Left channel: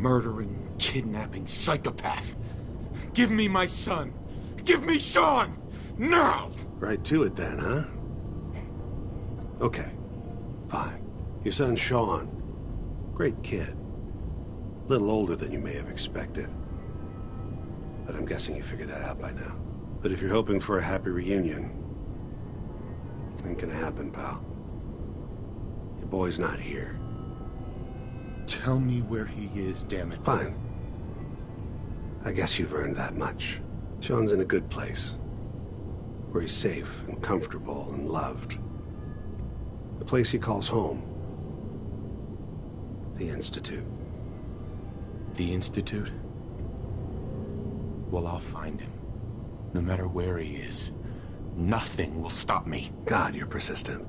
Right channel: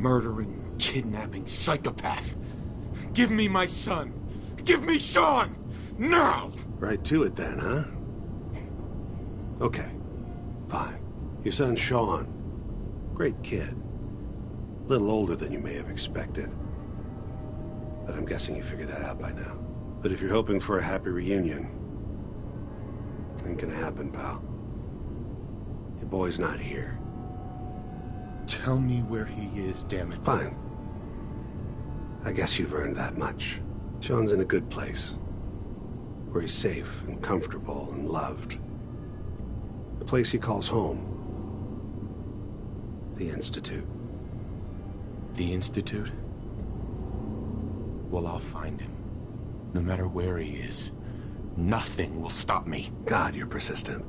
murdering, kidnapping psychopath. Give me my son. Give me Sean! Now! Right to it then, huh? Okay. Fine. Your son Sean. Great kid. Little older than you may have expected. But I'm guessing you figured that out by now. But if you're hoping for a happy reunion, ain't gonna happen, pal. Your boy's not here. Tell me where he is, damn it. Fine. I guess you've earned that much. Sean's in a good place. Where he's safe and comfortable and loved. A place he calls home. The Institute. The Institute? Well, I'll find him. No matter where he is. Nothing will stop me. God, you're persistent.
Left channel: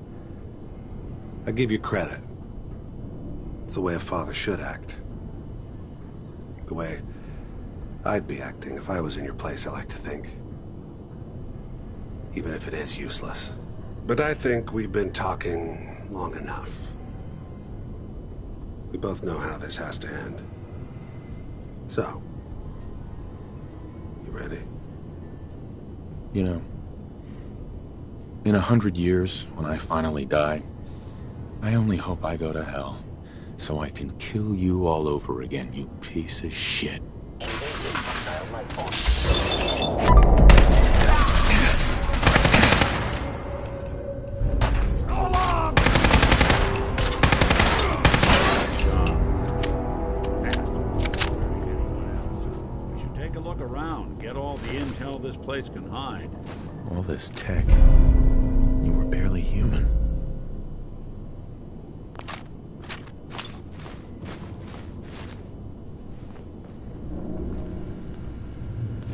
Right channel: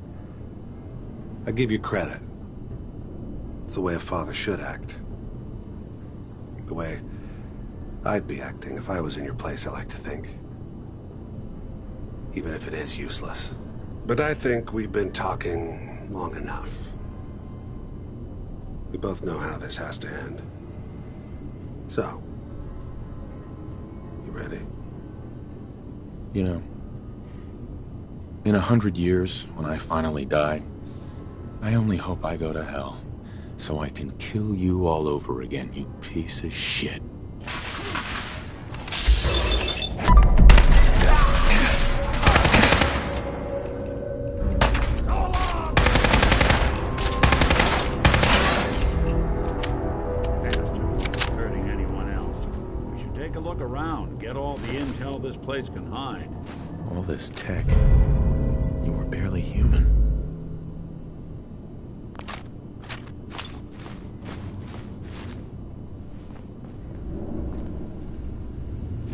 I give you credit. It's the way a father should act. The way I'd be acting if I was in your place, I like to think. Even if it is useless. But I think we've been talking long enough. We both know how this has to end. So, you ready? You know, in 100 years, when I finally die, I only hope I go to hell, so I can kill you all over again, you piece of shit. Get all the intel this place can hide. All this tech. You were barely human.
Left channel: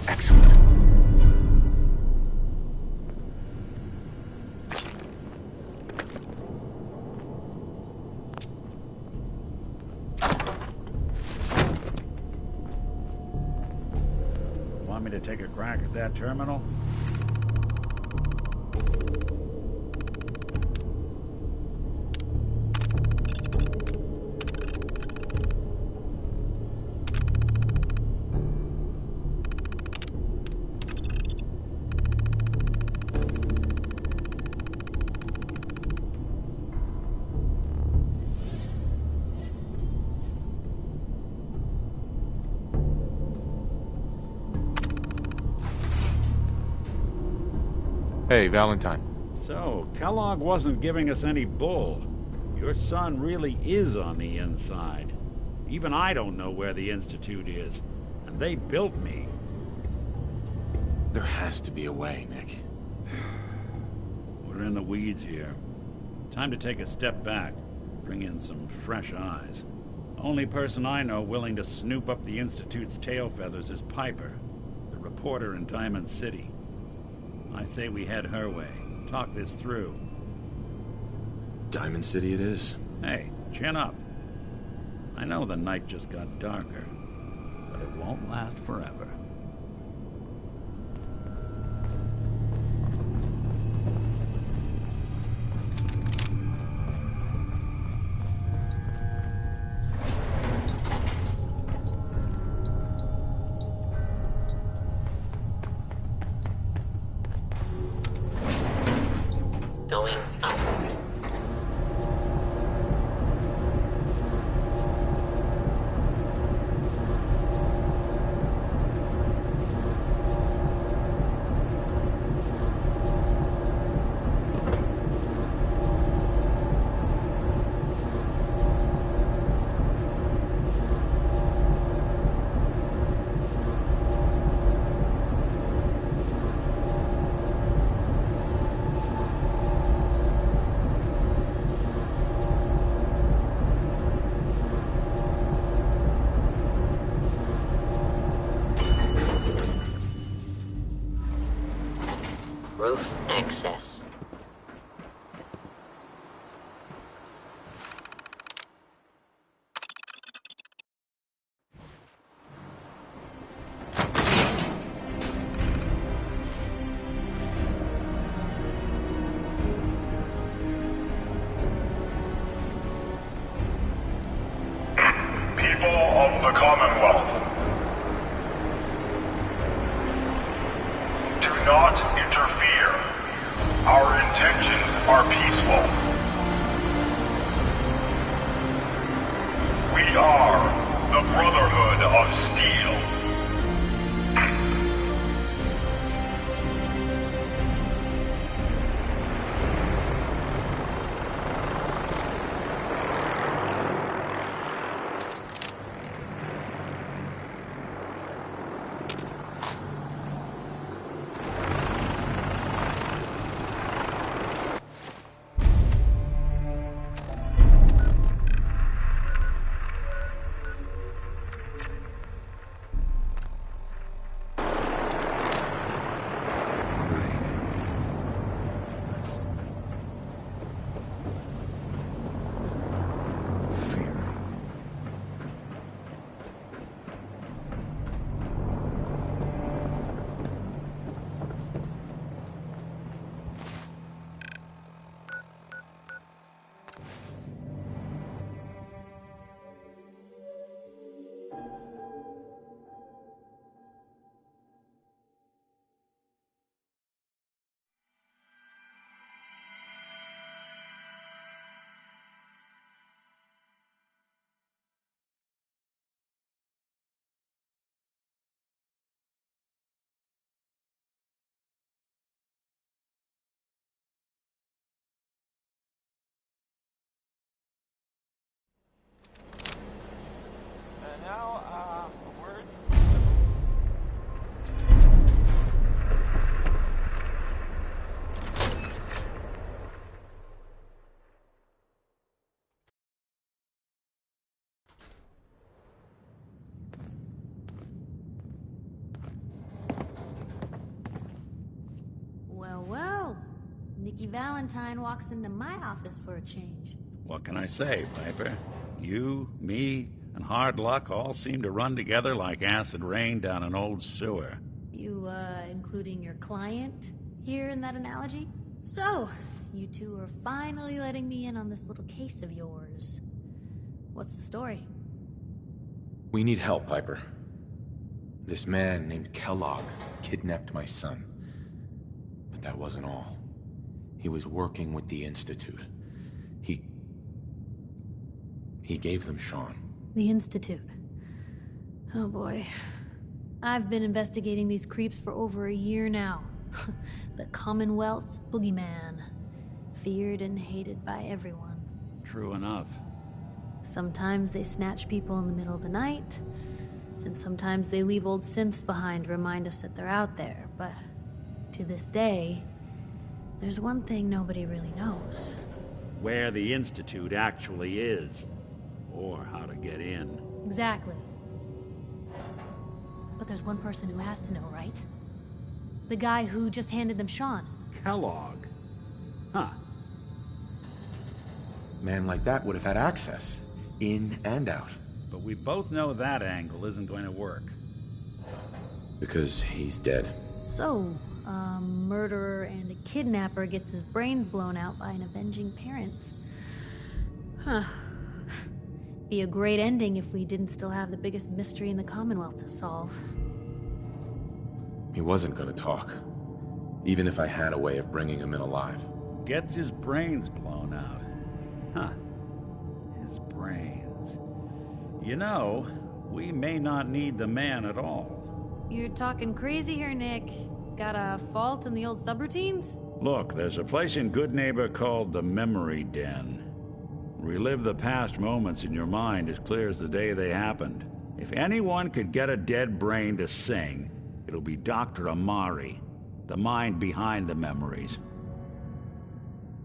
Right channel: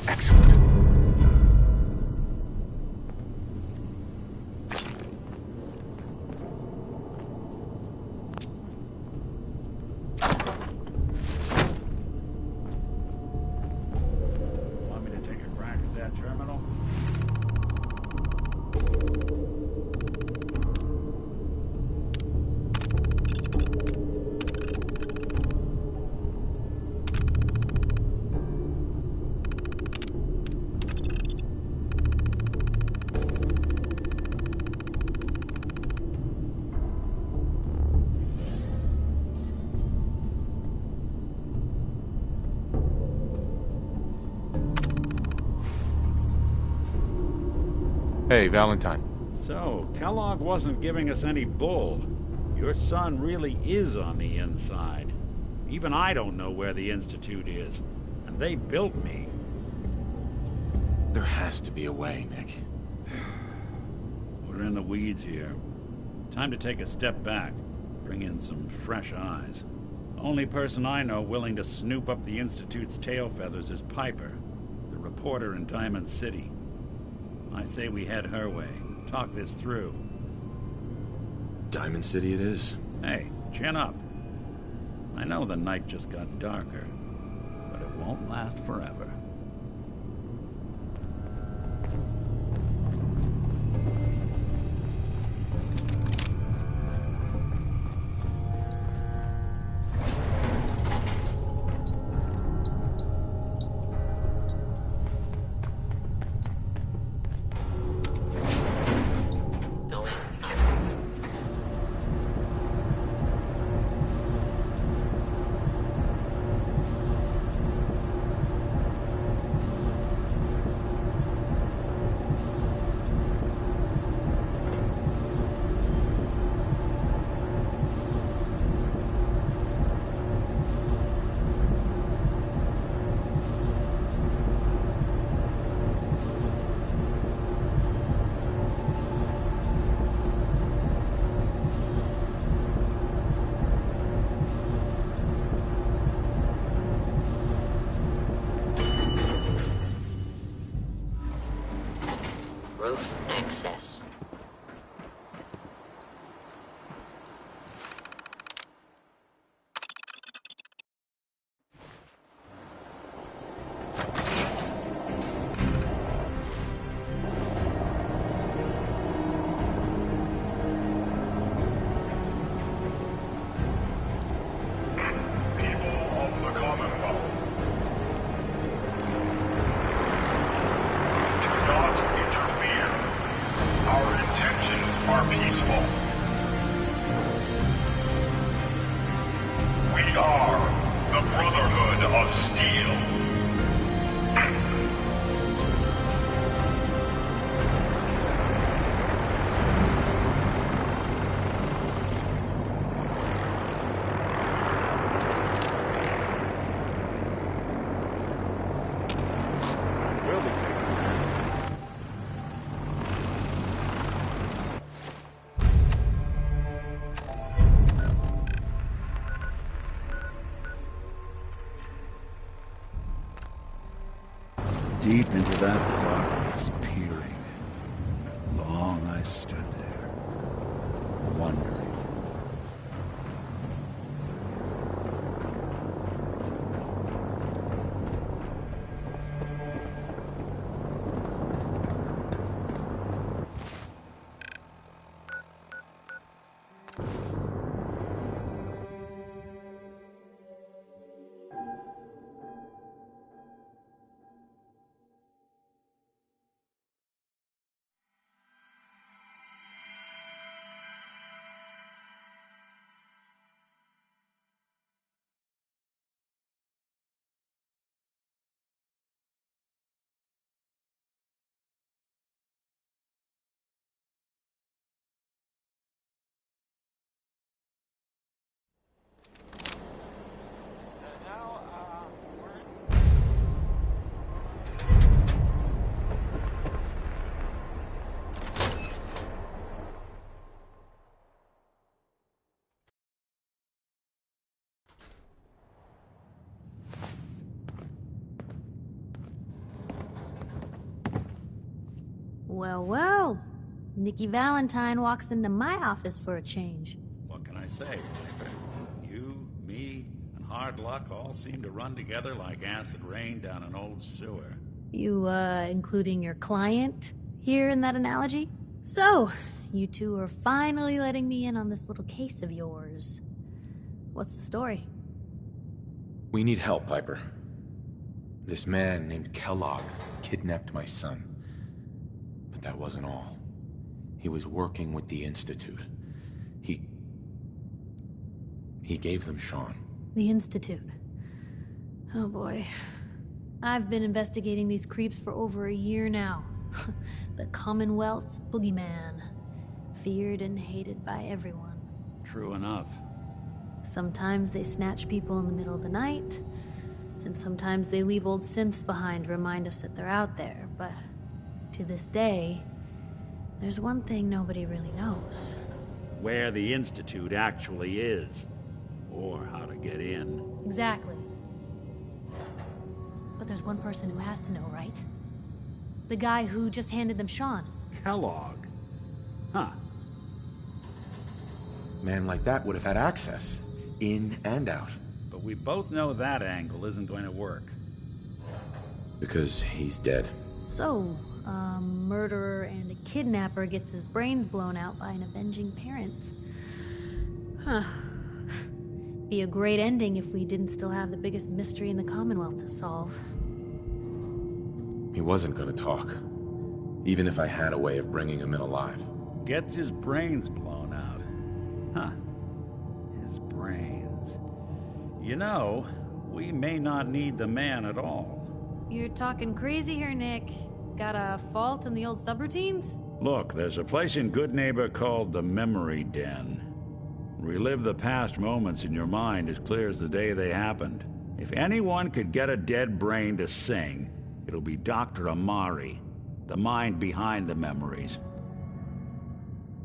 Excellent. Take a crack at that terminal? Hey, Valentine. So, Kellogg wasn't giving us any bull. Your son really is on the inside. Even I don't know where the Institute is. And they built me. There has to be a way, Nick. We're in the weeds here. Time to take a step back. Bring in some fresh eyes. Only person I know willing to snoop up the Institute's tail feathers is Piper, the reporter in Diamond City. I say we head her way. Talk this through. Diamond City it is. Hey, chin up. I know the night just got darker, but it won't last forever. Going up. Roof access. People of the Commonwealth. Do not interfere. Our intentions are peaceful. We are the Brotherhood of Steel. Deep into that darkness, peering. Long I stood there, wondering, fearing. Well, well. Nikki Valentine walks into my office for a change. What can I say, Piper? You, me, and hard luck all seem to run together like acid rain down an old sewer. You, including your client here in that analogy? So, you two are finally letting me in on this little case of yours. What's the story? We need help, Piper. This man named Kellogg kidnapped my son. But that wasn't all. He was working with the Institute. He gave them Sean. The Institute. Oh boy. I've been investigating these creeps for over a year now. The Commonwealth's boogeyman. Feared and hated by everyone. True enough. Sometimes they snatch people in the middle of the night, and sometimes they leave old synths behind to remind us that they're out there, but to this day, there's one thing nobody really knows. Where the Institute actually is. Or how to get in. Exactly. But there's one person who has to know, right? The guy who just handed them Sean. Kellogg. Huh. Man like that would have had access. In and out. But we both know that angle isn't going to work. Because he's dead. So, a murderer and a kidnapper gets his brains blown out by an avenging parent. Huh. Be a great ending if we didn't still have the biggest mystery in the Commonwealth to solve. He wasn't gonna talk. Even if I had a way of bringing him in alive. Gets his brains blown out. Huh. His brains. You know, we may not need the man at all. You're talking crazy here, Nick. Got a fault in the old subroutines? Look, there's a place in Good Neighbor called the Memory Den. Relive the past moments in your mind as clear as the day they happened. If anyone could get a dead brain to sing, it'll be Dr. Amari, the mind behind the memories.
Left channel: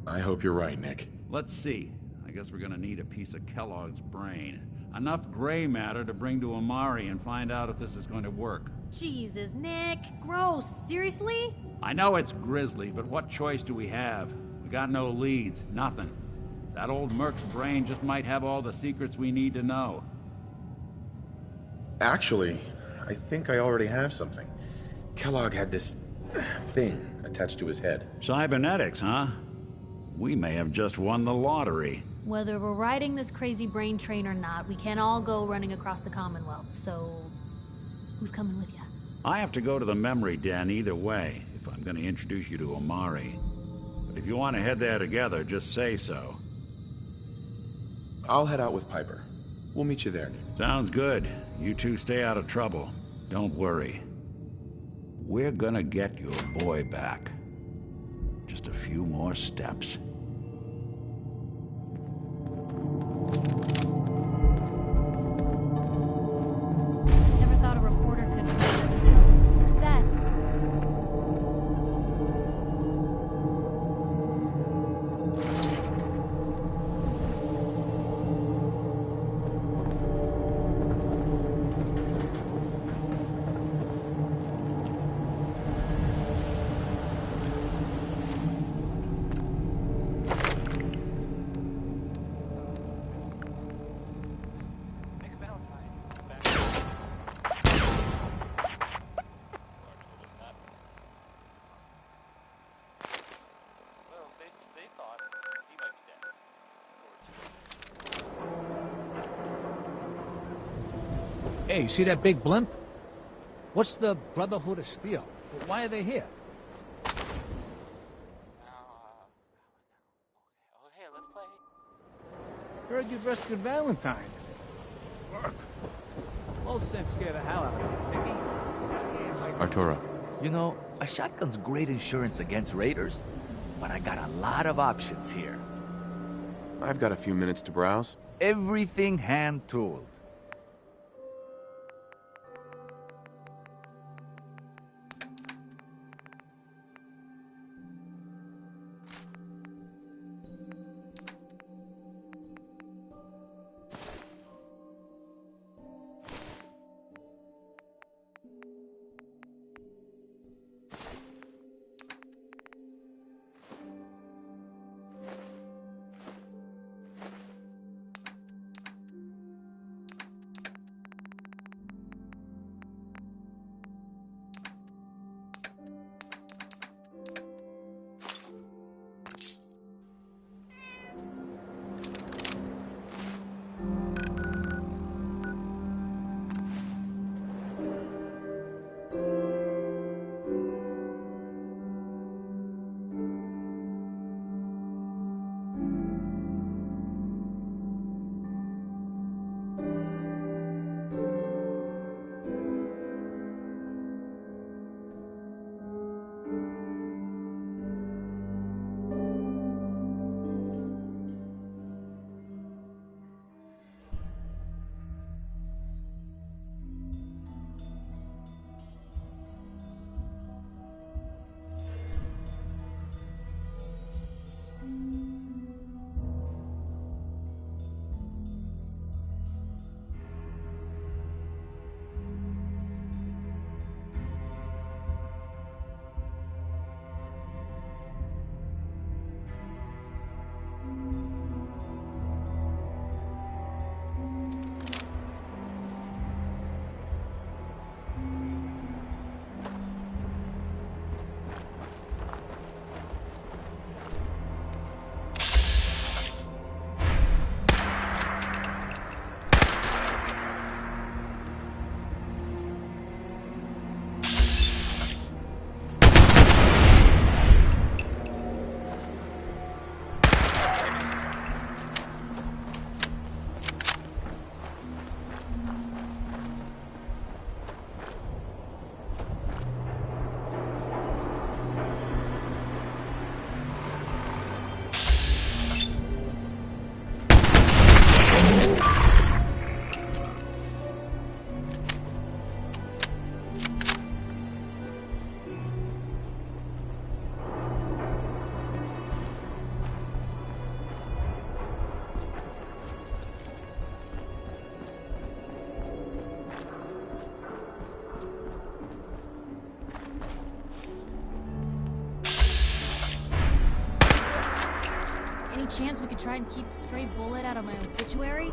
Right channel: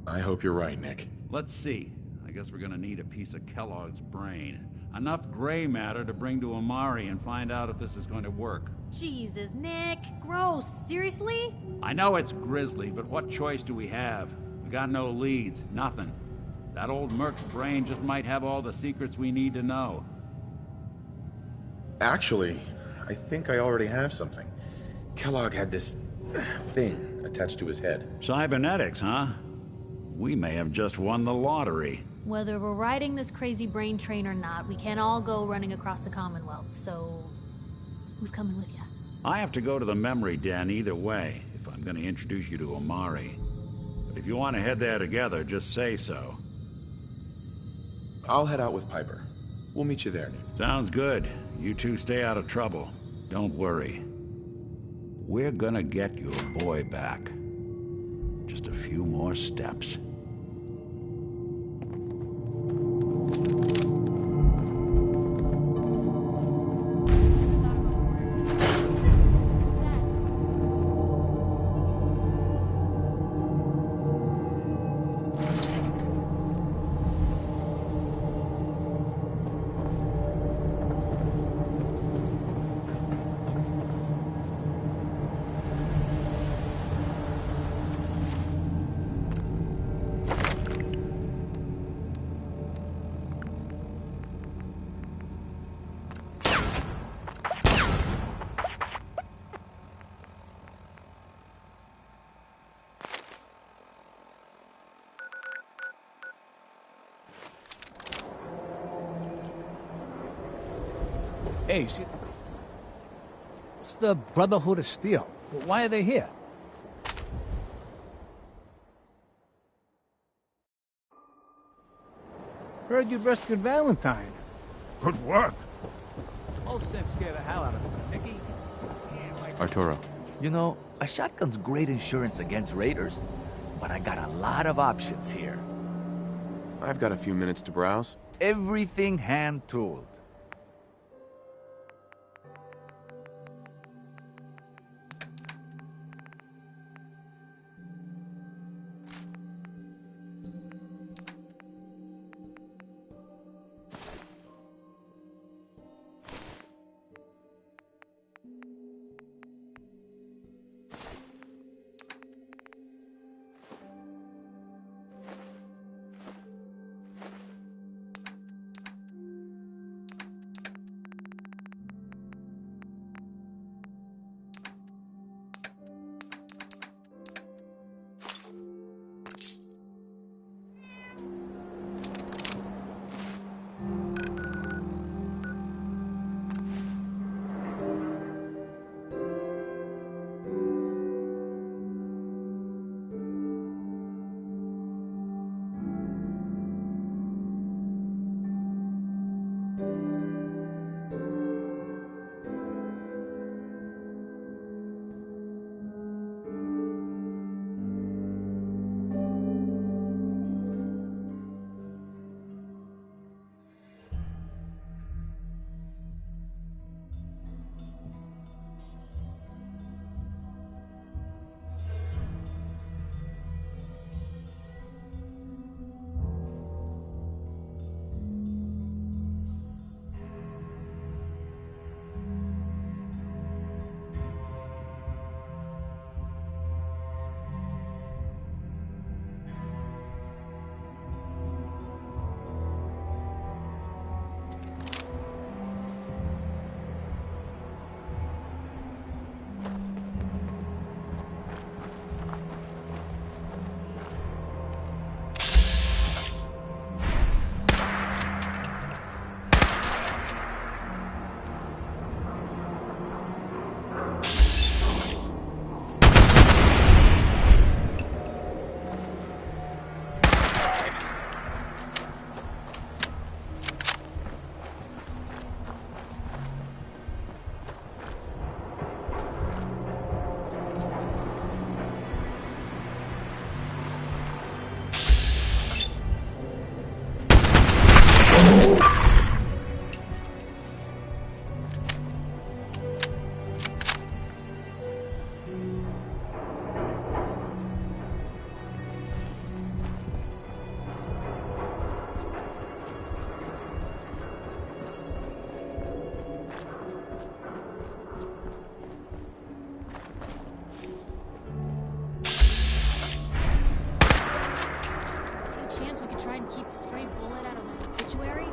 I hope you're right, Nick. Let's see. I guess we're gonna need a piece of Kellogg's brain. Enough gray matter to bring to Amari and find out if this is going to work. Jesus, Nick. Gross. Seriously? I know it's grisly, but what choice do we have? We got no leads, nothing. That old Merc's brain just might have all the secrets we need to know. Actually, I think I already have something. Kellogg had this thing attached to his head. Cybernetics, huh? We may have just won the lottery. Whether we're riding this crazy brain train or not, we can't all go running across the Commonwealth, so... who's coming with you? I have to go to the memory den either way, if I'm going to introduce you to Amari. But if you want to head there together, just say so. I'll head out with Piper. We'll meet you there, Nick. Sounds good. You two stay out of trouble. Don't worry. We're gonna get your boy back. Just a few more steps. Never thought a reporter could make themselves a success. Hey, you see that big blimp? What's the Brotherhood of Steel? Why are they here? Heard you rescued Valentine. Good work. Most sense scared the hell out of me, Nicky. Arturo. You know, a shotgun's great insurance against raiders, but I got a lot of options here. I've got a few minutes to browse. Everything hand-tooled. Chance we could try and keep a stray bullet out of my obituary?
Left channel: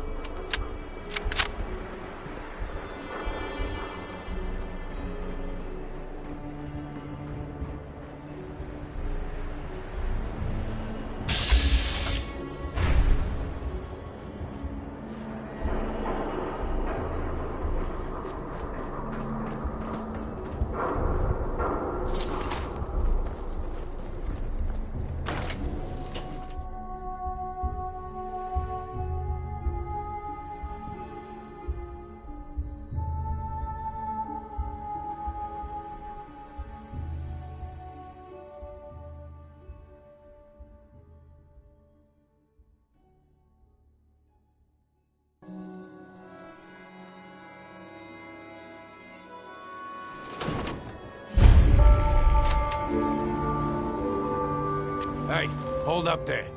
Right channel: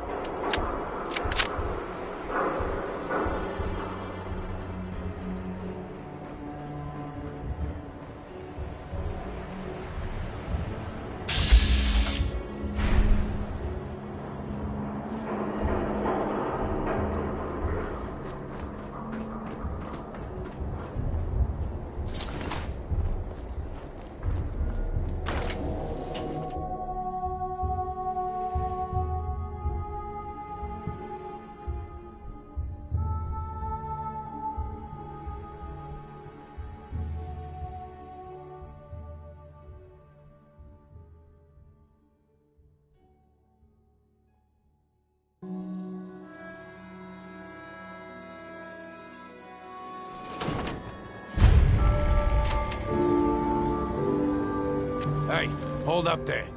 Hey, hold up there.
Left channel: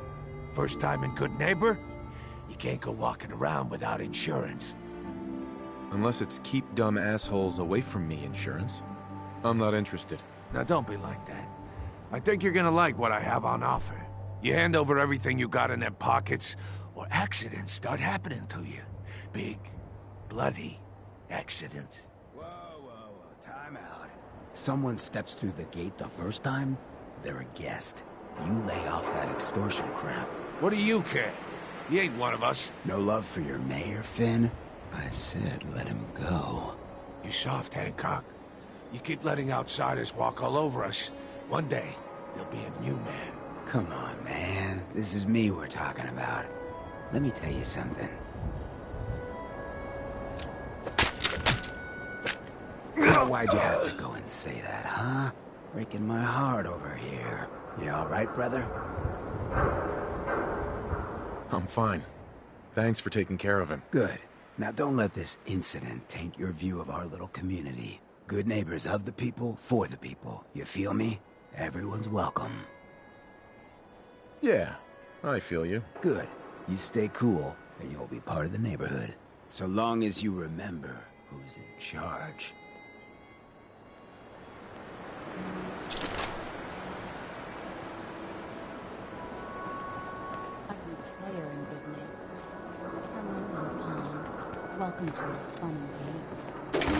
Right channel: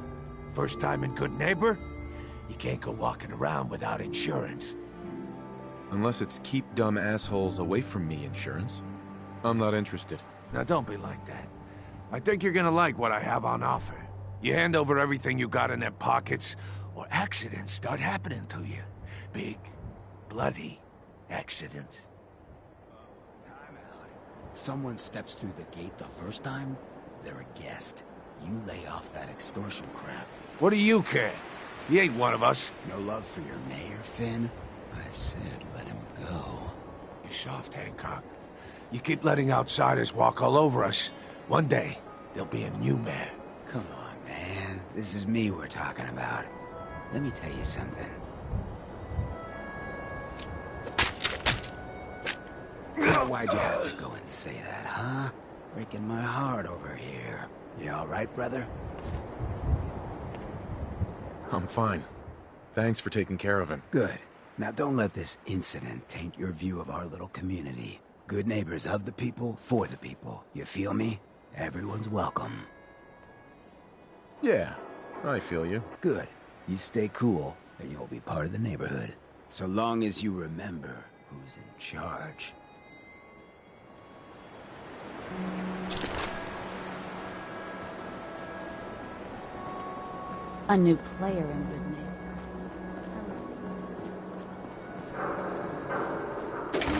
First time in Good Neighbor? You can't go walking around without insurance. Unless it's keep dumb assholes away from me insurance. I'm not interested. Now don't be like that. I think you're gonna like what I have on offer. You hand over everything you got in them pockets, or accidents start happening to you. Big, bloody accidents. Whoa, time out. Someone steps through the gate the first time, they're a guest. You lay off that extortion crap. What do you care? He ain't one of us. No love for your mayor, Finn? I said let him go. You soft, Hancock. You keep letting outsiders walk all over us. One day, there'll be a new mayor. Come on, man. This is me we're talking about. Let me tell you something. Why'd you have to go and say that, huh? Breaking my heart over here. You all right, brother? I'm fine. Thanks for taking care of him. Good. Now don't let this incident taint your view of our little community. Good neighbors of the people, for the people. You feel me? Everyone's welcome. Yeah, I feel you. Good. You stay cool, and you'll be part of the neighborhood. So long as you remember who's in charge. A new player in Good Neighbor. Hello, Paul. Welcome to our fun games.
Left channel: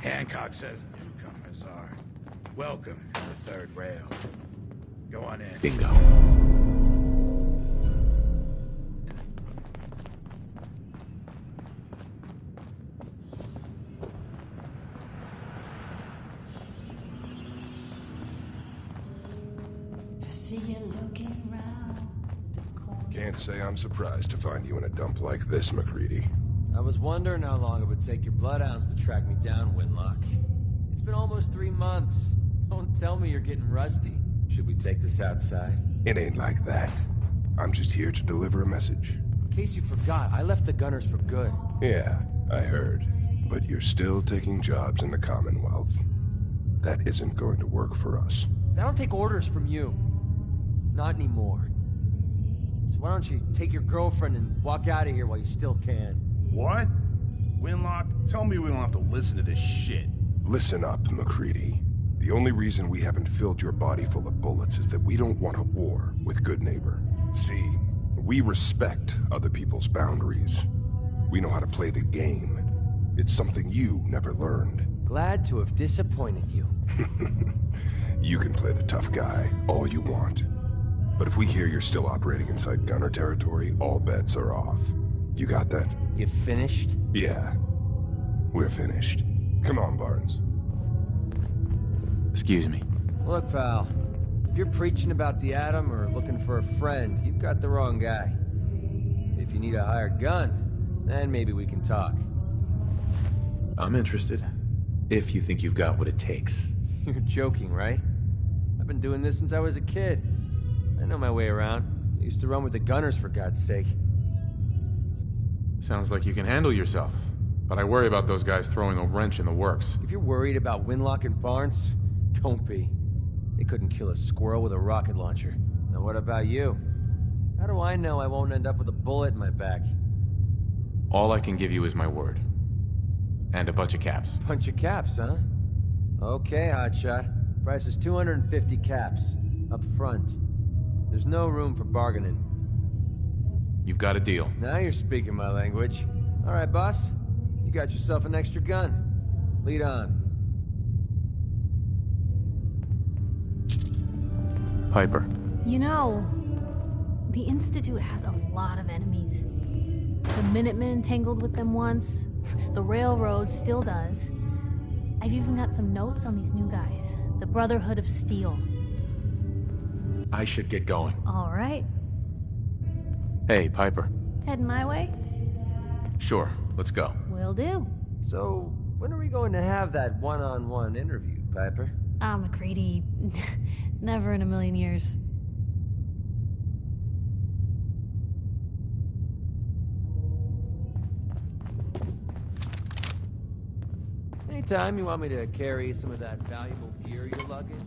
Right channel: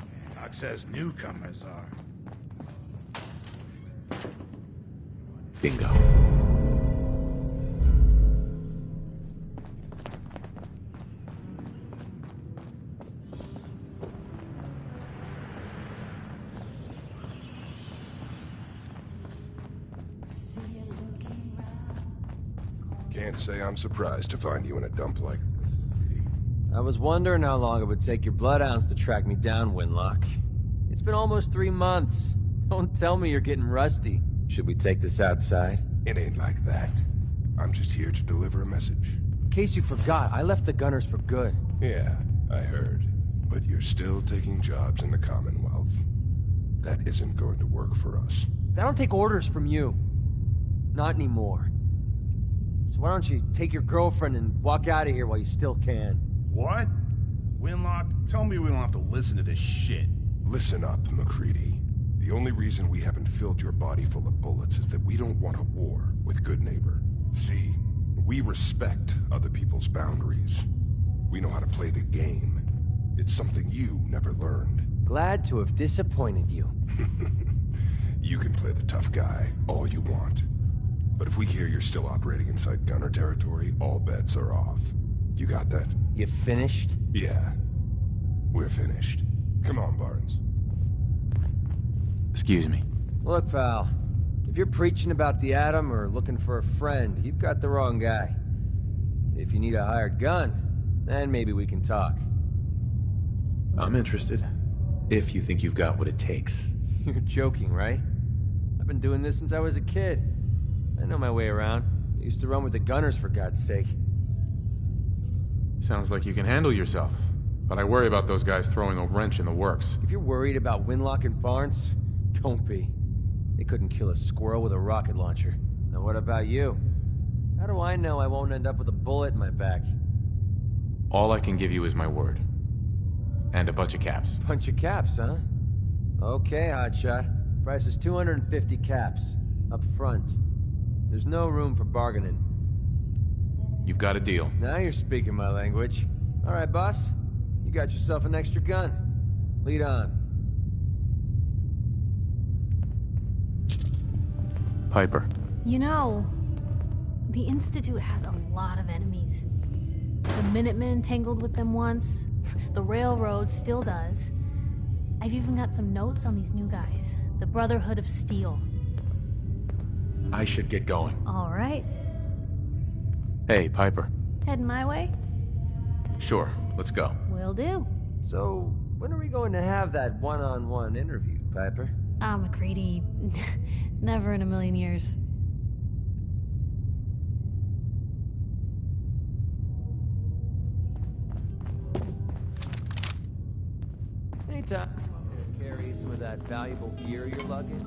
Hancock says newcomers are welcome to the third rail. Go on in. Bingo. Can't say I'm surprised to find you in a dump like this, MacReady. I was wondering how long it would take your bloodhounds to track me down, Winlock. It's been almost 3 months. Don't tell me you're getting rusty. Should we take this outside? It ain't like that. I'm just here to deliver a message. In case you forgot, I left the Gunners for good. Yeah, I heard. But you're still taking jobs in the Commonwealth. That isn't going to work for us. I don't take orders from you. Not anymore. So why don't you take your girlfriend and walk out of here while you still can? What? Winlock, tell me we don't have to listen to this shit. Listen up, MacReady. The only reason we haven't filled your body full of bullets is that we don't want a war with Good Neighbor. See, we respect other people's boundaries. We know how to play the game. It's something you never learned. Glad to have disappointed you. You can play the tough guy all you want. But if we hear you're still operating inside Gunner territory, all bets are off. You got that? You finished? Yeah. We're finished. Come on, Barnes. Excuse me. Look, pal. If you're preaching about the Atom or looking for a friend, you've got the wrong guy. If you need a hired gun, then maybe we can talk. I'm interested. If you think you've got what it takes. You're joking, right? I've been doing this since I was a kid. I know my way around. I used to run with the Gunners, for God's sake. Sounds like you can handle yourself. But I worry about those guys throwing a wrench in the works. If you're worried about Winlock and Barnes, don't be. They couldn't kill a squirrel with a rocket launcher. Now what about you? How do I know I won't end up with a bullet in my back? All I can give you is my word. And a bunch of caps. Bunch of caps, huh? Okay, hotshot. Price is 250 caps. Up front. There's no room for bargaining. You've got a deal. Now you're speaking my language. All right, boss. You got yourself an extra gun. Lead on. Piper. You know, the Institute has a lot of enemies. The Minutemen tangled with them once. The Railroad still does. I've even got some notes on these new guys. The Brotherhood of Steel. I should get going. All right. Hey, Piper. Heading my way? Sure, let's go. Will do. So, when are we going to have that one-on-one interview, Piper? MacReady, Never in a million years. Anytime you want me to carry some of that valuable gear you're lugging,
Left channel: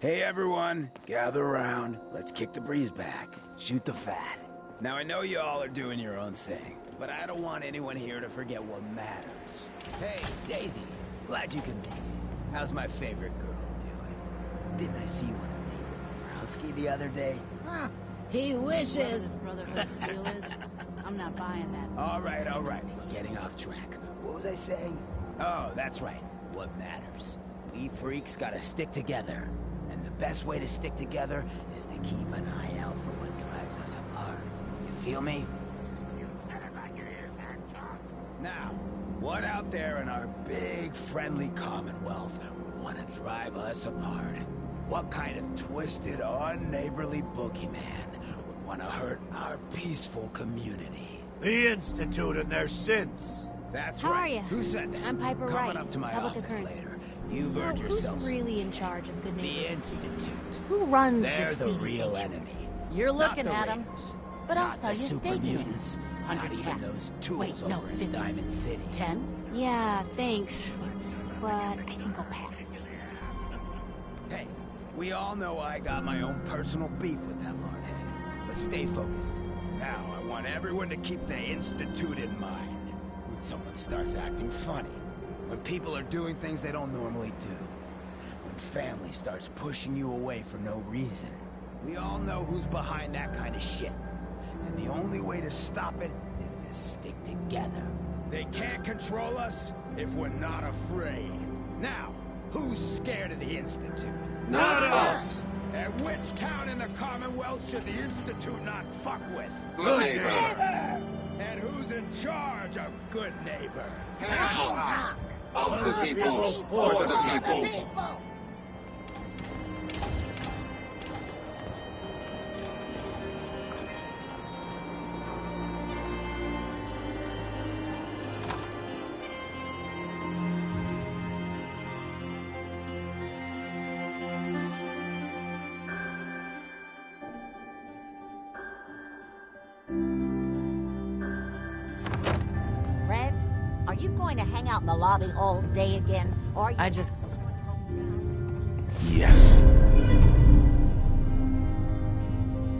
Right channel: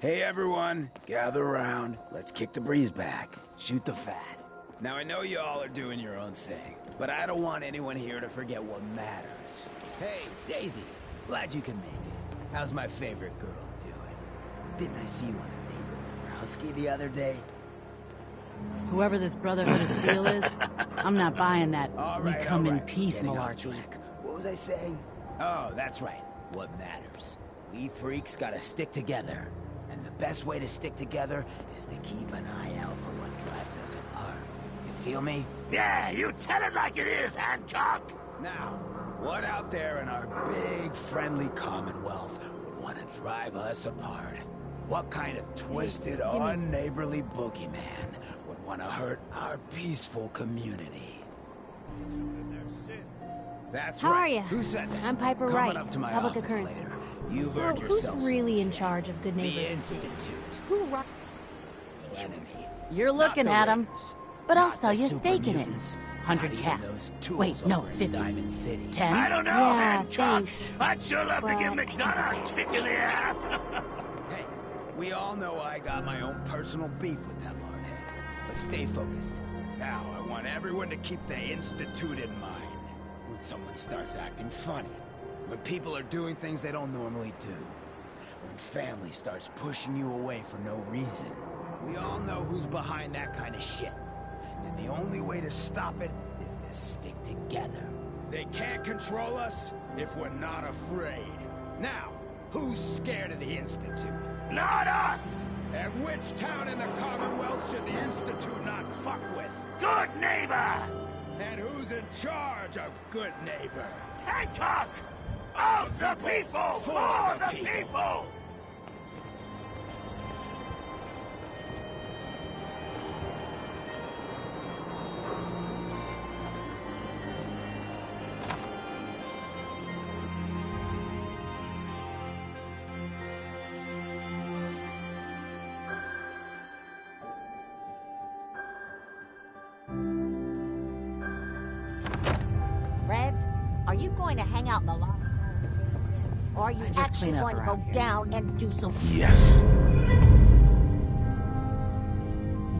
Hey everyone, gather around. Let's kick the breeze back. Shoot the fat. Now I know you all are doing your own thing, but I don't want anyone here to forget what matters. Hey, Daisy, glad you can make it. How's my favorite girl doing? Didn't I see you on a date with Rowski the other day? He wishes. Whoever this Brotherhood of Steel is, I'm not buying that. All right. Peace Getting off malarkey. track. What was I saying? Oh, that's right. What matters. We freaks gotta stick together. And the best way to stick together is to keep an eye out for what drives us apart. You feel me? Yeah, you tell it like it is, Hancock! Now, what out there in our big, friendly Commonwealth would want to drive us apart? What kind of twisted, unneighborly boogeyman would want to hurt our peaceful community? The Institute and their sins. That's How right. are ya? Who said that? I'm Piper Coming Wright, up to my Public office Occurrences. later. You've So earned yourself who's some really in charge of Good Neighbor The Institute? Institute. Who runs They're the the seed real sanctuary? enemy. You're looking Not the at him. Raiders. But I'll Not sell the you a super stake in it. mutants. 100 Not even caps. those tools Wait, no, over in 50. Diamond City. 10? I don't know, Yeah, Hancock. thanks. I'd sure love to But give I think McDonough I'll a just kick in the ass. Hey, we all know I got my own personal beef with that lardhead. But stay focused. Now, I want everyone to keep the Institute in mind. When someone starts acting funny. When people are doing things they don't normally do. When family starts pushing you away for no reason. We all know who's behind that kind of shit. And the only way to stop it is to stick together. They can't control us if we're not afraid. Now, who's scared of the Institute? Not us! And which town in the Commonwealth should the Institute not fuck with? Good Neighbor! And who's in charge of Good Neighbor? Of the people, for the people! Fred, are you going to hang out in the lobby all day again? Or are you I just actually clean up going to go around down and do some Yes.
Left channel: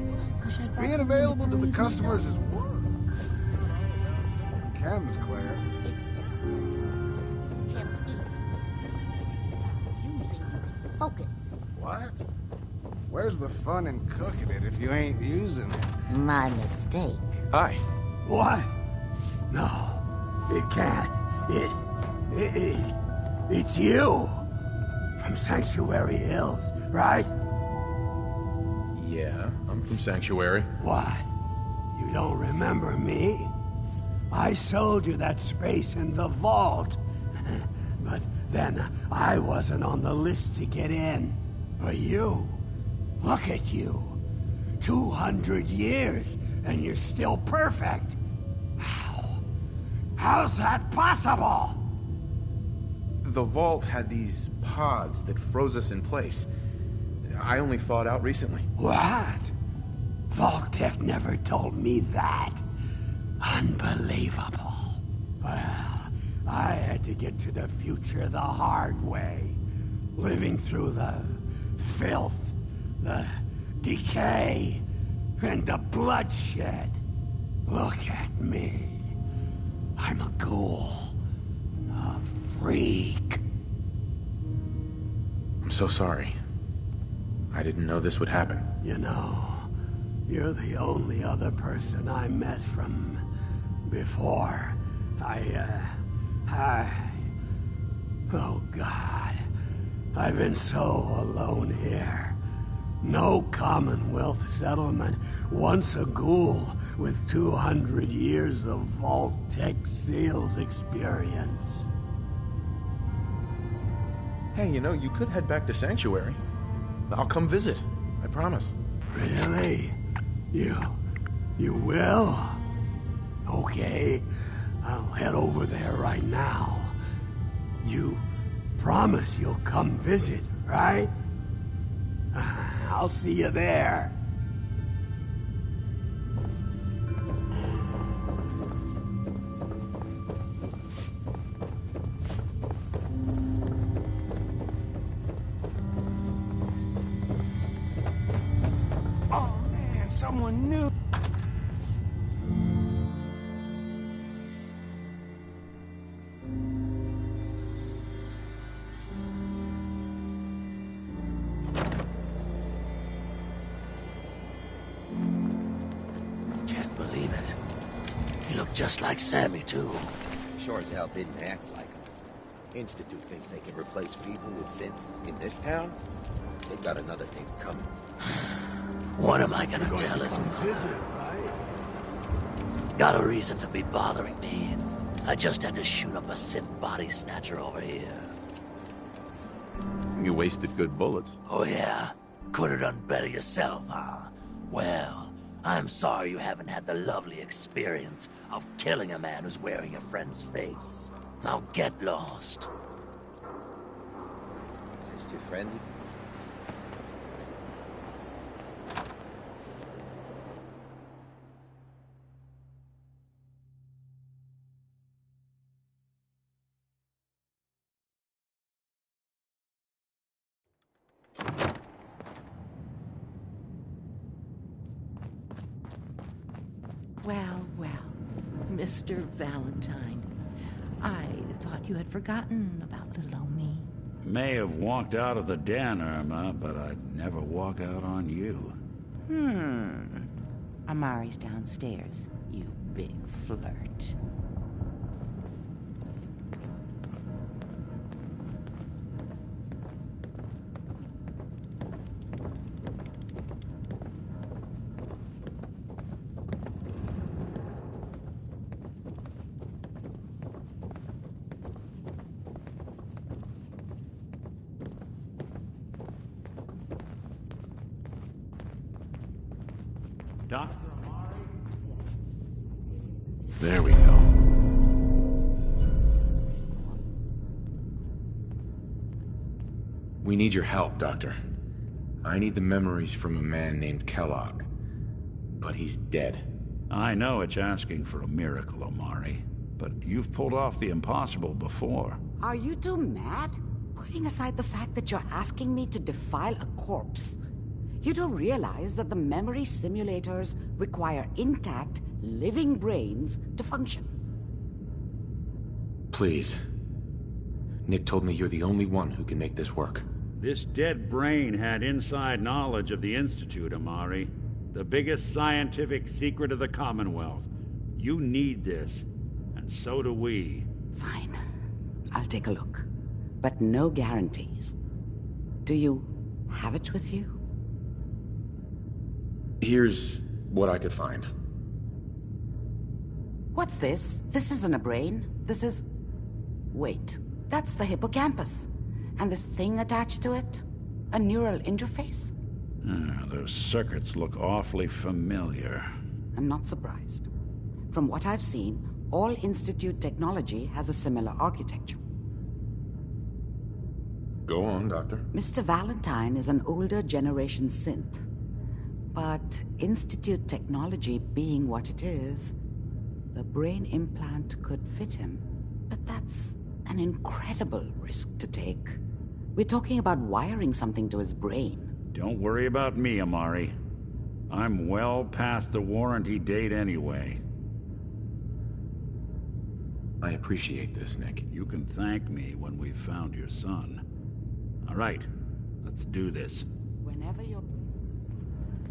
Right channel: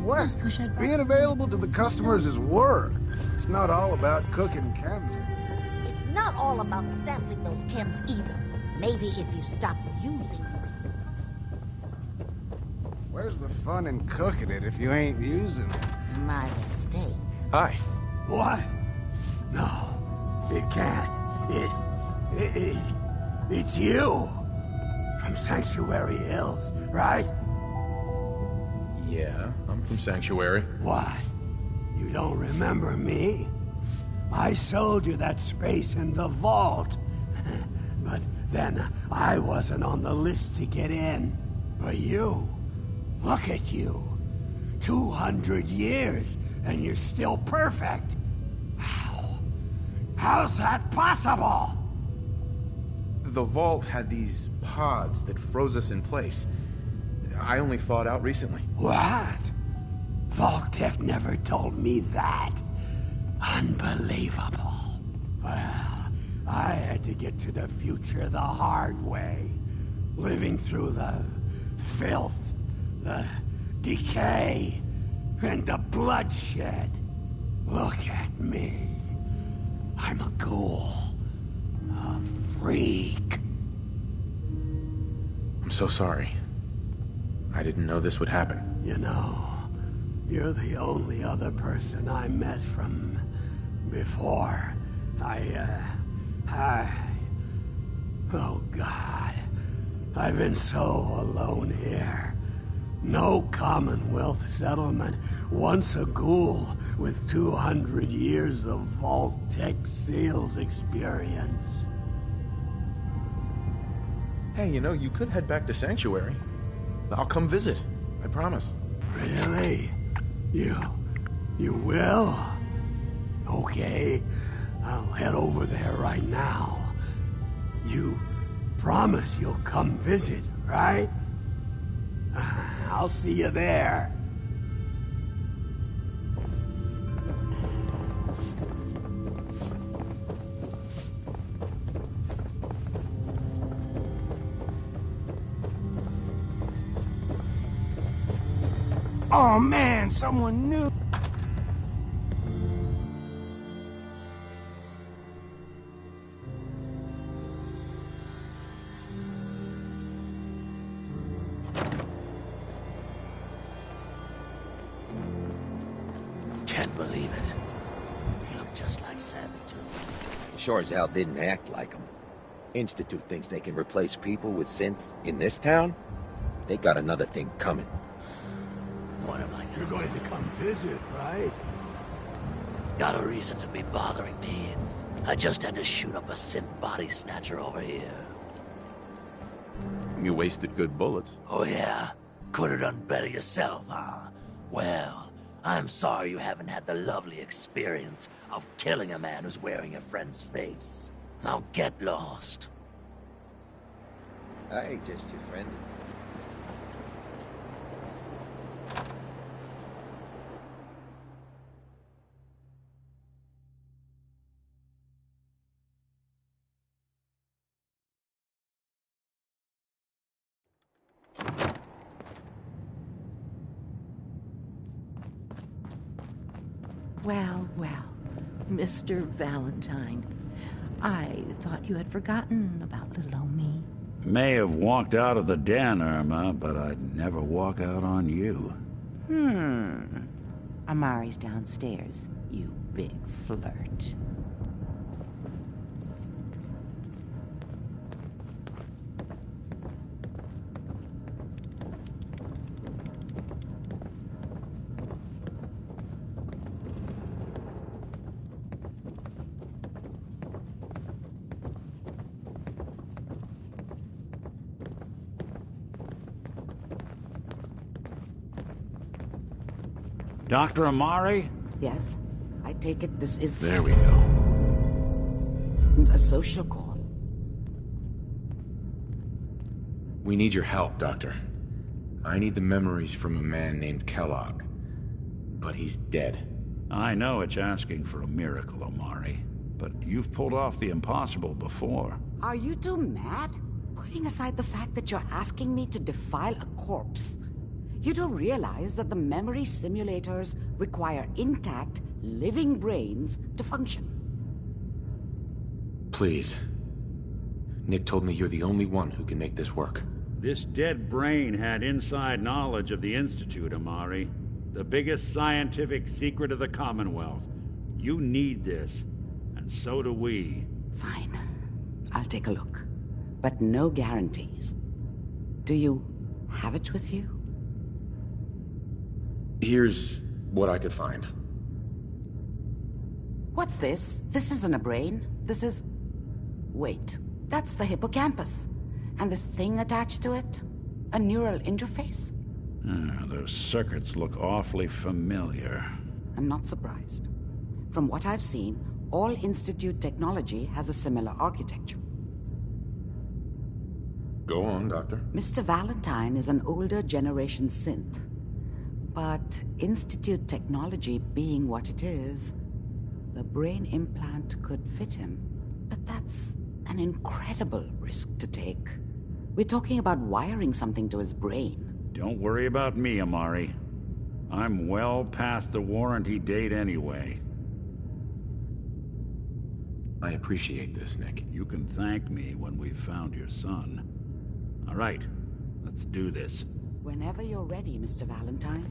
work? Being available to the customers is work. It's not all about cooking chems, Claire. It's not all about sampling those chems either. Maybe if you stopped using, you could focus. What? Where's the fun in cooking it if you ain't using it? My mistake. Hi. What? No, it can't. It's you. From Sanctuary Hills, right? Yeah, I'm from Sanctuary. What? You don't remember me? I sold you that space in the vault. But then I wasn't on the list to get in. But you, look at you. 200 years, and you're still perfect. How's that possible? The vault had these pods that froze us in place. I only thawed out recently. What? Vault-Tec never told me that. Unbelievable. Well, I had to get to the future the hard way. Living through the filth, the decay, and the bloodshed. Look at me. I'm a ghoul. A freak. I'm so sorry. I didn't know this would happen. You know, you're the only other person I met from before. Oh God. I've been so alone here. No Commonwealth settlement wants a ghoul with 200 years of Vault-Tec sales experience. Hey, you know, you could head back to Sanctuary. I'll come visit. I promise. Really? You will? Okay, I'll head over there right now. You promise you'll come visit, right? I'll see you there. Oh man, someone new. Can't believe it. He looked just like Sammy, too. Sure as hell didn't act like him. Institute thinks they can replace people with synths in this town? They got another thing coming. What am I gonna tell him? Come visit, right? Got a reason to be bothering me. I just had to shoot up a synth body snatcher over here. You wasted good bullets. Oh yeah? Could have done better yourself, huh? Well, I'm sorry you haven't had the lovely experience of killing a man who's wearing a friend's face. Now get lost. I ain't just your friend. Well, well, Mr. Valentine. I thought you had forgotten about little old me. May have walked out of the den, Irma, but I'd never walk out on you. Amari's downstairs, you big flirt. Dr. Amari? Yes, I take it this is... There we go. A social call. We need your help, Doctor. I need the memories from a man named Kellogg. But he's dead. I know it's asking for a miracle, Amari. But you've pulled off the impossible before. Are you two mad? Putting aside the fact that you're asking me to defile a corpse, you do realize that the memory simulators require intact, living brains to function. Please. Nick told me you're the only one who can make this work. This dead brain had inside knowledge of the Institute, Amari. The biggest scientific secret of the Commonwealth. You need this, and so do we. Fine. I'll take a look. But no guarantees. Do you have it with you? Here's what I could find. What's this? This isn't a brain. This is... Wait, that's the hippocampus. And this thing attached to it? A neural interface? Those circuits look awfully familiar. I'm not surprised. From what I've seen, all Institute technology has a similar architecture. Go on, Doctor. Mr. Valentine is an older generation synth. But Institute technology being what it is, the brain implant could fit him. But that's an incredible risk to take. We're talking about wiring something to his brain. Don't worry about me, Amari. I'm well past the warranty date anyway. I appreciate this, Nick. You can thank me when we've found your son. All right, let's do this. Whenever you're ready, Mr. Valentine.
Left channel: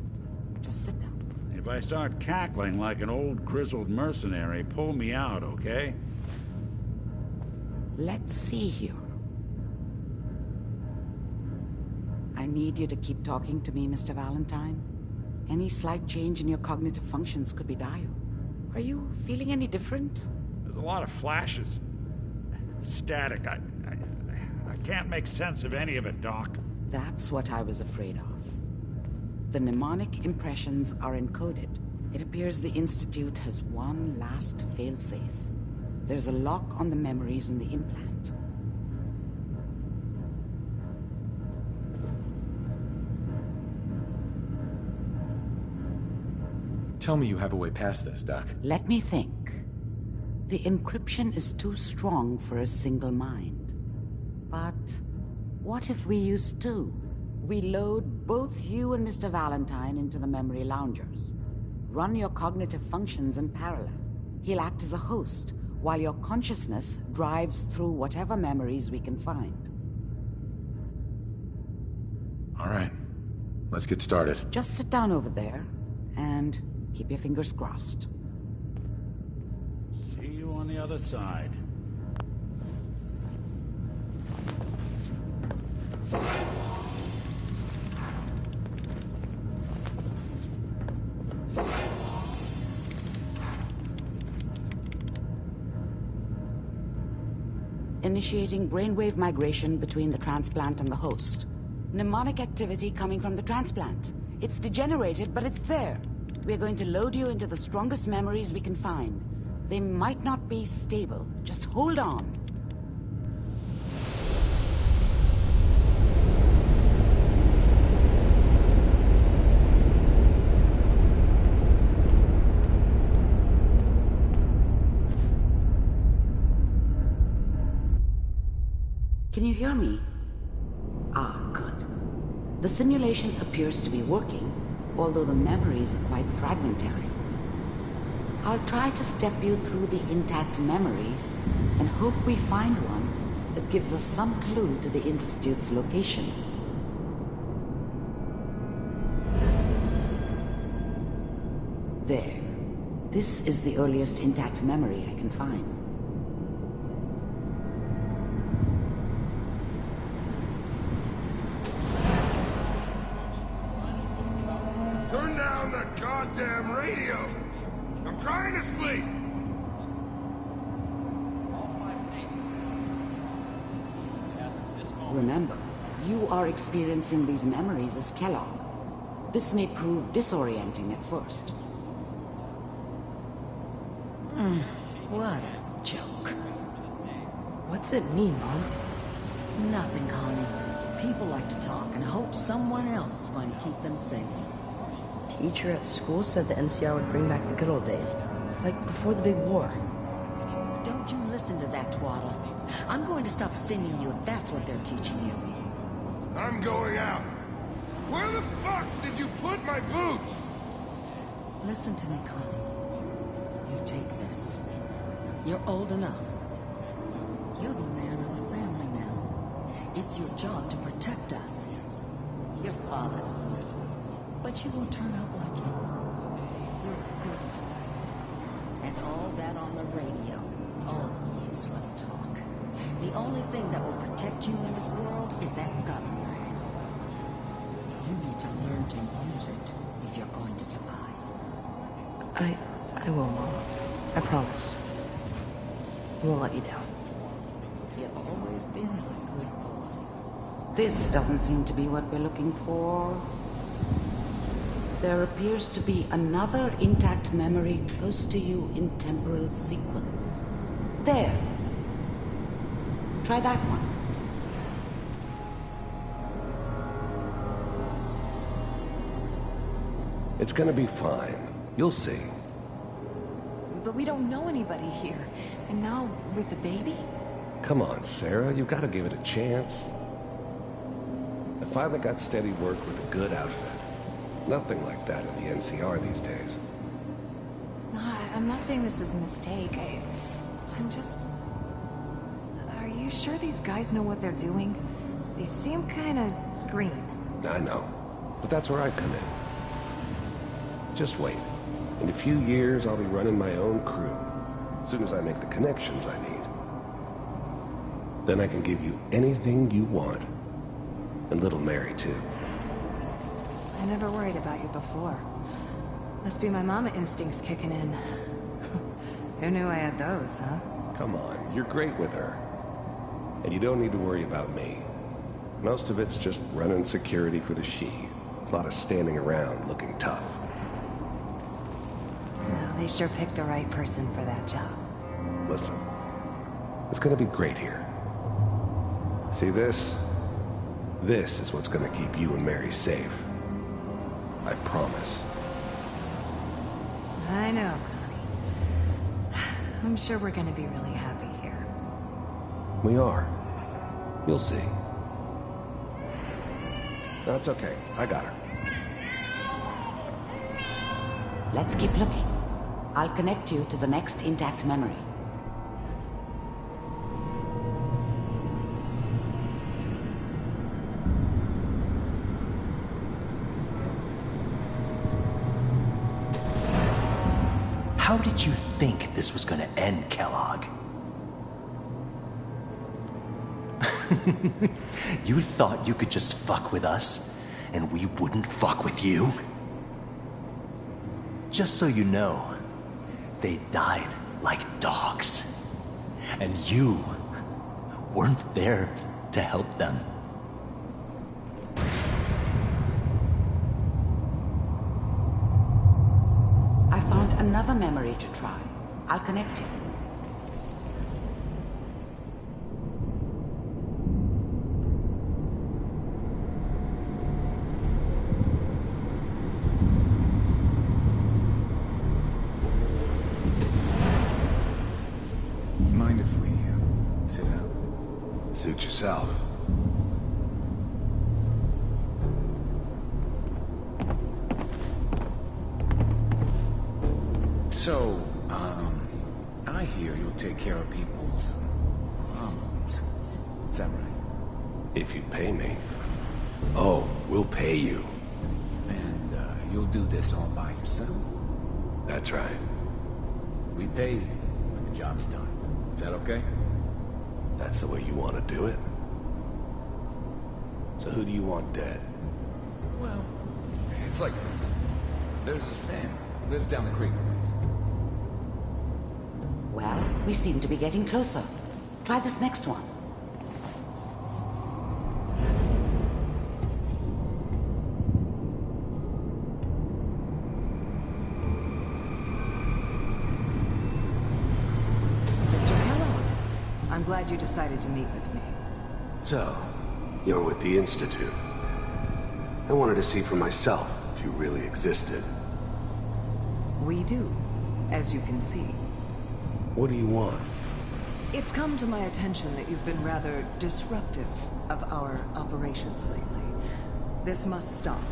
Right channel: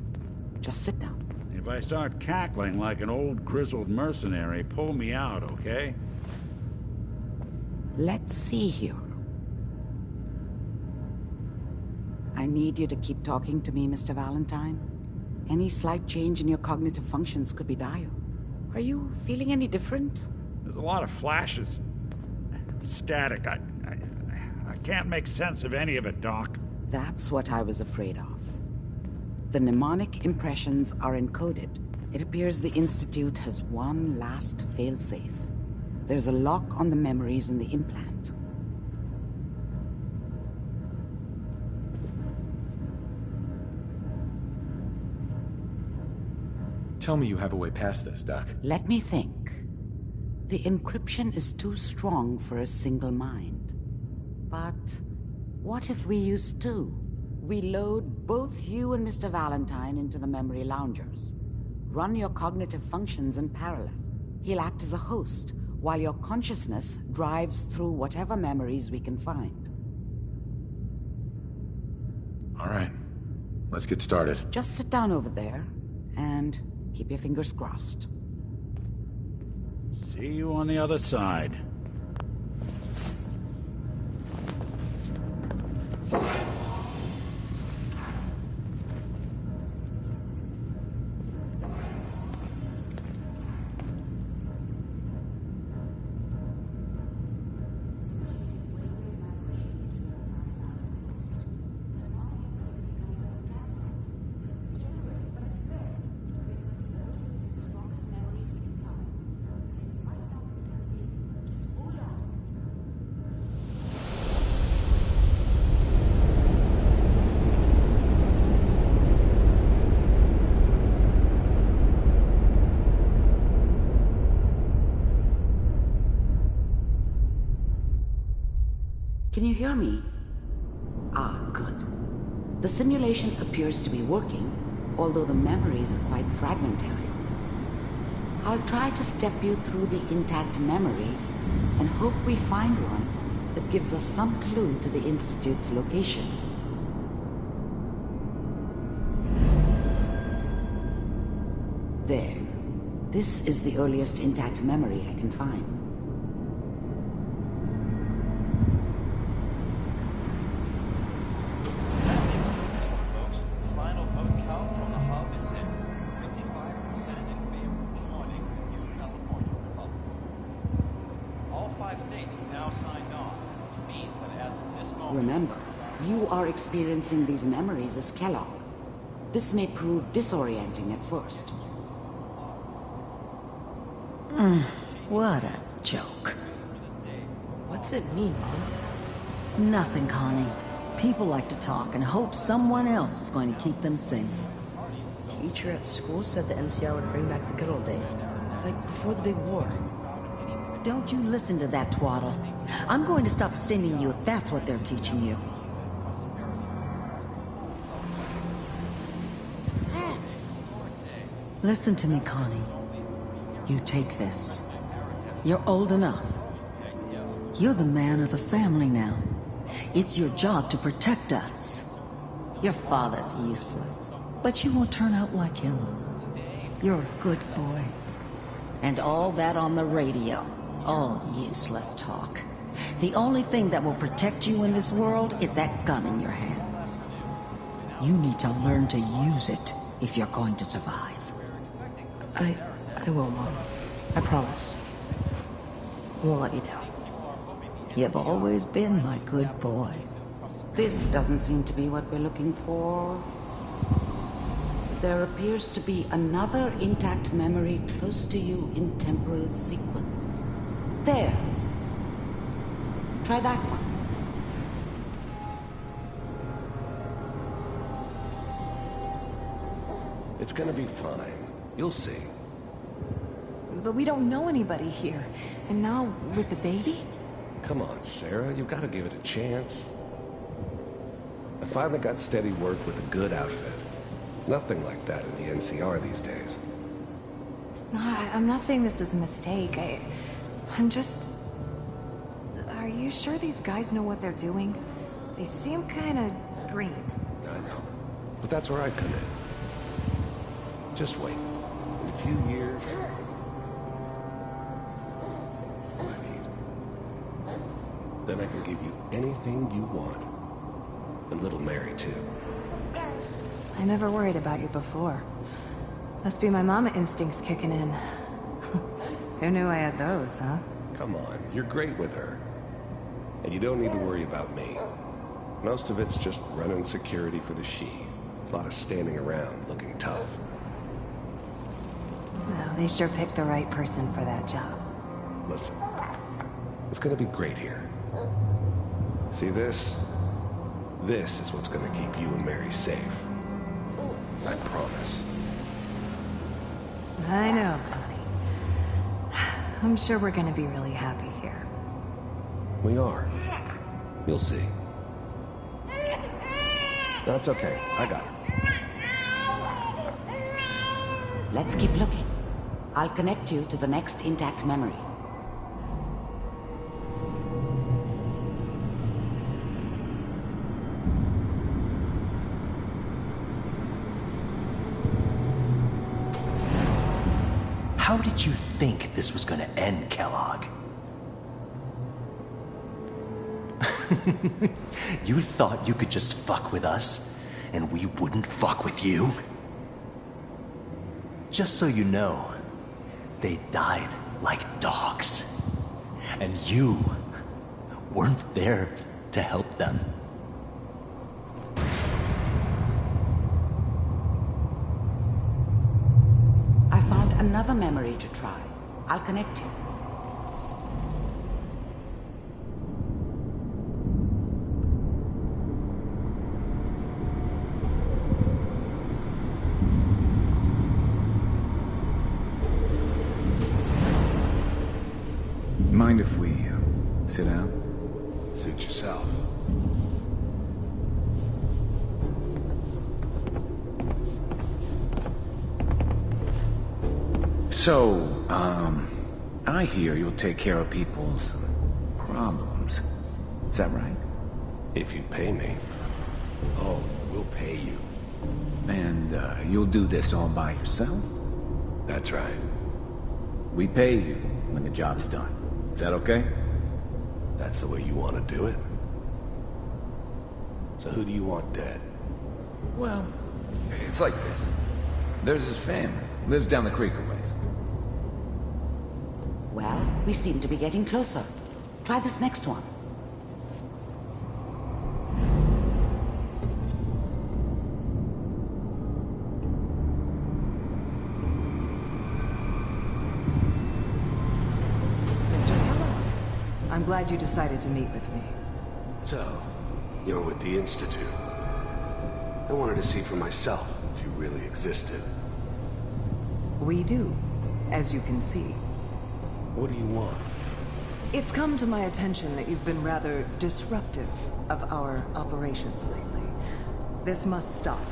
Just sit down. If I start cackling like an old grizzled mercenary, pull me out, okay? Let's see here. I need you to keep talking to me, Mr. Valentine. Any slight change in your cognitive functions could be dire. Are you feeling any different? There's a lot of flashes. Static. I can't make sense of any of it, Doc. That's what I was afraid of. The mnemonic impressions are encoded. It appears the Institute has one last failsafe. There's a lock on the memories in the implant. Tell me you have a way past this, Doc. Let me think. The encryption is too strong for a single mind. But what if we use two? We load both you and Mr. Valentine into the memory loungers. Run your cognitive functions in parallel. He'll act as a host, while your consciousness drives through whatever memories we can find. All right. Let's get started. Just sit down over there, and keep your fingers crossed. See you on the other side. Initiating brainwave migration between the transplant and the host. Mnemonic activity coming from the transplant. It's degenerated, but it's there. We're going to load you into the strongest memories we can find. They might not be stable. Just hold on. Can you hear me? Ah, good. The simulation appears to be working, although the memories are quite fragmentary. I'll try to step you through the intact memories and hope we find one that gives us some clue to the Institute's location. There. This is the earliest intact memory I can find. Remember, you are experiencing these memories as Kellogg. This may prove disorienting at first. What a joke. What's it mean, Mom? Nothing, Connie. People like to talk and hope someone else is going to keep them safe. Teacher at school said the NCR would bring back the good old days. Like before the big war. Don't you listen to that twaddle. I'm going to stop sending you if that's what they're teaching you. I'm going out. Where the fuck did you put my boots? Listen to me, Connie. You take this. You're old enough. You're the man of the family now. It's your job to protect us. Your father's useless, but you won't turn out like him. You're a good boy. And all that on the radio, all useless talk. The only thing that will protect you in this world is that gun in your hands. You need to learn to use it if you're going to survive. I will, Mom. I promise. I won't let you down. You've always been my good boy. This doesn't seem to be what we're looking for. There appears to be another intact memory close to you in temporal sequence. There. Try that one. It's gonna be fine. You'll see. But we don't know anybody here. And now, with the baby? Come on, Sarah, you've got to give it a chance. I finally got steady work with a good outfit. Nothing like that in the NCR these days. No, I'm not saying this was a mistake. I'm just... Are you sure these guys know what they're doing? They seem kinda green. I know. But that's where I come in. Just wait. In a few years, I'll be running my own crew. As soon as I make the connections I need. Then I can give you anything you want. And little Mary, too. I never worried about you before. Must be my mama instincts kicking in. Who knew I had those, huh? Come on, you're great with her. And you don't need to worry about me. Most of it's just running security for the she. A lot of standing around looking tough. No, they sure picked the right person for that job. Listen, it's gonna be great here. See this? This is what's gonna keep you and Mary safe. I promise. I know, Connie. I'm sure we're gonna be really happy here. We are. You'll see. No, it's okay. I got her. Let's keep looking. I'll connect you to the next intact memory. How did you think this was gonna end, Kellogg? You thought you could just fuck with us, and we wouldn't fuck with you? Just so you know, they died like dogs. And you weren't there to help them. I found another memory to try. I'll connect you. Mind if we sit down? Suit yourself. So, I hear you'll take care of people's problems. Is that right? If you pay me. Oh, we'll pay you. And, you'll do this all by yourself? That's right. We pay you when the job's done. Is that okay? That's the way you want to do it? So who do you want dead? Well, it's like this. There's his family. Lives down the creek a ways. Well, we seem to be getting closer. Try this next one. Mr. Kellogg, I'm glad you decided to meet with me. So, you're with the Institute. I wanted to see for myself if you really existed. We do, as you can see. What do you want? It's come to my attention that you've been rather disruptive of our operations lately. This must stop.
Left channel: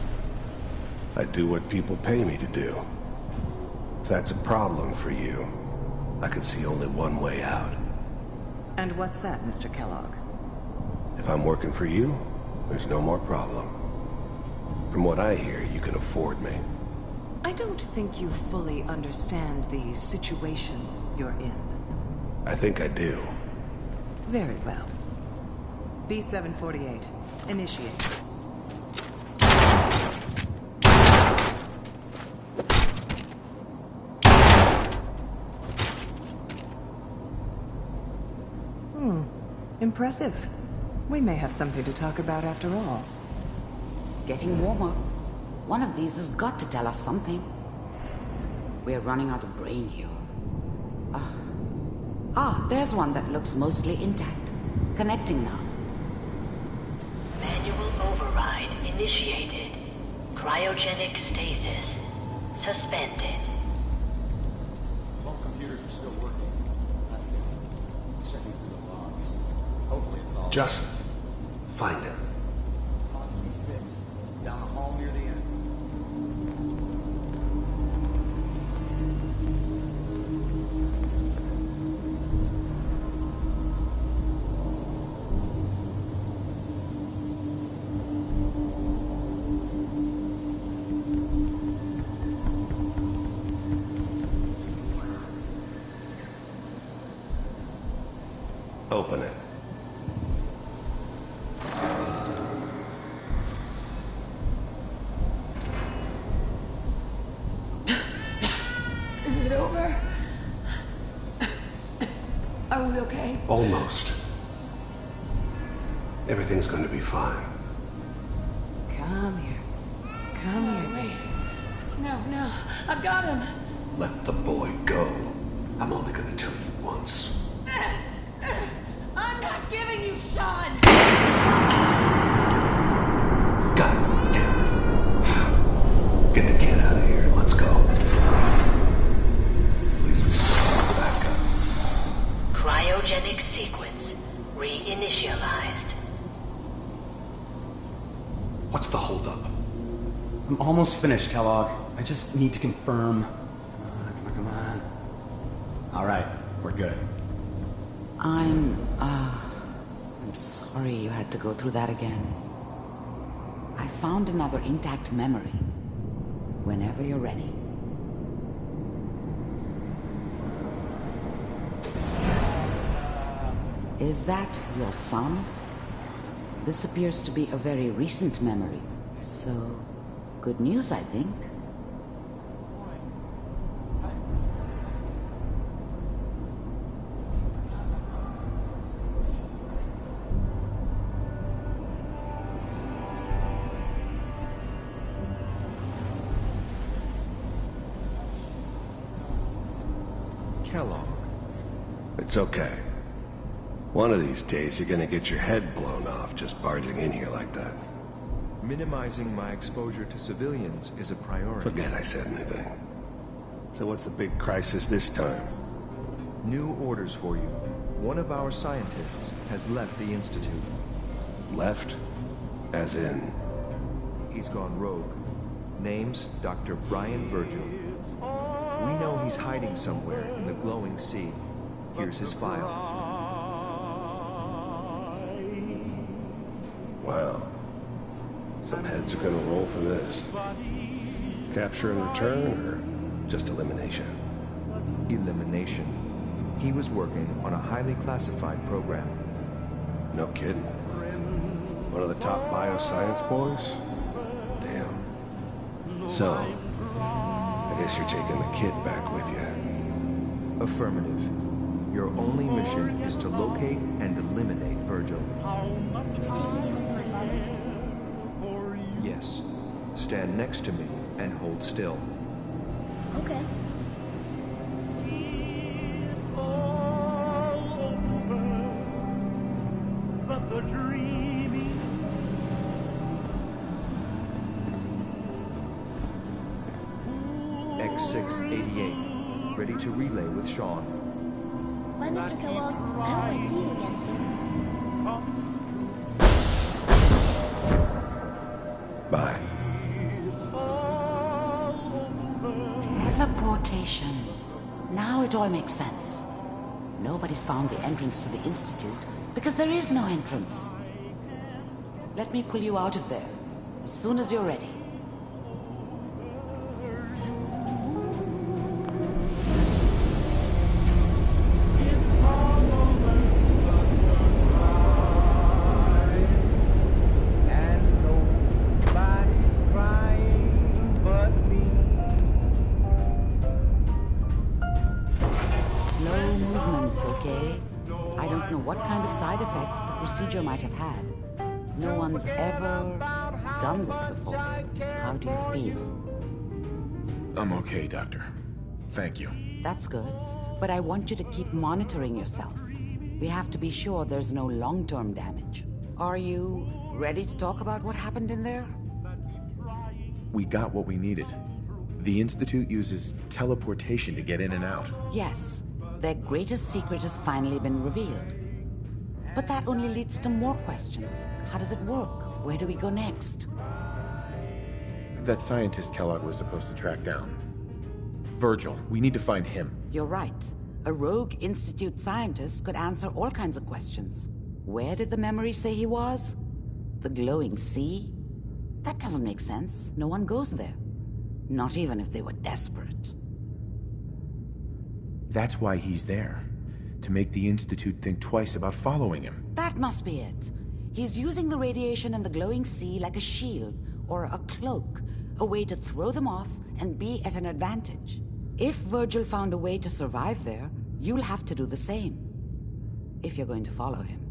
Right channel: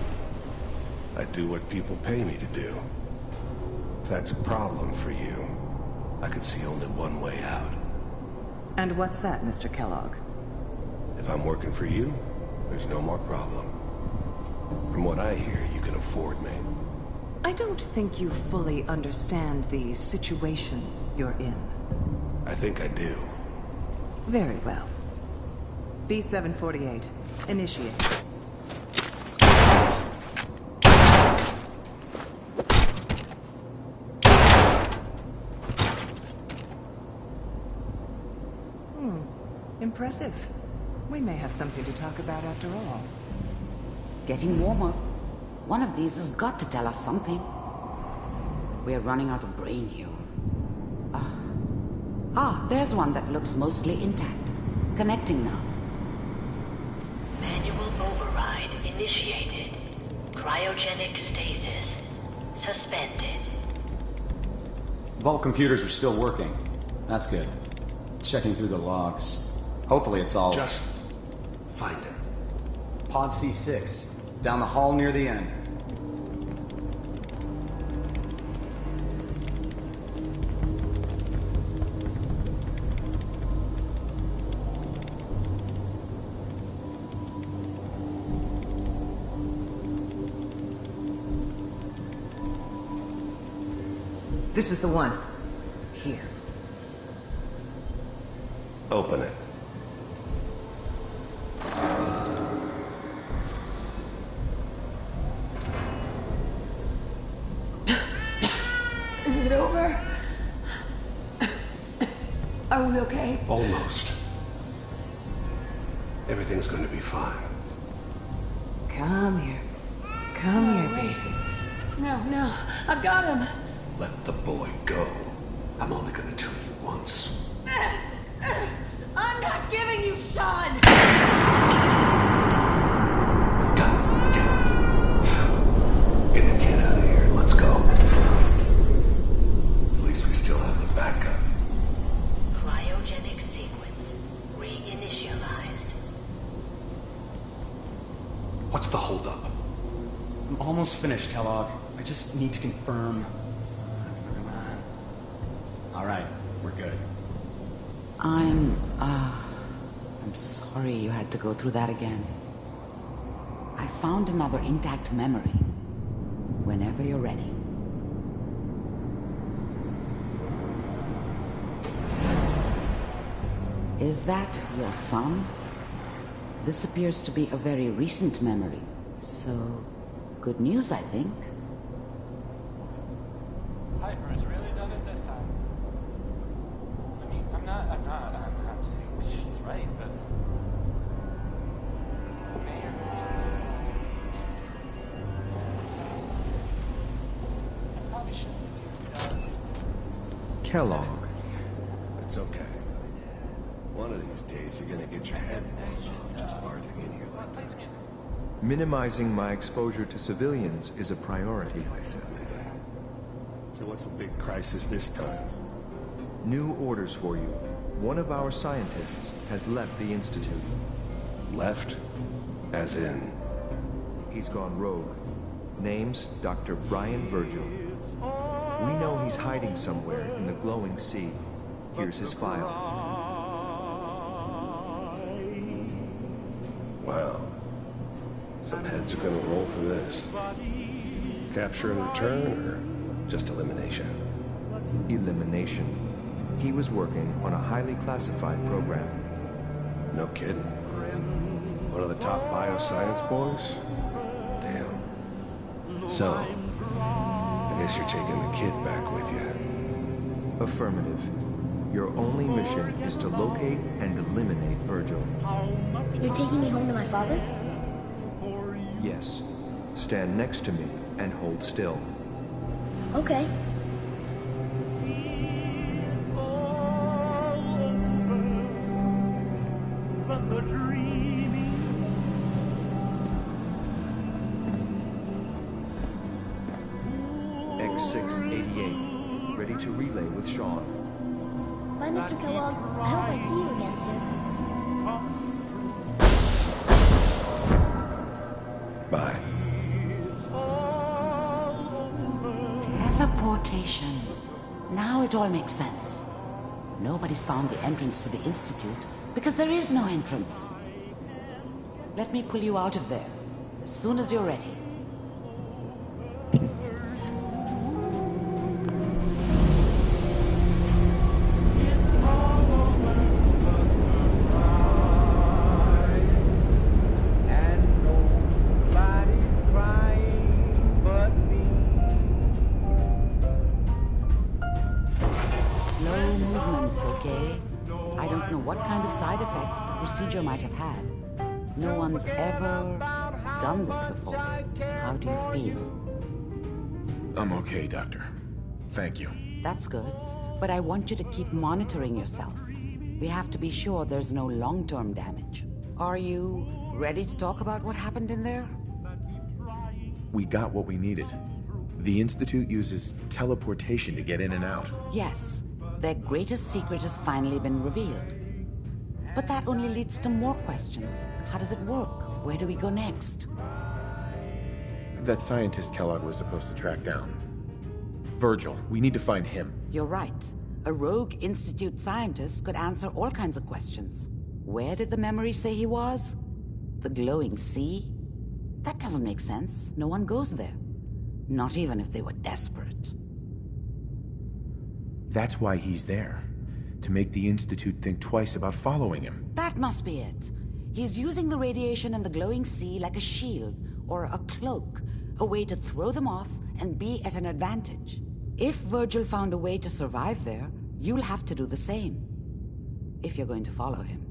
I do what people pay me to do. If that's a problem for you, I could see only one way out. And what's that, Mr. Kellogg? If I'm working for you, there's no more problem. From what I hear, you can afford me. I don't think you fully understand the situation you're in. I think I do. Very well. B-748, initiate. Impressive. We may have something to talk about after all. Getting warmer. One of these has got to tell us something. We're running out of brain here. There's one that looks mostly intact. Connecting now. Manual override initiated. Cryogenic stasis suspended. Vault computers are still working. That's good. Checking through the logs. Hopefully it's all... Just find it. Pod C6. Down the hall near the end. This is the one. Here. Open it. it over? Are we okay? Almost. Everything's going to be fine. Come here. Come here, baby. No, I've got him. Let the boy go. I'm only going to tell you once. I'm not giving you Sean! God damn it. Get the kid out of here. Let's go. At least we still have a backup. Cryogenic sequence reinitialized. What's the holdup? I'm almost finished, Kellogg. I just need to confirm. Come on. All right, we're good. I'm sorry you had to go through that again. I found another intact memory. Whenever you're ready. Is that your son? This appears to be a very recent memory. So, good news, I think. Kellogg. It's okay. One of these days, you're gonna get your head blown off just barging in here like that. Minimizing my exposure to civilians is a priority. Forget I said anything. So what's the big crisis this time? New orders for you. One of our scientists has left the Institute. Left? As in? He's gone rogue. Name's Dr. Brian Virgil. We know he's hiding somewhere in the glowing sea. Here's his file. Wow. Some heads are gonna roll for this. Capture and return, or just elimination? Elimination. He was working on a highly classified program. No kidding. One of the top bioscience boys? Damn. So, I guess you're taking the kid back with you. Affirmative. Your only mission is to locate and eliminate Virgil. You're taking me home to my father? Yes. Stand next to me and hold still. Okay. X688. Ready to relay with Sean. Bye, Mr. Kellogg. I hope I see you again soon. Bye. Teleportation. Now it all makes sense. Nobody's found the entrance to the Institute because there is no entrance. Let me pull you out of there as soon as you're ready. Okay? I don't know what kind of side effects the procedure might have had. No one's ever done this before. How do you feel? I'm okay, Doctor. Thank you. That's good. But I want you to keep monitoring yourself. We have to be sure there's no long-term damage. Are you ready to talk about what happened in there? We got what we needed. The Institute uses teleportation to get in and out. Yes. Their greatest secret has finally been revealed. But that only leads to more questions. How does it work? Where do we go next? That scientist Kellogg was supposed to track down. Virgil, we need to find him. You're right. A rogue Institute scientist could answer all kinds of questions. Where did the memory say he was? The glowing sea? That doesn't make sense. No one goes there. Not even if they were desperate. That's why he's there. To make the Institute think twice about following him. That must be it. He's using the radiation and the glowing sea like a shield, or a cloak. A way to throw them off and be at an advantage. If Virgil found a way to survive there, you'll have to do the same. If you're going to follow him.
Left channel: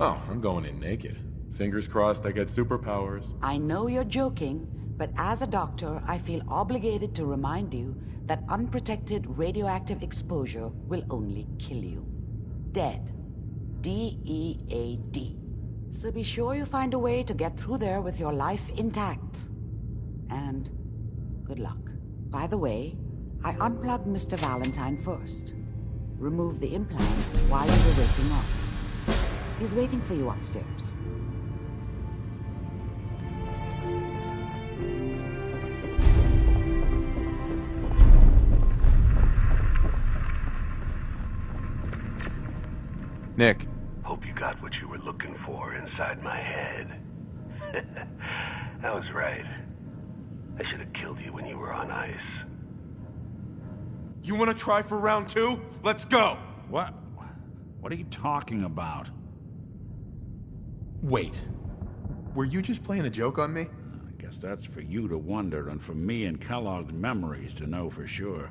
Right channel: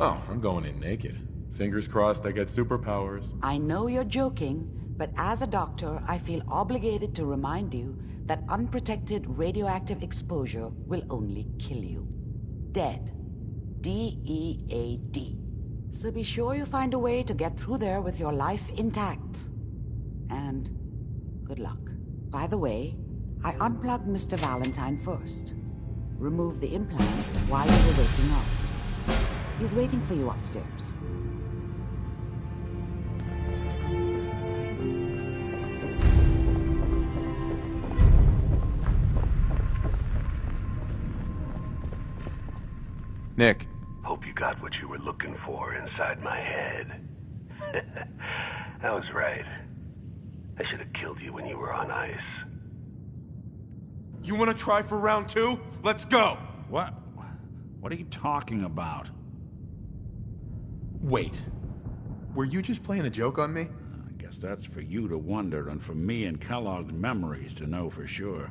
Oh, I'm going in naked. Fingers crossed I get superpowers. I know you're joking, but as a doctor, I feel obligated to remind you that unprotected radioactive exposure will only kill you. Dead. D-E-A-D. So be sure you find a way to get through there with your life intact. And good luck. By the way, I unplugged Mr. Valentine first. Removed the implant while you were waking up. He's waiting for you upstairs. Nick. Hope you got what you were looking for inside my head. I was right. I should have killed you when you were on ice. You want to try for round 2? Let's go! What? What are you talking about? Wait. Were you just playing a joke on me? I guess that's for you to wonder, and for me and Kellogg's memories to know for sure.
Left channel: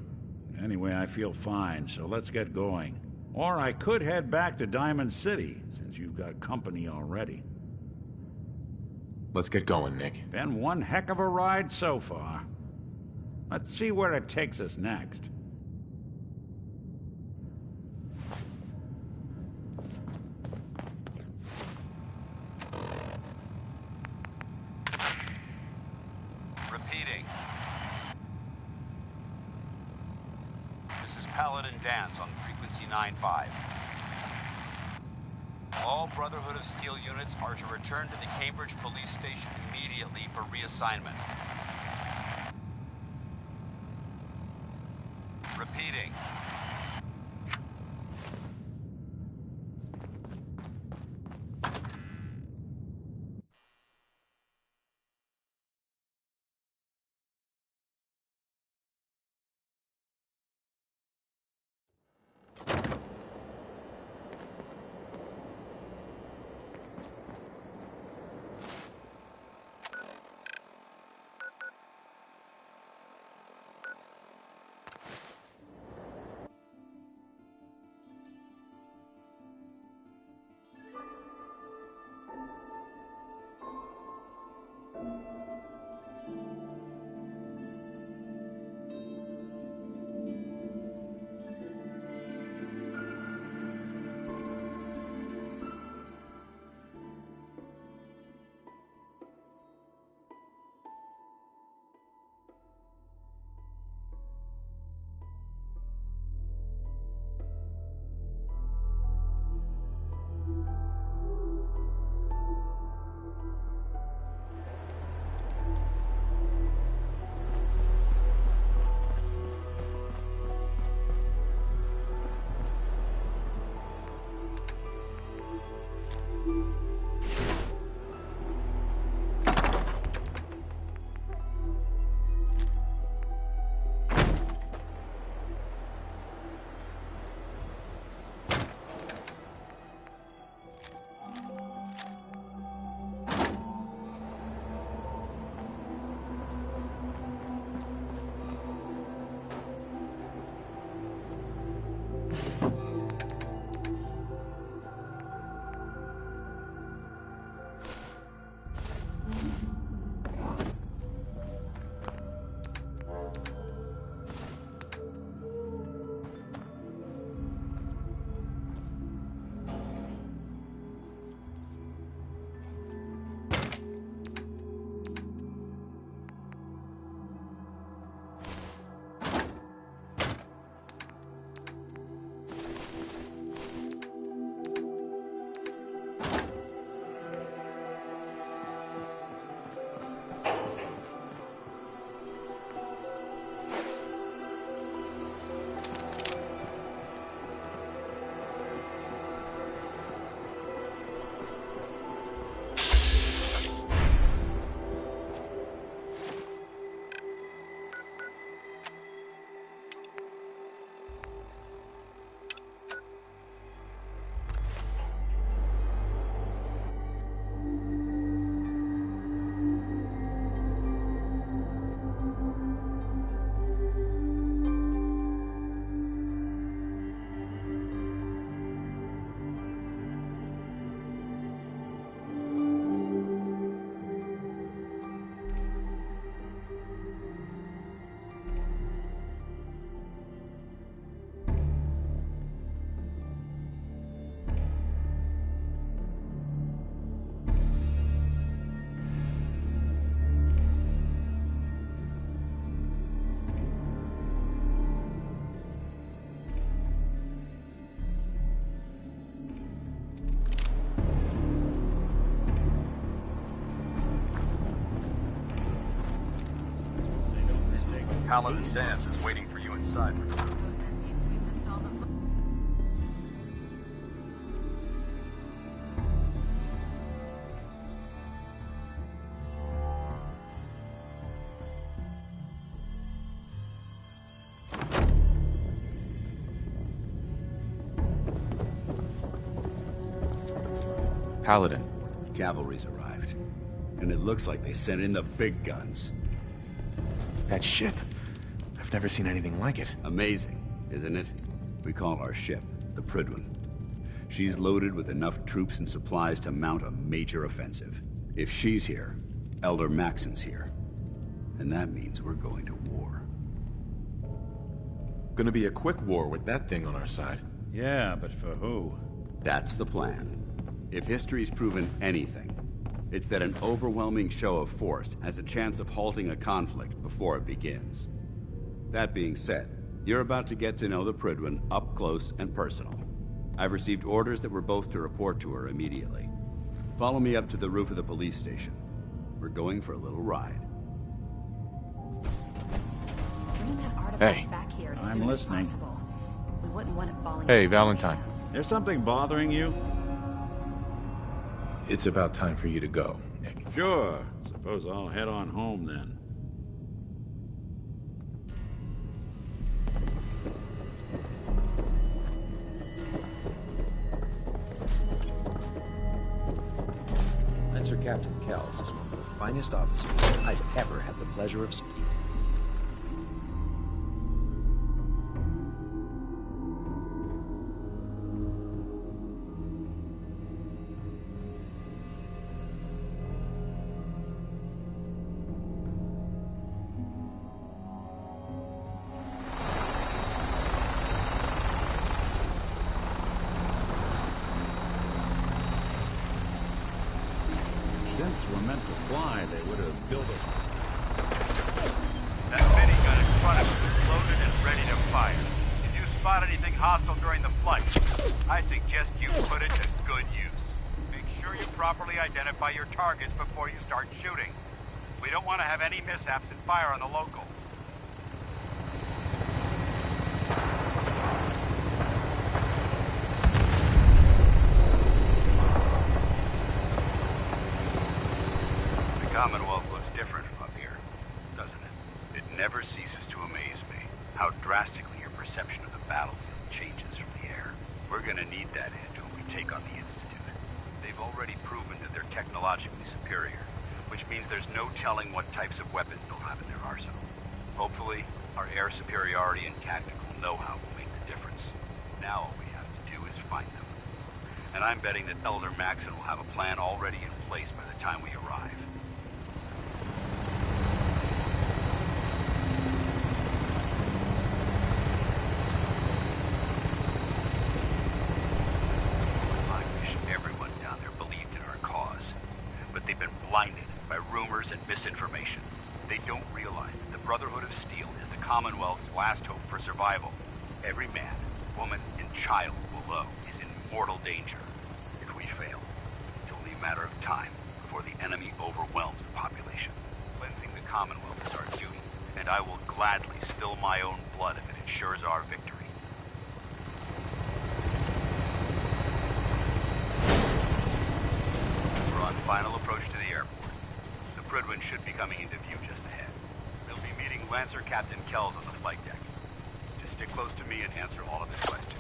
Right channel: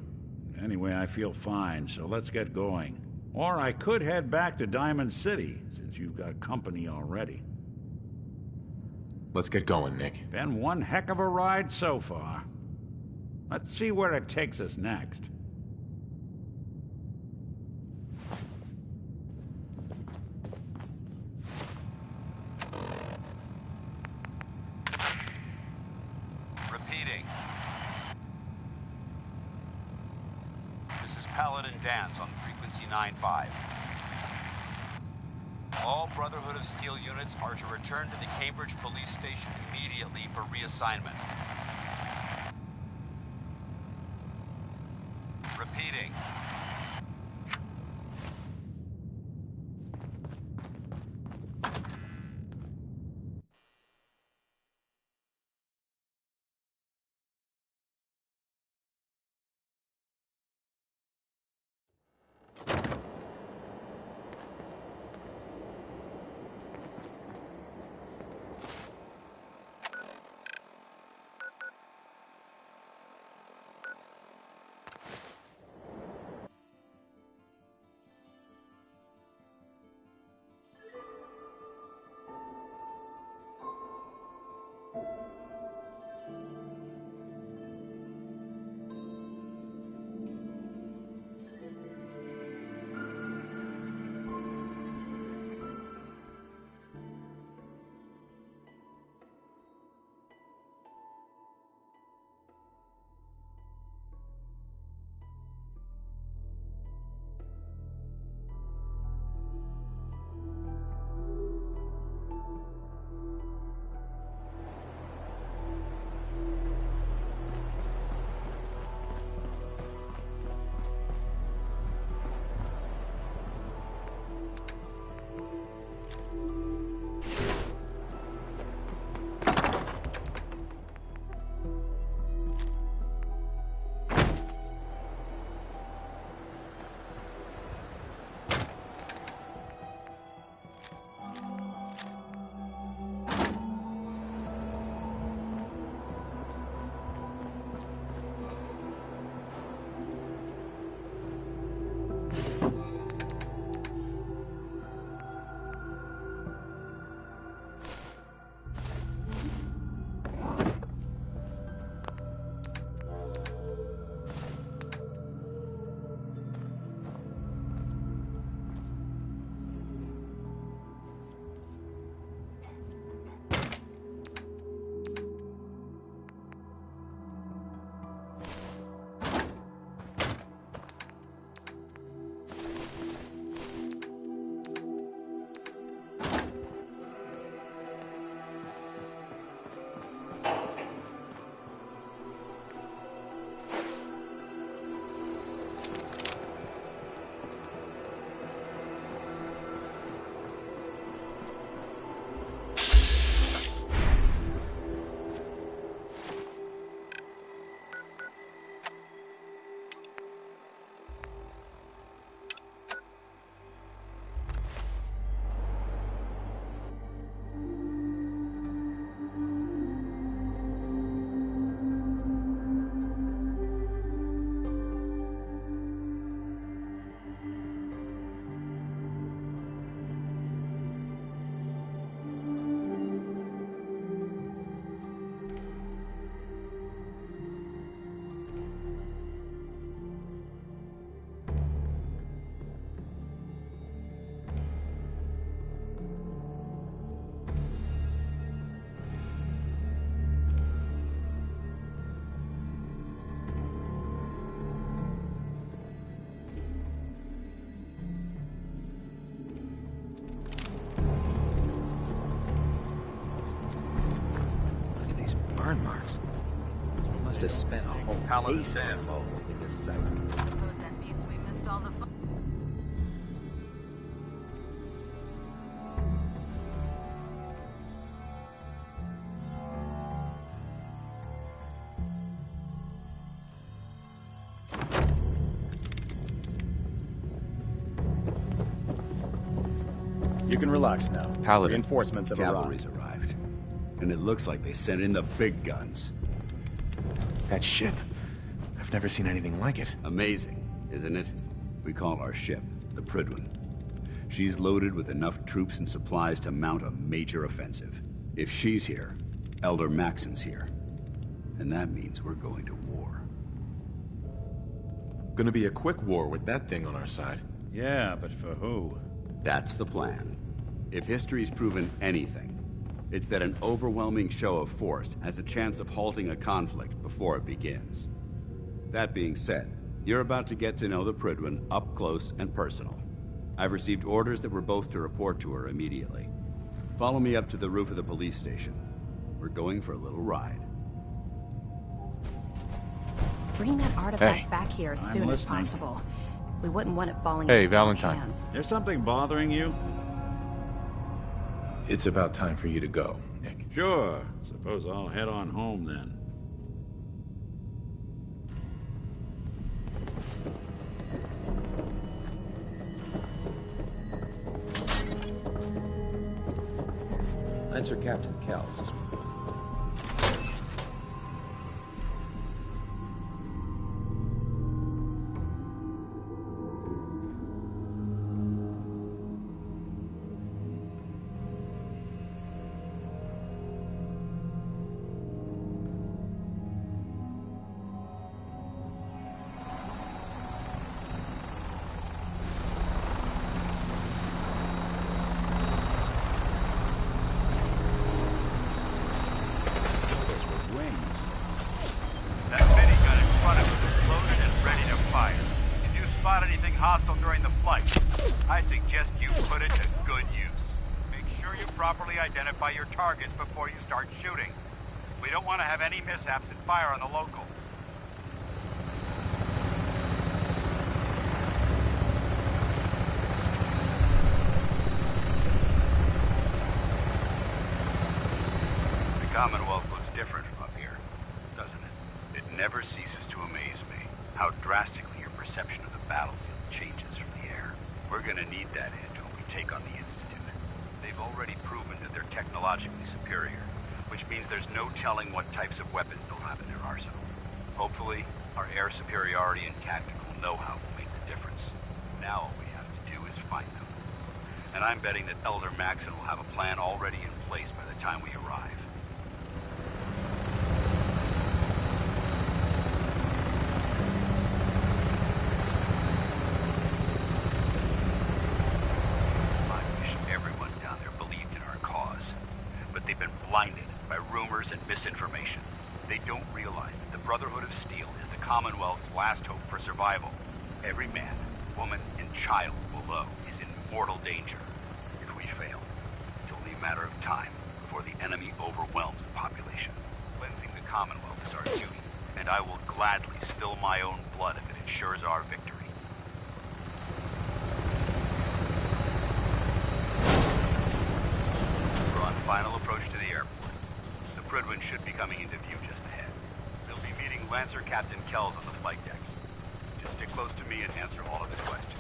Anyway, I feel fine, so let's get going. Or I could head back to Diamond City, since you've got company already. Let's get going, Nick. Been one heck of a ride so far. Let's see where it takes us next. Repeating. This is Paladin Dance on frequency 9-5. All Brotherhood of Steel units are to return to the Cambridge Police Station immediately for reassignment. Repeating. to spend a whole Paladin case Dance is waiting for you inside. Suppose that means we missed all the fun. You can relax now. Paladin. Reinforcements have Cavalry's arrived. And it looks like they sent in the big guns. That ship. I've never seen anything like it. Amazing, isn't it? We call our ship the Prydwen. She's loaded with enough troops and supplies to mount a major offensive. If she's here, Elder Maxon's here. And that means we're going to war. Gonna be a quick war with that thing on our side. Yeah, but for who? That's the plan. If history's proven anything, it's that an overwhelming show of force has a chance of halting a conflict before it begins. That being said, you're about to get to know the Prydwen up close and personal. I've received orders that we're both to report to her immediately. Follow me up to the roof of the police station. We're going for a little ride. Bring that artifact Hey. back here as I'm soon listening. as possible. We wouldn't want it falling Hey, into the wrong Valentine. hands. There's something bothering you? It's about time for you to go, Nick. Sure. Suppose I'll head on home then. Lancer Captain Kells is one of the finest officers I've ever had the pleasure of seeing. That minigun in front of us is loaded and ready to fire. If you spot anything hostile during the flight, I suggest you put it to good use. Make sure you properly identify your targets before you start shooting. We don't want to have any mishaps and fire on the local. The Commonwealth looks different from up here, doesn't it? It never ceases to amaze me how drastically your perception of the battlefield changes from the air. We're gonna need that edge when we take on the Institute. They've already proven that they're technologically superior, which means there's no telling what types of weapons they'll have in their arsenal. Hopefully, our air superiority and tactical know-how will make the difference. Now all we have to do is find them. And I'm betting that Elder Maxon will have a plan already in place by the time we arrive. I wish everyone down there believed in our cause. But they've been blinded by rumors and misinformation. They don't realize that the Brotherhood of Steel is the Commonwealth's last hope for survival. Every man, woman, and child below is in mortal danger. If we fail, it's only a matter of time before the enemy overwhelms the population. Cleansing the Commonwealth is our duty, and I will gladly spill my own blood if it ensures our victory. We're on final approach to the airport. The Prydwen should be coming into view just ahead. They'll be meeting Lancer Captain Kells on the flight deck. Just stick close to me and answer all of his questions.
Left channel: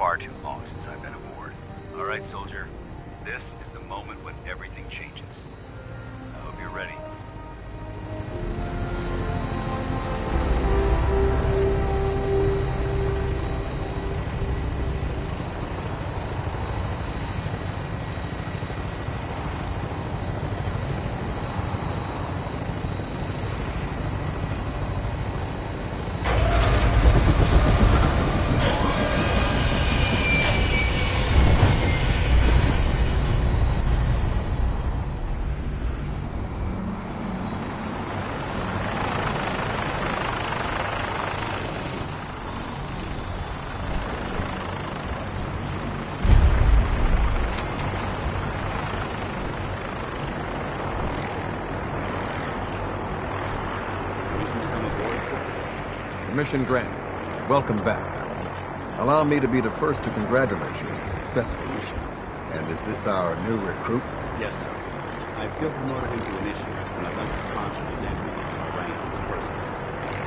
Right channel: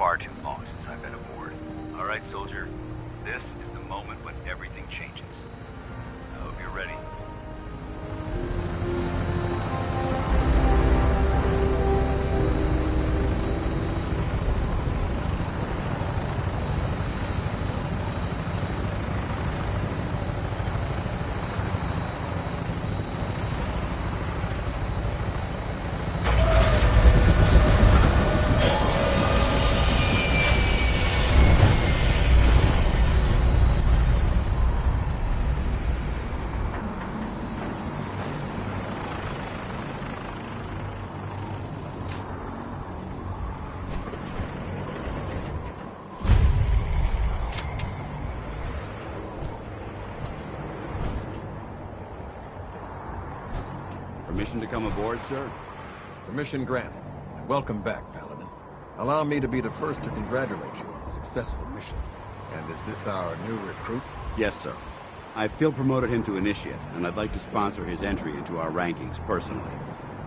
far too long since I've been aboard. All right, soldier. This is the moment when everything changes. I hope you're ready. Permission to come aboard, sir? Permission granted. Welcome back, Paladin. Allow me to be the first to congratulate you on a successful mission. And is this our new recruit? Yes, sir. I feel promoted him to initiate, and I'd like to sponsor his entry into our rankings personally.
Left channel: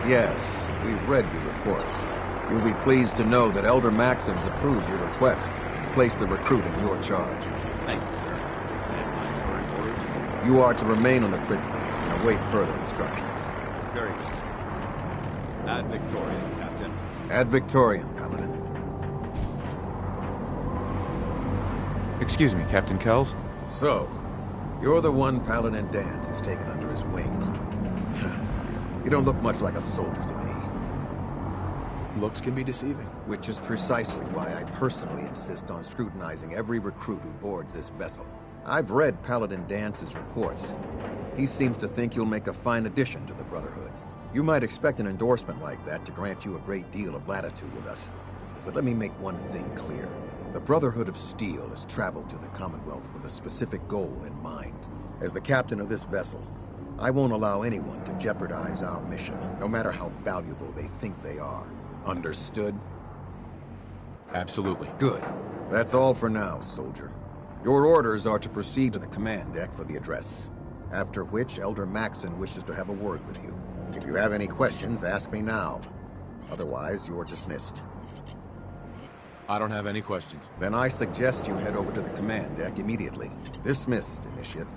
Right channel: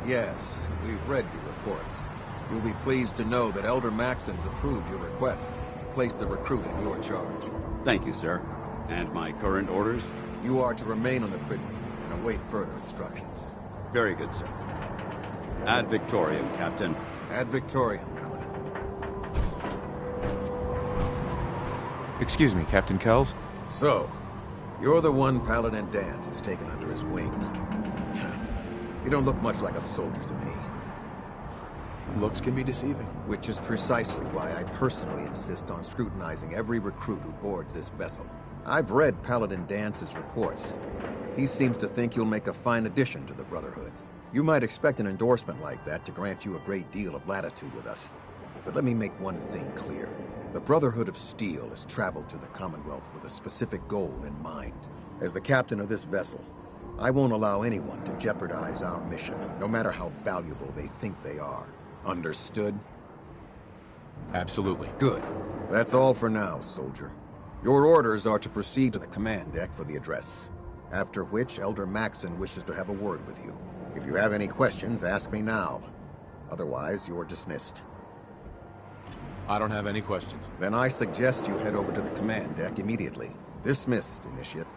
Yes, we've read your reports. You'll be pleased to know that Elder Maxon's approved your request and placed the recruit in your charge. Thank you, sir. And my current orders? You are to remain on the privy and await further instructions. Very good, sir. Ad Victoriam, Captain. Ad Victoriam, Paladin. Excuse me, Captain Kells? So, you're the one Paladin Danse has taken under his wing. You don't look much like a soldier to me. Looks can be deceiving. Which is precisely why I personally insist on scrutinizing every recruit who boards this vessel. I've read Paladin Dance's reports. He seems to think you'll make a fine addition to the Brotherhood. You might expect an endorsement like that to grant you a great deal of latitude with us. But let me make one thing clear. The Brotherhood of Steel has traveled to the Commonwealth with a specific goal in mind. As the captain of this vessel, I won't allow anyone to jeopardize our mission, no matter how valuable they think they are. Understood? Absolutely. Good. That's all for now, soldier. Your orders are to proceed to the command deck for the address. After which, Elder Maxon wishes to have a word with you. If you have any questions, ask me now. Otherwise, you're dismissed. I don't have any questions. Then I suggest you head over to the command deck immediately. Dismissed, Initiate.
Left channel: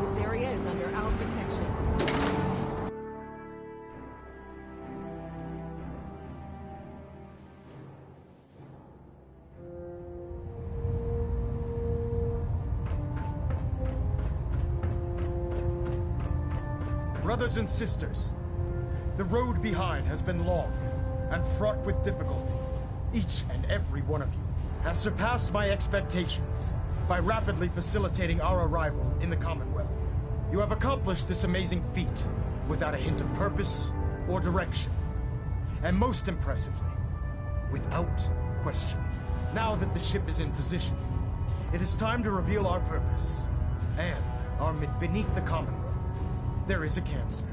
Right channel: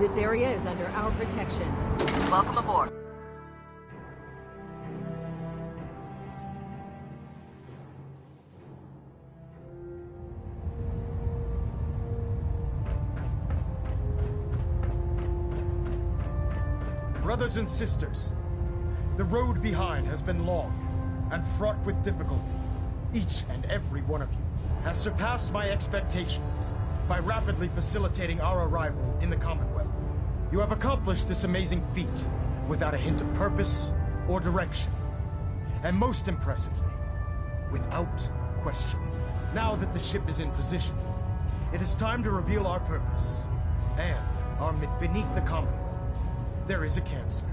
This area is under our protection. Welcome aboard. Brothers and sisters, the road behind has been long and fraught with difficulty. Each and every one of you has surpassed my expectations by rapidly facilitating our arrival in the Commonwealth. You have accomplished this amazing feat without a hint of purpose or direction. And most impressively, without question. Now that the ship is in position, it is time to reveal our purpose and our beneath the Commonwealth. There is a cancer,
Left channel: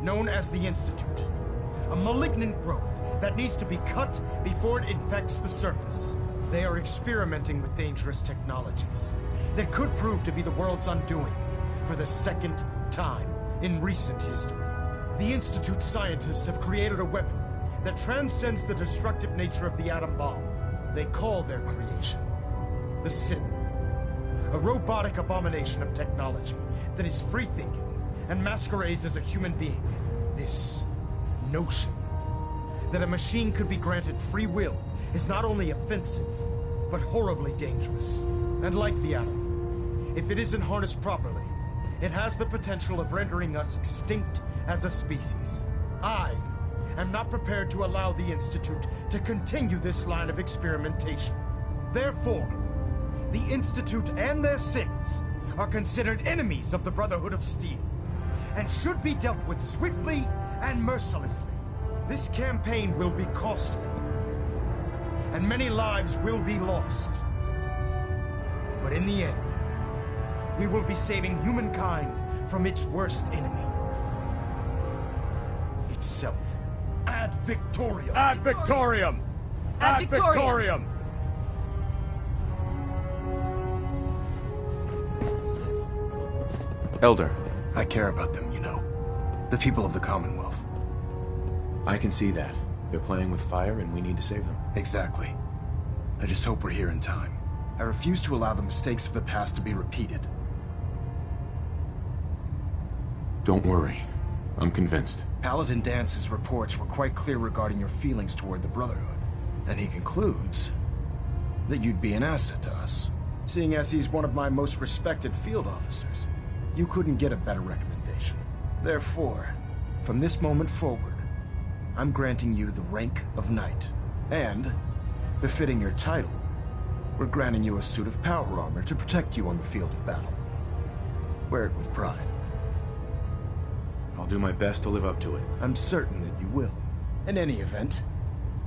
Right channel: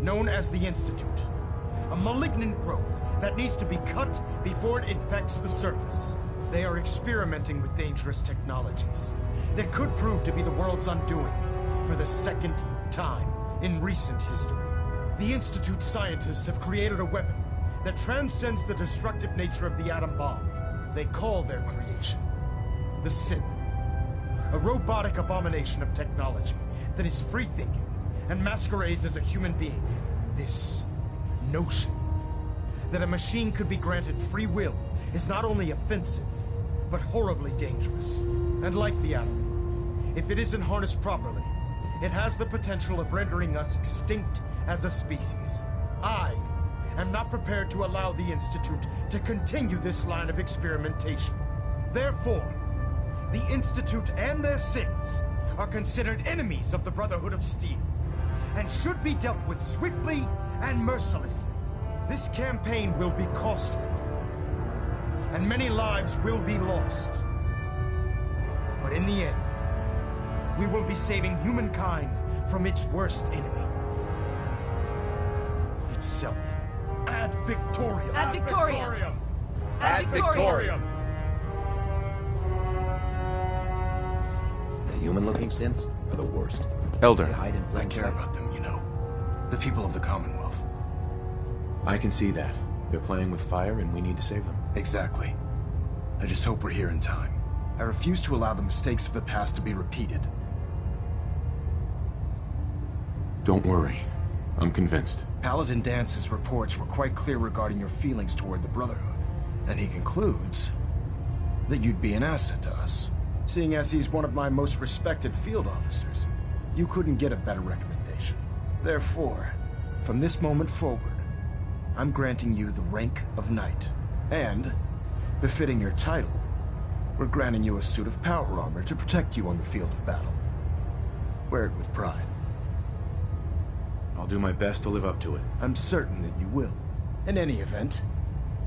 known as the Institute. A malignant growth that needs to be cut before it infects the surface. They are experimenting with dangerous technologies that could prove to be the world's undoing for the second time in recent history. The Institute scientists have created a weapon that transcends the destructive nature of the atom bomb. They call their creation the Synth. A robotic abomination of technology that is free-thinking and masquerades as a human being. This notion that a machine could be granted free will is not only offensive, but horribly dangerous. And like the atom, if it isn't harnessed properly, it has the potential of rendering us extinct as a species. I am not prepared to allow the Institute to continue this line of experimentation. Therefore, the Institute and their synths are considered enemies of the Brotherhood of Steel, and should be dealt with swiftly and mercilessly. This campaign will be costly, and many lives will be lost. But in the end, we will be saving humankind from its worst enemy. Itself. Ad Victoriam! Ad Victoriam! Ad Victoriam! The human-looking synths are the worst. Elder. I care about them, you know. The people of the Commonwealth. I can see that. They're playing with fire and we need to save them. Exactly. I just hope we're here in time. I refuse to allow the mistakes of the past to be repeated. Don't worry. I'm convinced. Paladin Dance's reports were quite clear regarding your feelings toward the Brotherhood. And he concludes that you'd be an asset to us. Seeing as he's one of my most respected field officers, you couldn't get a better recommendation. Therefore, from this moment forward, I'm granting you the rank of Knight. And, befitting your title, we're granting you a suit of power armor to protect you on the field of battle. Wear it with pride. I'll do my best to live up to it. I'm certain that you will. In any event,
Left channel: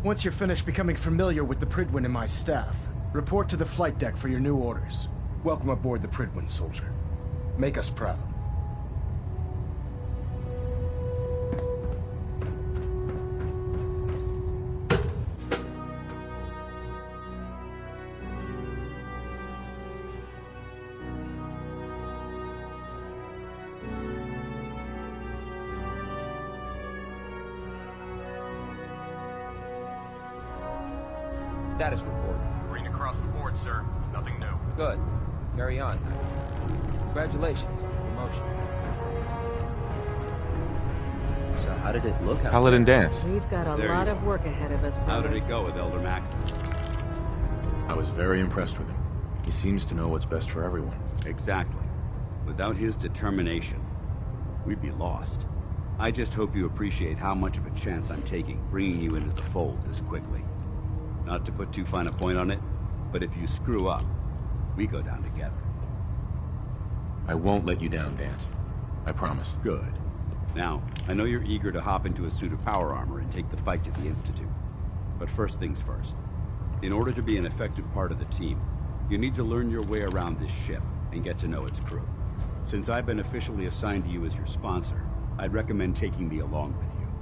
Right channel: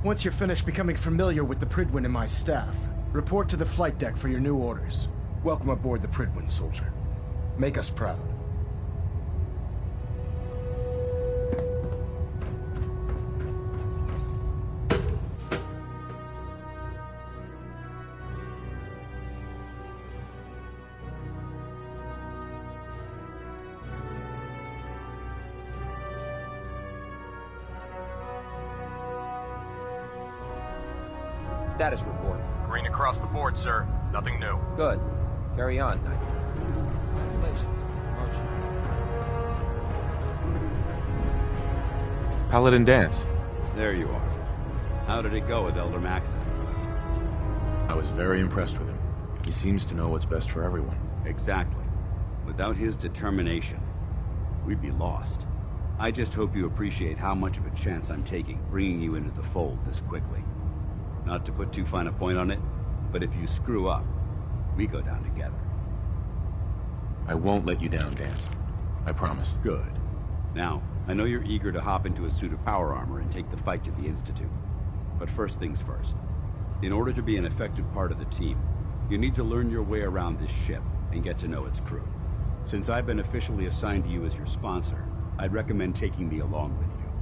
once you're finished becoming familiar with the Pridwin and my staff, report to the flight deck for your new orders. Welcome aboard the Pridwin, soldier. Make us proud. Status report. Green across the board, sir. Nothing new. Good. Carry on, Knight. Congratulations on the promotion. So how did it look? Paladin Dance. We've got a There lot you of are. work ahead of us. How did it go with Elder Maxon? I was very impressed with him. He seems to know what's best for everyone. Exactly. Without his determination, we'd be lost. I just hope you appreciate how much of a chance I'm taking bringing you into the fold this quickly. Not to put too fine a point on it, but if you screw up, we go down together. I won't let you down, Dance. I promise. Good. Now, I know you're eager to hop into a suit of power armor and take the fight to the Institute. But first things first. In order to be an effective part of the team, you need to learn your way around this ship and get to know its crew. Since I've been officially assigned to you as your sponsor, I'd recommend taking me along with you.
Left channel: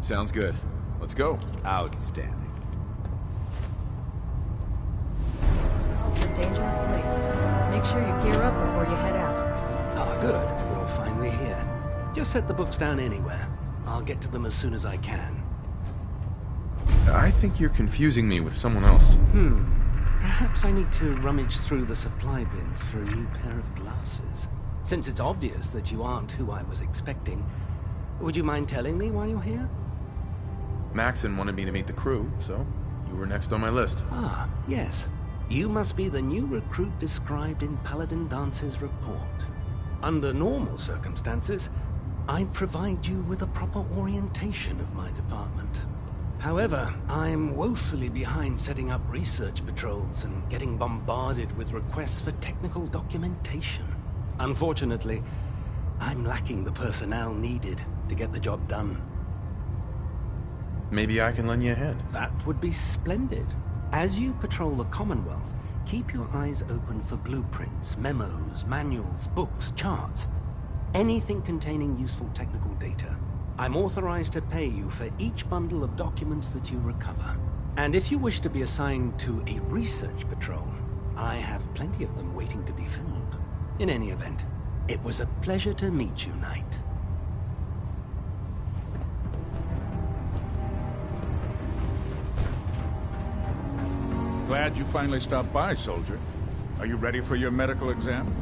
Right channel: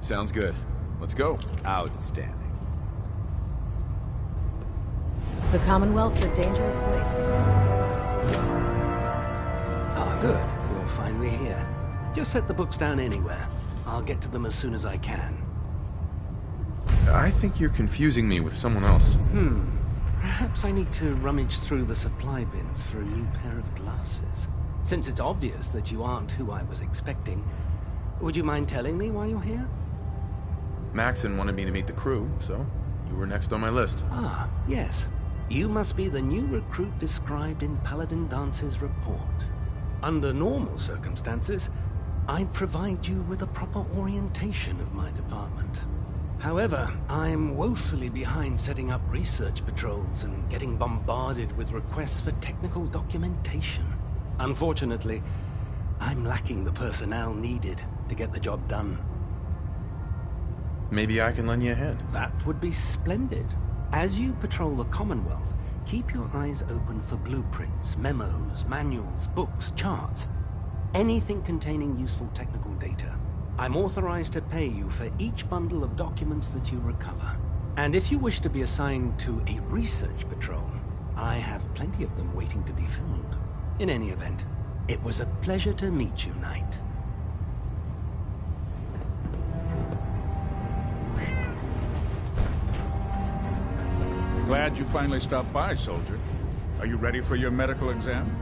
Sounds good. Let's go. Outstanding. The Commonwealth's a dangerous place. Make sure you gear up before you head out. Ah, good. You're finally here. Just set the books down anywhere. I'll get to them as soon as I can. I think you're confusing me with someone else. Perhaps I need to rummage through the supply bins for a new pair of glasses. Since it's obvious that you aren't who I was expecting, would you mind telling me why you're here? Maxon wanted me to meet the crew, so you were next on my list. Ah, yes. You must be the new recruit described in Paladin Dance's report. Under normal circumstances, I'd provide you with a proper orientation of my department. However, I'm woefully behind setting up research patrols and getting bombarded with requests for technical documentation. Unfortunately, I'm lacking the personnel needed to get the job done. Maybe I can lend you a hand. That would be splendid. As you patrol the Commonwealth, keep your eyes open for blueprints, memos, manuals, books, charts. Anything containing useful technical data. I'm authorized to pay you for each bundle of documents that you recover. And if you wish to be assigned to a research patrol, I have plenty of them waiting to be filled. In any event, it was a pleasure to meet you, Knight. Glad you finally stopped by, soldier. Are you ready for your medical exam?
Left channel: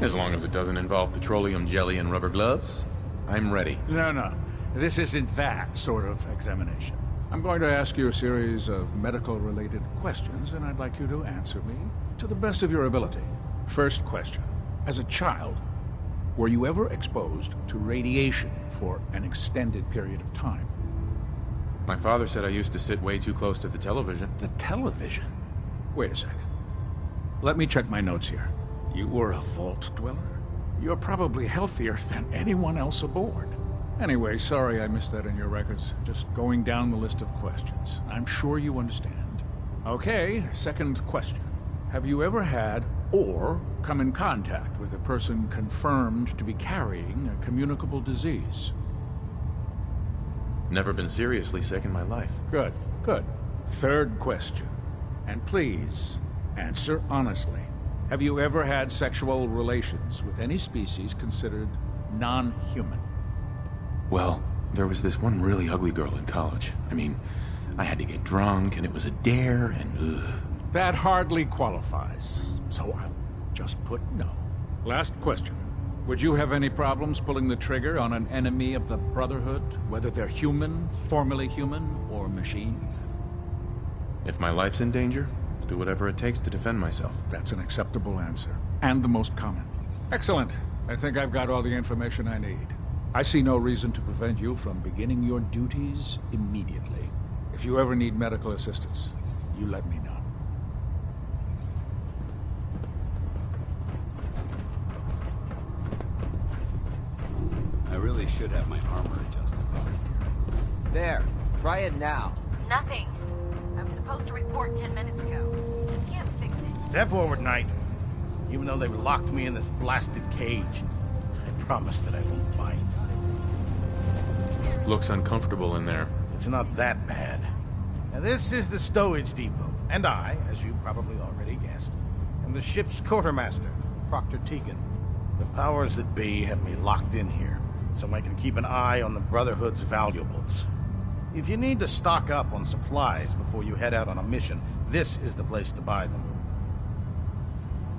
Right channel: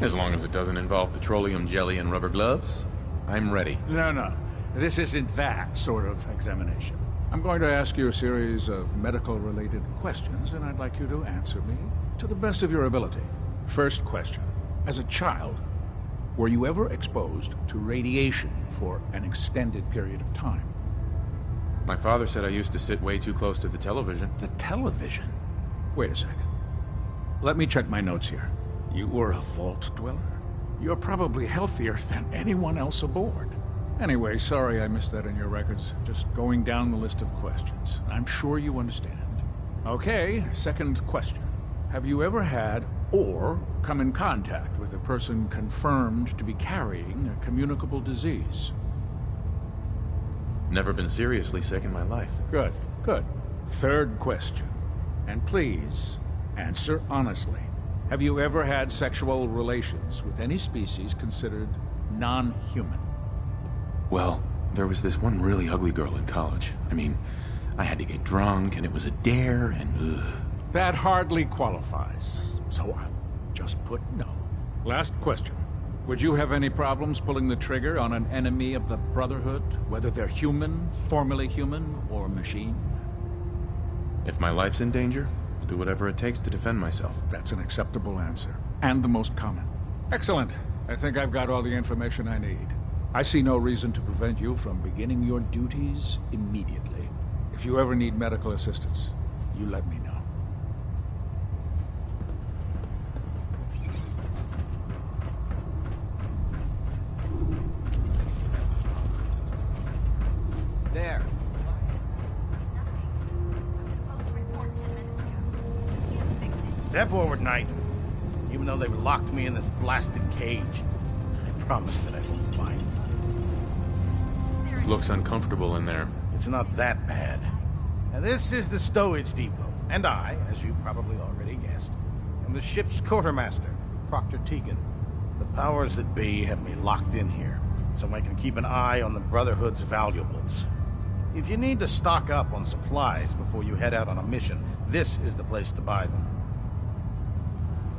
As long as it doesn't involve petroleum jelly and rubber gloves, I'm ready. No. This isn't that sort of examination. I'm going to ask you a series of medical-related questions, and I'd like you to answer me to the best of your ability. First question. As a child, were you ever exposed to radiation for an extended period of time? My father said I used to sit way too close to the television. The television? Wait a second. Let me check my notes here. You were a vault dweller? You're probably healthier than anyone else aboard. Anyway, sorry I missed that in your records. Just going down the list of questions. I'm sure you understand. Okay, second question. Have you ever had or come in contact with a person confirmed to be carrying a communicable disease? Never been seriously sick in my life. Good. Third question. And please, answer honestly. Have you ever had sexual relations with any species considered non-human? Well, there was this one really ugly girl in college. I mean, I had to get drunk, and it was a dare, and ugh. That hardly qualifies, so I'll just put no. Last question. Would you have any problems pulling the trigger on an enemy of the Brotherhood, whether they're human, formerly human, or machine? If my life's in danger, I'll do whatever it takes to defend myself. That's an acceptable answer, and the most common. Excellent. I think I've got all the information I need. I see no reason to prevent you from beginning your duties immediately. If you ever need medical assistance, you let me know. I really should have my armor adjusted. There. Try it now. Nothing. I was supposed to report 10 minutes ago. I can't fix it. Step forward, Knight. Even though they've locked me in this blasted cage, I promise that I won't bite. Looks uncomfortable in there. It's not that bad. Now, this is the stowage depot, and I, as you probably already guessed, am the ship's quartermaster, Proctor Tegan. The powers that be have me locked in here, so I can keep an eye on the Brotherhood's valuables. If you need to stock up on supplies before you head out on a mission, this is the place to buy them.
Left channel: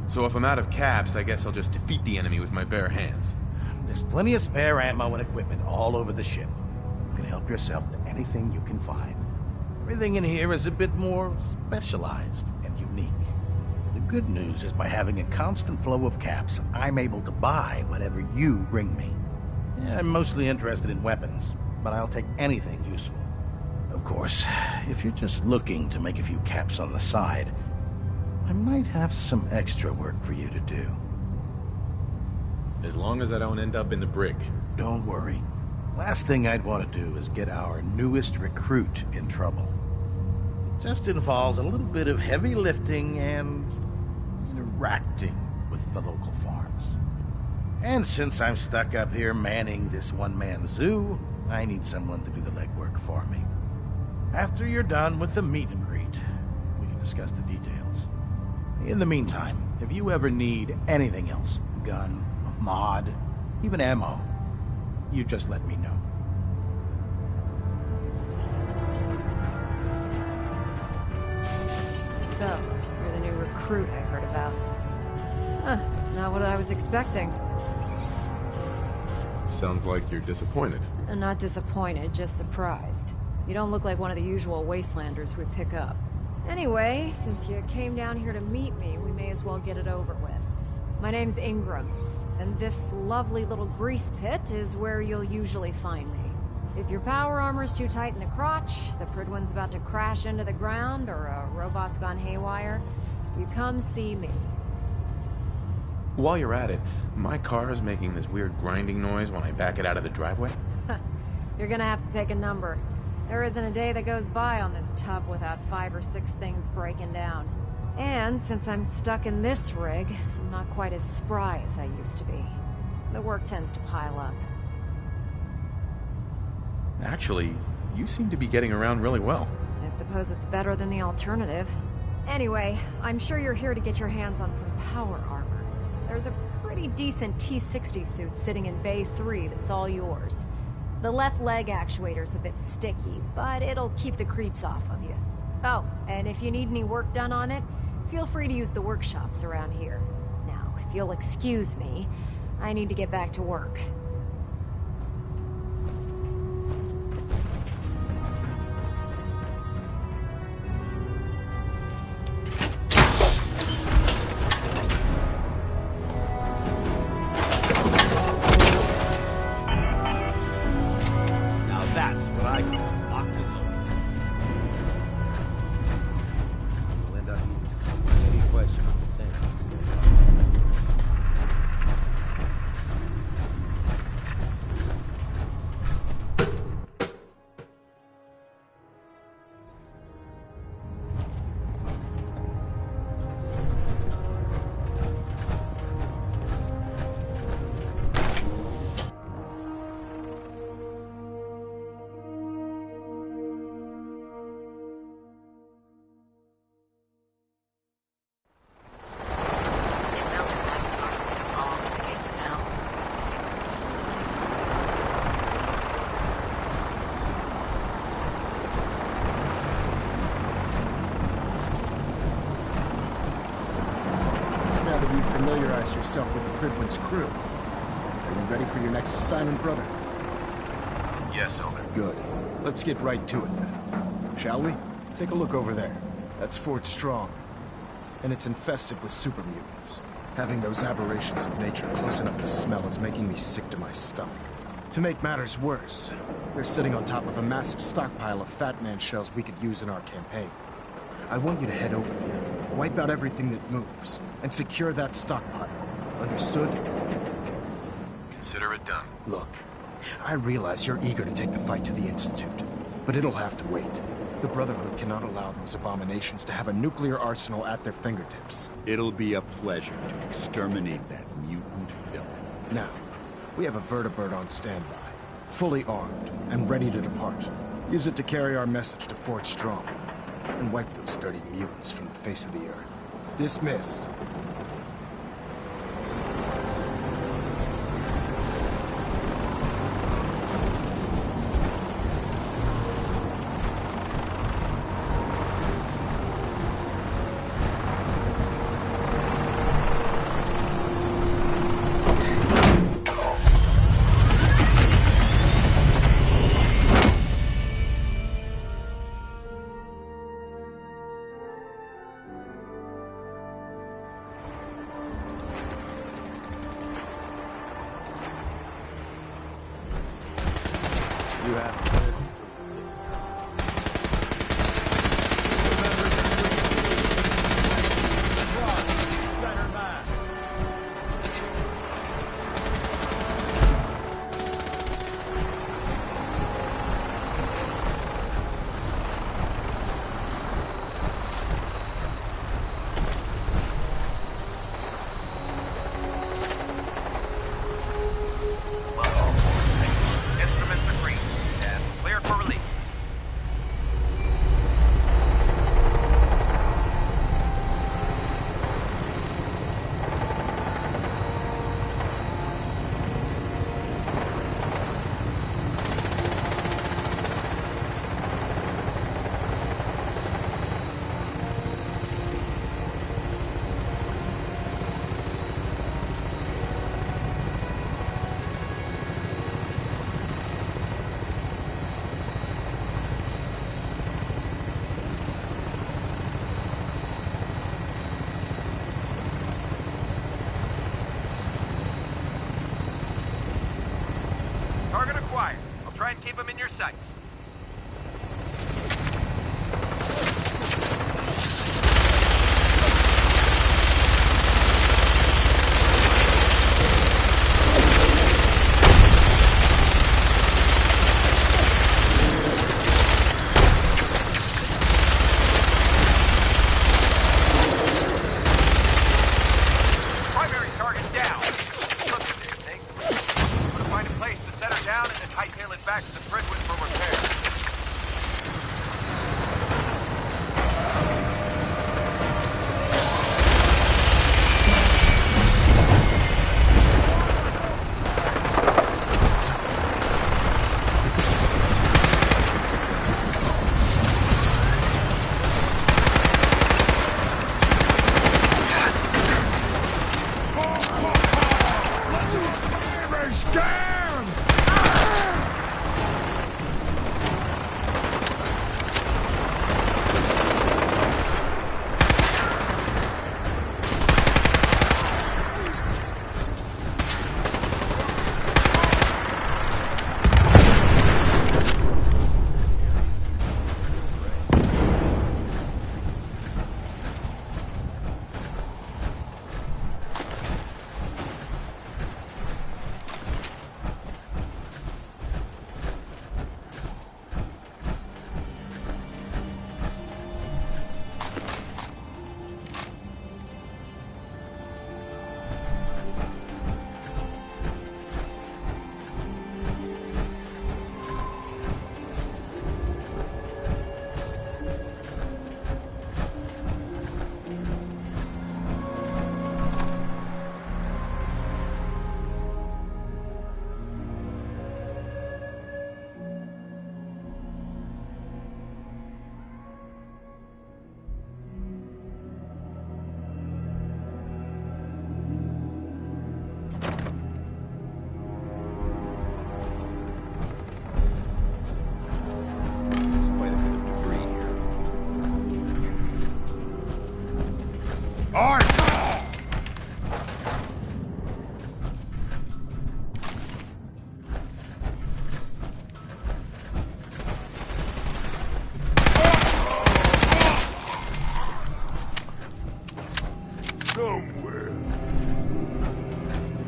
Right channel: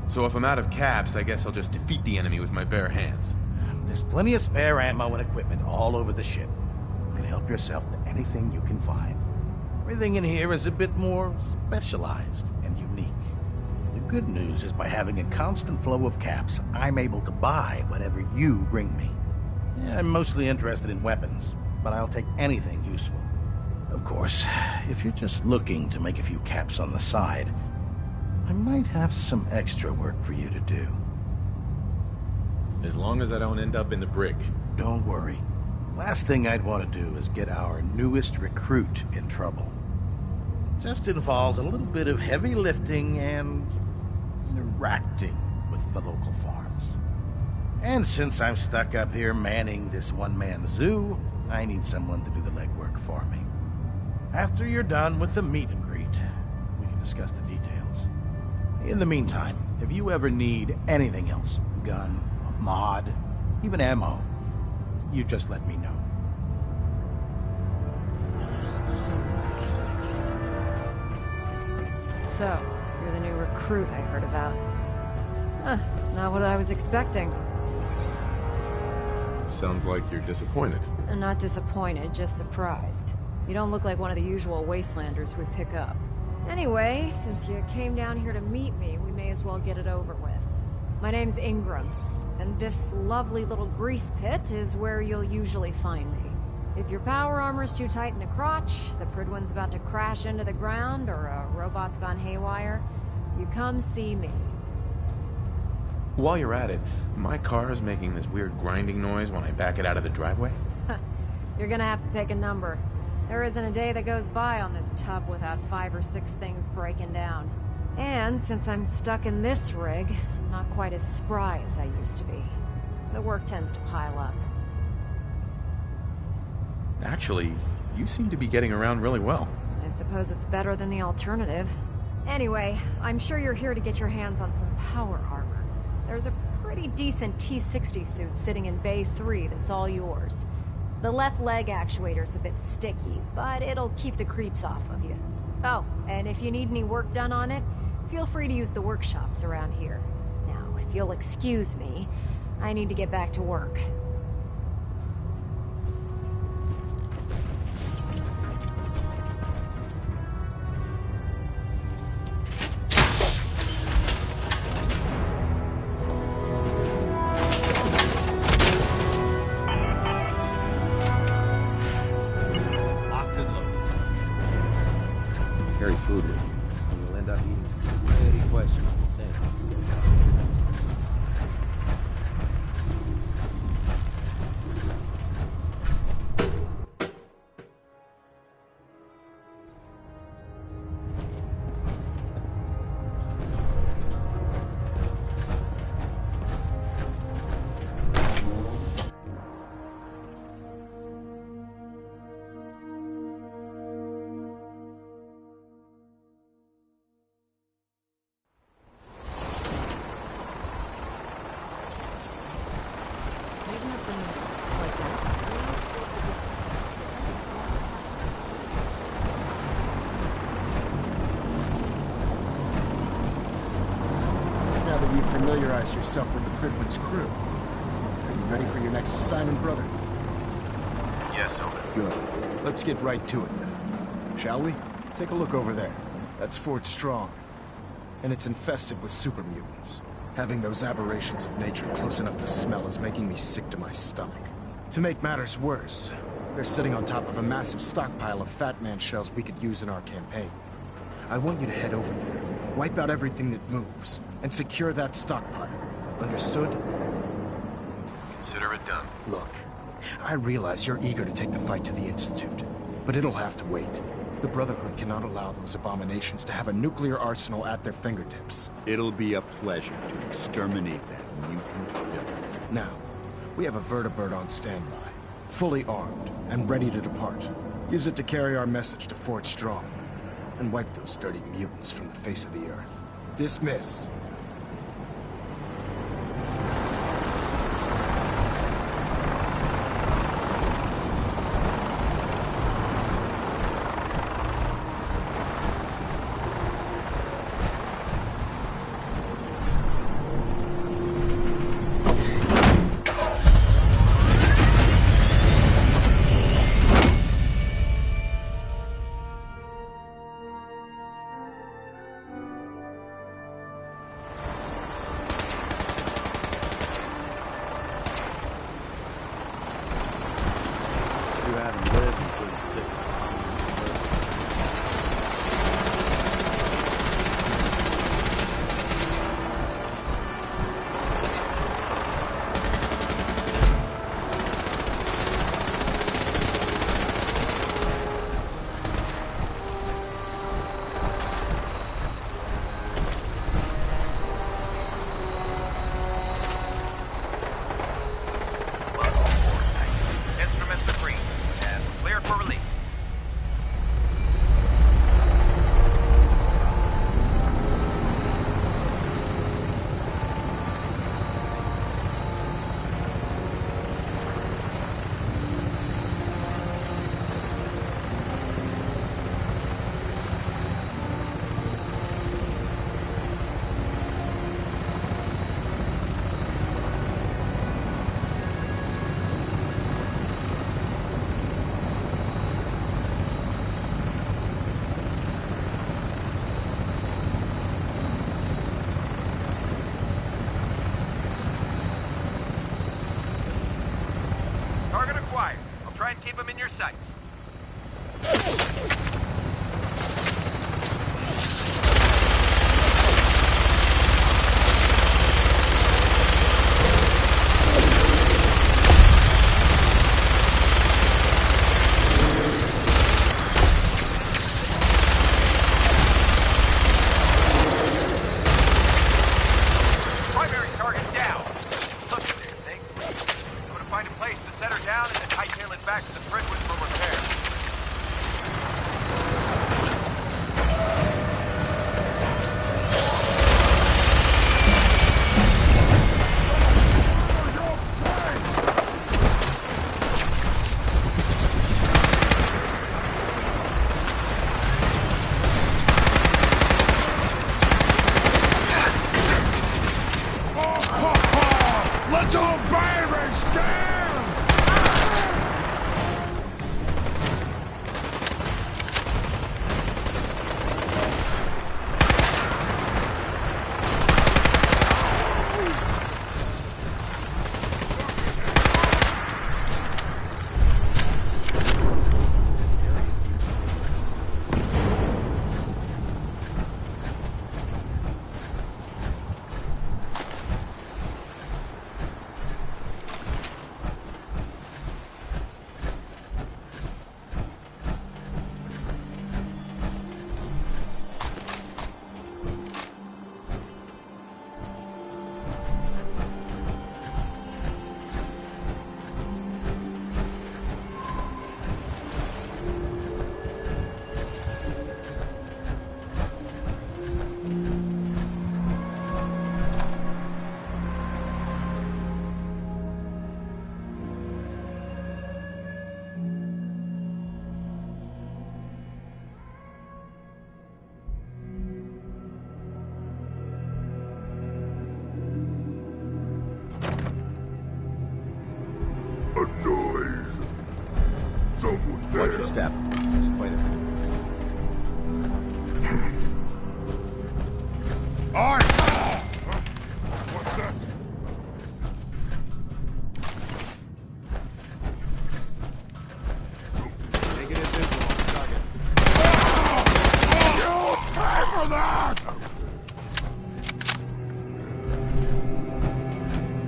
So if I'm out of caps, I guess I'll just defeat the enemy with my bare hands. There's plenty of spare ammo and equipment all over the ship. You can help yourself to anything you can find. Everything in here is a bit more specialized and unique. The good news is by having a constant flow of caps, I'm able to buy whatever you bring me. Yeah, I'm mostly interested in weapons, but I'll take anything useful. Of course, if you're just looking to make a few caps on the side, I might have some extra work for you to do. As long as I don't end up in the brig. Don't worry. Last thing I'd want to do is get our newest recruit in trouble. It just involves a little bit of heavy lifting and interacting with the local farms. And since I'm stuck up here manning this one-man zoo, I need someone to do the legwork for me. After you're done with the meet and greet, we can discuss the details. In the meantime, if you ever need anything else, a gun, a mod, even ammo, you just let me know. So, you're the new recruit I heard about. Huh, not what I was expecting. Sounds like you're disappointed. I'm not disappointed, just surprised. You don't look like one of the usual wastelanders we pick up. Anyway, since you came down here to meet me, we may as well get it over with. My name's Ingram, and this lovely little grease pit is where you'll usually find me. If your power armor's too tight in the crotch, the Pridwan's about to crash into the ground, or a robot's gone haywire, you come see me. While you're at it, my car is making this weird grinding noise when I back it out of the driveway. You're gonna have to take a number. There isn't a day that goes by on this tub without 5 or 6 things breaking down. And since I'm stuck in this rig, I'm not quite as spry as I used to be. The work tends to pile up. Actually, you seem to be getting around really well. I suppose it's better than the alternative. Anyway, I'm sure you're here to get your hands on some power armor. There's a pretty decent T-60 suit sitting in Bay 3 that's all yours. The left leg actuator's a bit sticky, but it'll keep the creeps off of you. Oh, and if you need any work done on it, feel free to use the workshops around here. Now, if you'll excuse me, I need to get back to work. that you've familiarized yourself with the Pridwin's crew. Are you ready for your next assignment, brother? Yes, Elder. Good. Let's get right to it then. Shall we? Take a look over there. That's Fort Strong. And it's infested with super mutants. Having those aberrations of nature close enough to smell is making me sick to my stomach. To make matters worse, they're sitting on top of a massive stockpile of Fat Man shells we could use in our campaign. I want you to head over there, wipe out everything that moves, and secure that stockpile. Understood? Consider it done. Look, I realize you're eager to take the fight to the Institute, but it'll have to wait. The Brotherhood cannot allow those abominations to have a nuclear arsenal at their fingertips. It'll be a pleasure to exterminate that mutant filth. Now, we have a vertibird on standby, fully armed, and ready to depart. Use it to carry our message to Fort Strong, and wipe those dirty mutants from the face of the earth. Dismissed. You haven't lived until you take it. Target acquired. I'll try and keep them in your sights. Primary target down. Look at this thing. I'm gonna find a place to set her down and then hightail it back to the Pridwin for repair.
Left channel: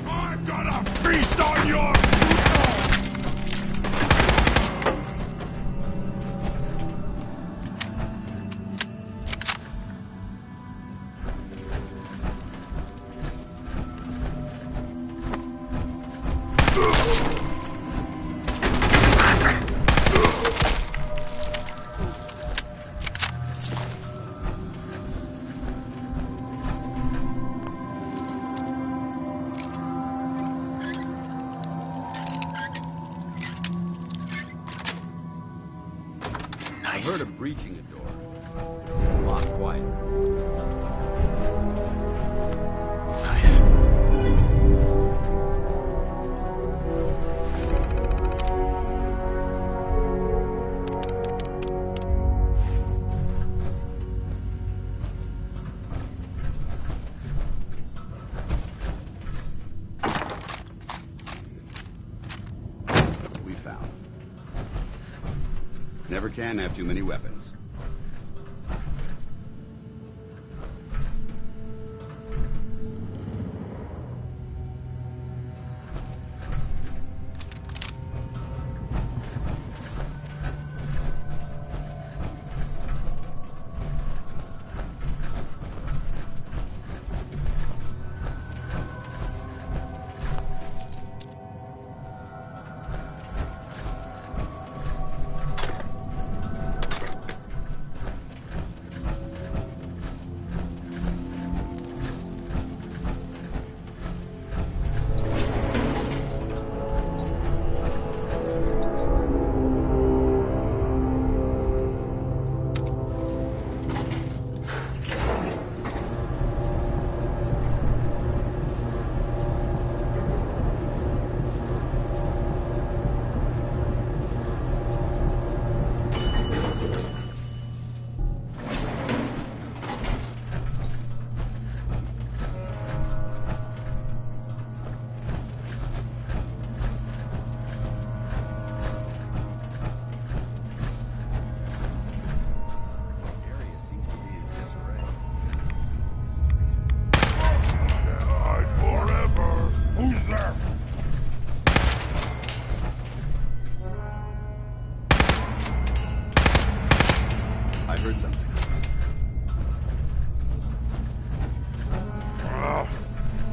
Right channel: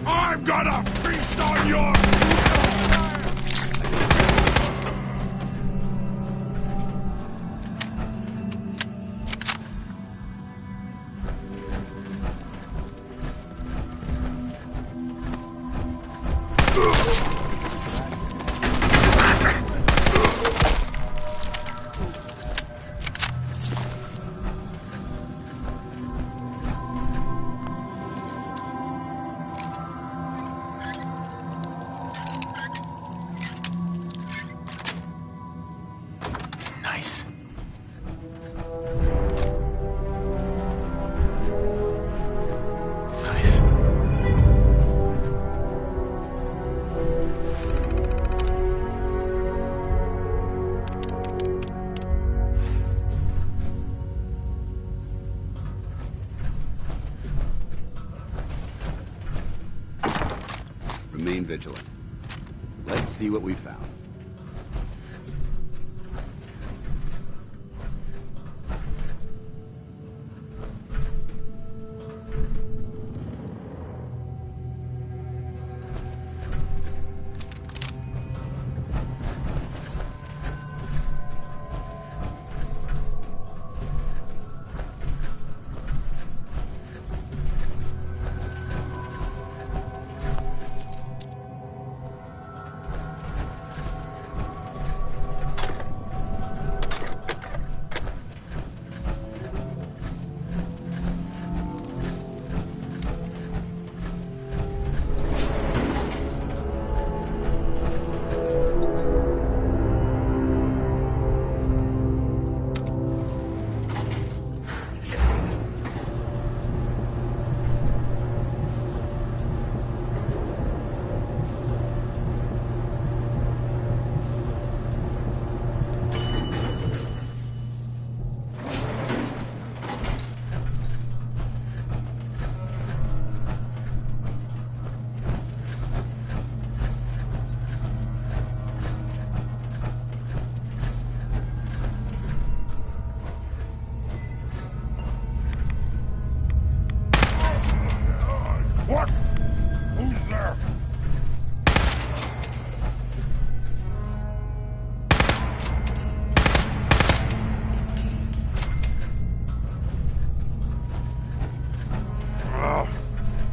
I'm gonna feast on your... Heard of breaching a door. This is a lot quiet. Nice. Remain vigilant. Let's see what we found. Never can have too many weapons.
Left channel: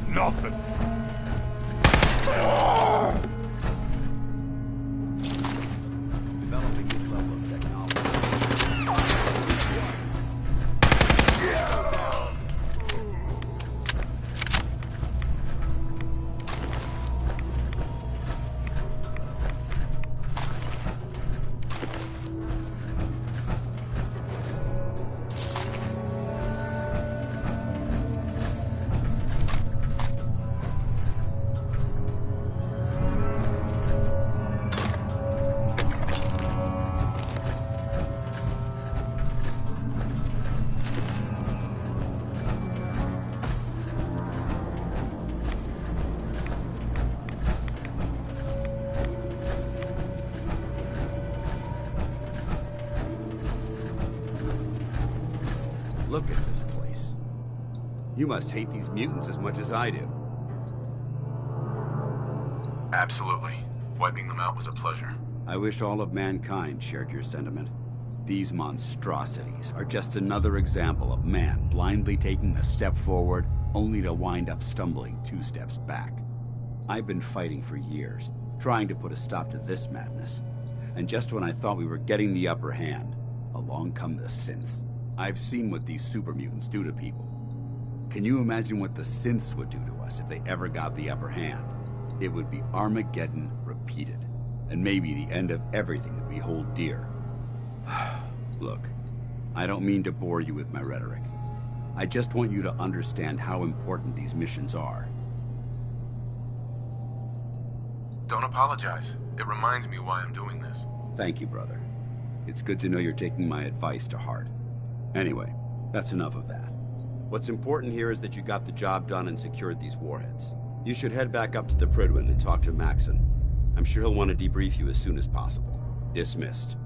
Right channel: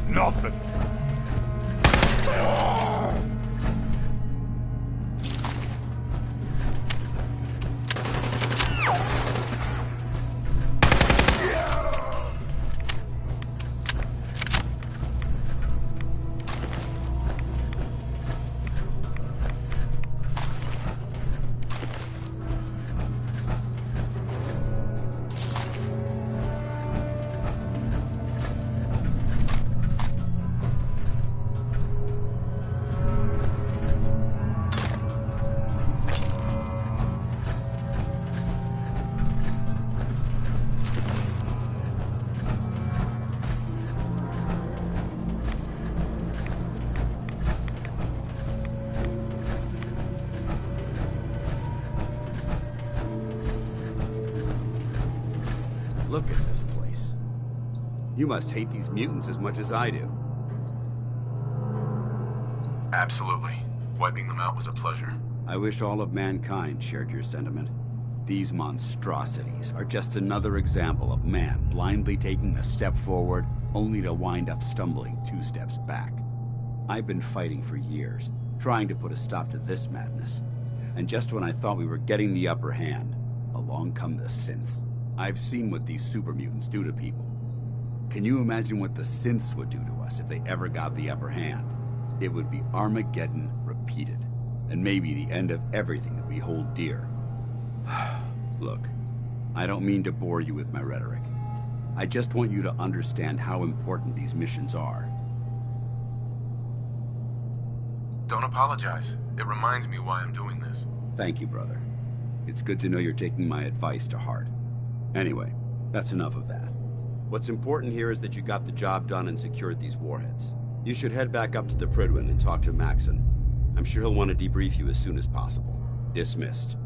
Nothing. Look at this place. You must hate these mutants as much as I do. Absolutely. Wiping them out was a pleasure. I wish all of mankind shared your sentiment. These monstrosities are just another example of man blindly taking a step forward, only to wind up stumbling 2 steps back. I've been fighting for years, trying to put a stop to this madness. And just when I thought we were getting the upper hand, along come the synths. I've seen what these super mutants do to people. Can you imagine what the synths would do to us if they ever got the upper hand? It would be Armageddon repeated, and maybe the end of everything that we hold dear. Look, I don't mean to bore you with my rhetoric. I just want you to understand how important these missions are. Don't apologize. It reminds me why I'm doing this. Thank you, brother. It's good to know you're taking my advice to heart. Anyway, that's enough of that. What's important here is that you got the job done and secured these warheads. You should head back up to the Prydwen and talk to Maxon. I'm sure he'll want to debrief you as soon as possible. Dismissed.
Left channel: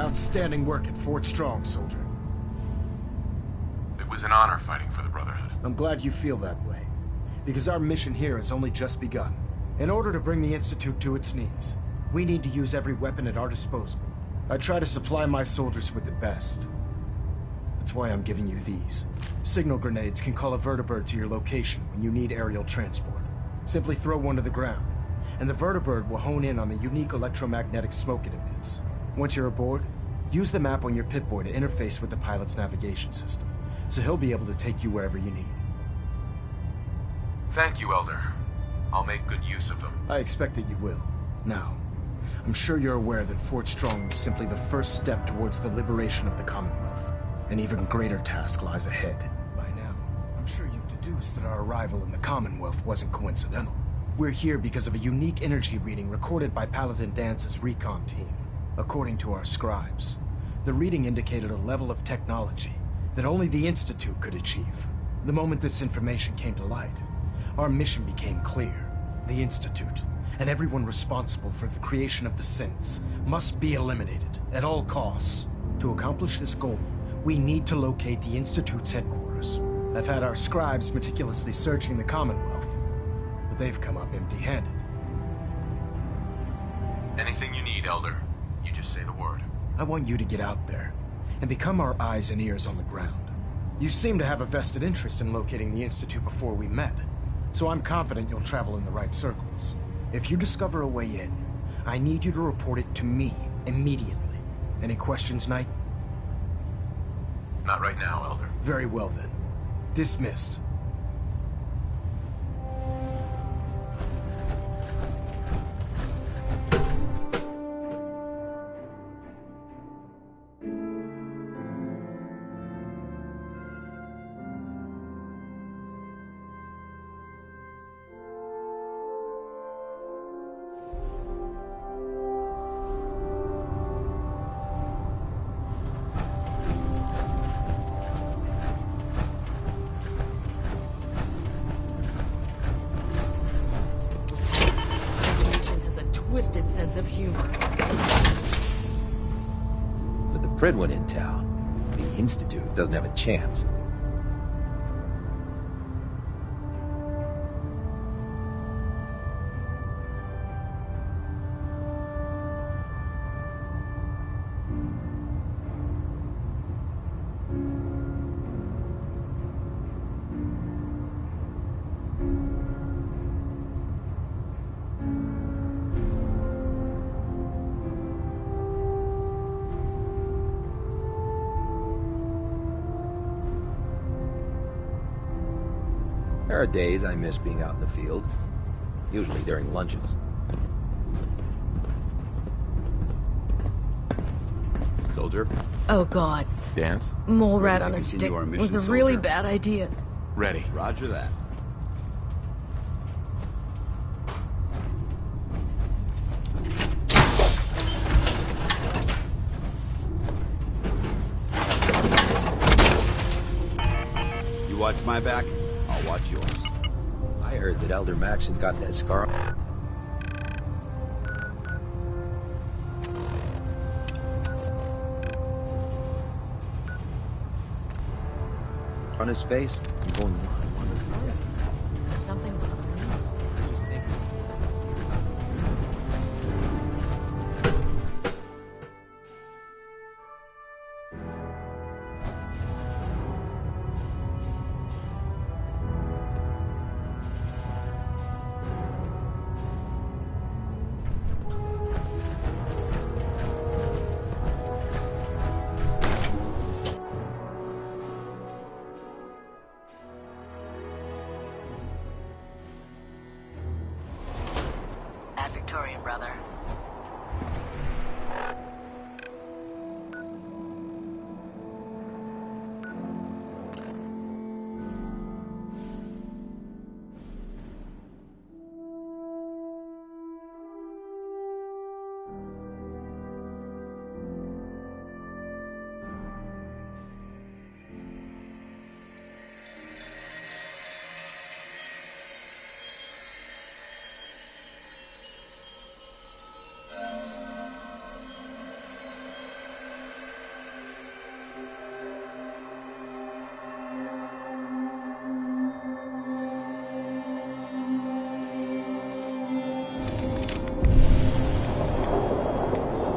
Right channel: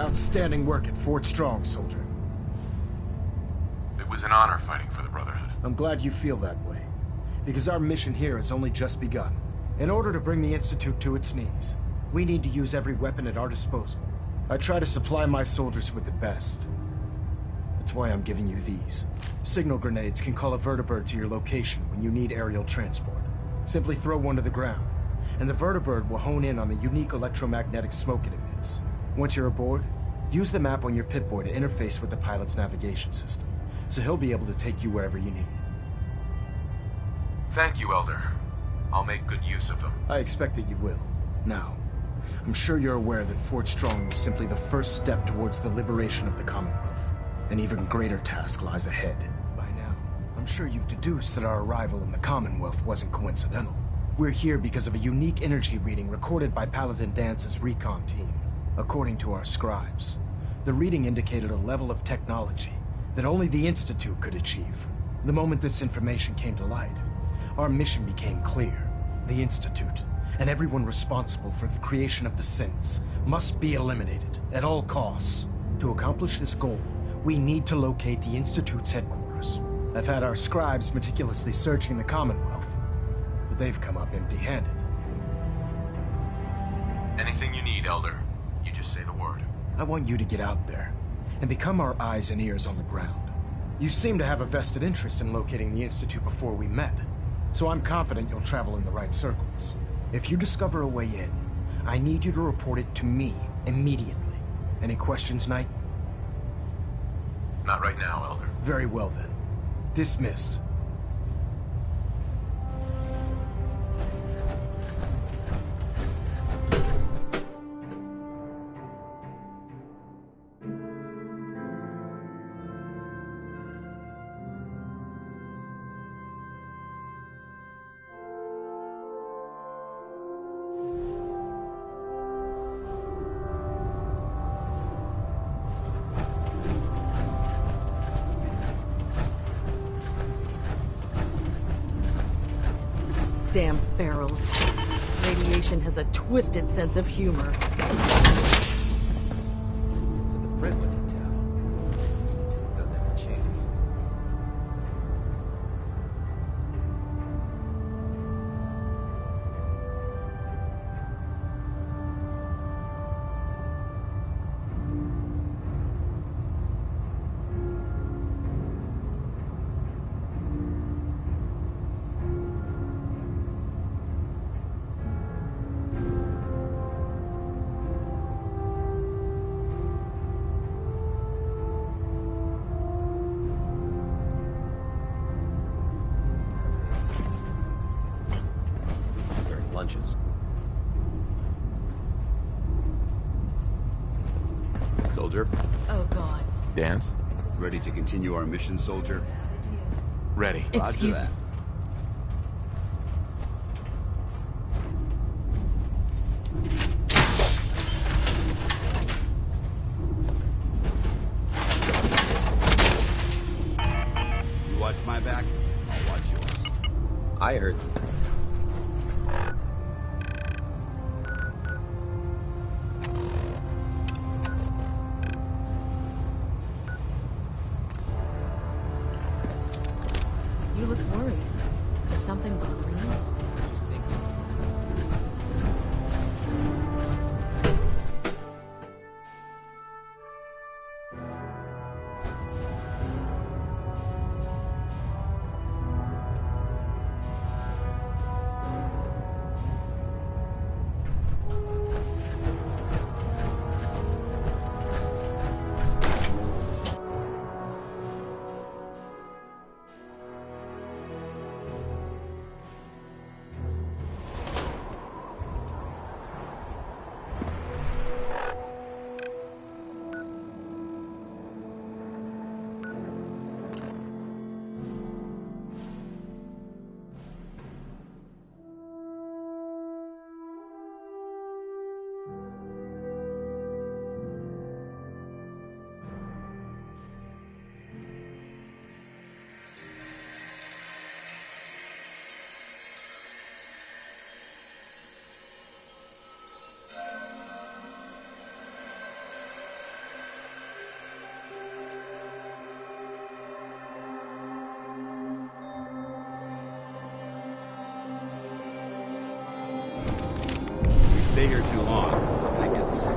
Outstanding work at Fort Strong, soldier. It was an honor fighting for the Brotherhood. I'm glad you feel that way, because our mission here has only just begun. In order to bring the Institute to its knees, we need to use every weapon at our disposal. I try to supply my soldiers with the best. That's why I'm giving you these. Signal grenades can call a vertibird to your location when you need aerial transport. Simply throw one to the ground, and the vertibird will hone in on the unique electromagnetic smoke it emits. Once you're aboard, use the map on your Pip-Boy to interface with the pilot's navigation system, so he'll be able to take you wherever you need. Thank you, Elder. I'll make good use of them. I expect that you will. Now, I'm sure you're aware that Fort Strong was simply the first step towards the liberation of the Commonwealth. An even greater task lies ahead. By now, I'm sure you've deduced that our arrival in the Commonwealth wasn't coincidental. We're here because of a unique energy reading recorded by Paladin Dance's recon team. According to our scribes, the reading indicated a level of technology that only the Institute could achieve. The moment this information came to light, our mission became clear. The Institute, and everyone responsible for the creation of the synths, must be eliminated at all costs. To accomplish this goal, we need to locate the Institute's headquarters. I've had our scribes meticulously searching the Commonwealth, but they've come up empty-handed. Anything you need, Elder. You just say the word. I want you to get out there and become our eyes and ears on the ground. You seem to have a vested interest in locating the Institute before we met, so I'm confident you'll travel in the right circles. If you discover a way in, I need you to report it to me immediately. Any questions, Knight? Not right now, Elder. Very well then. Dismissed. Damn pharaohs. Radiation has a twisted sense of humor. With the Pridwin in town, the Institute doesn't have a chance. There are days I miss being out in the field, usually during lunches. Soldier? Oh god. Dance? Mole rat Ready to on a stick continue our mission, was a really soldier? bad idea. Ready. Roger Excuse that. You watch my back, I'll watch yours. I heard that Elder Max had got that scar on his face. You look worried. Is something bothering you? I was thinking. Victorian, brother. Stay here too long, I get sick.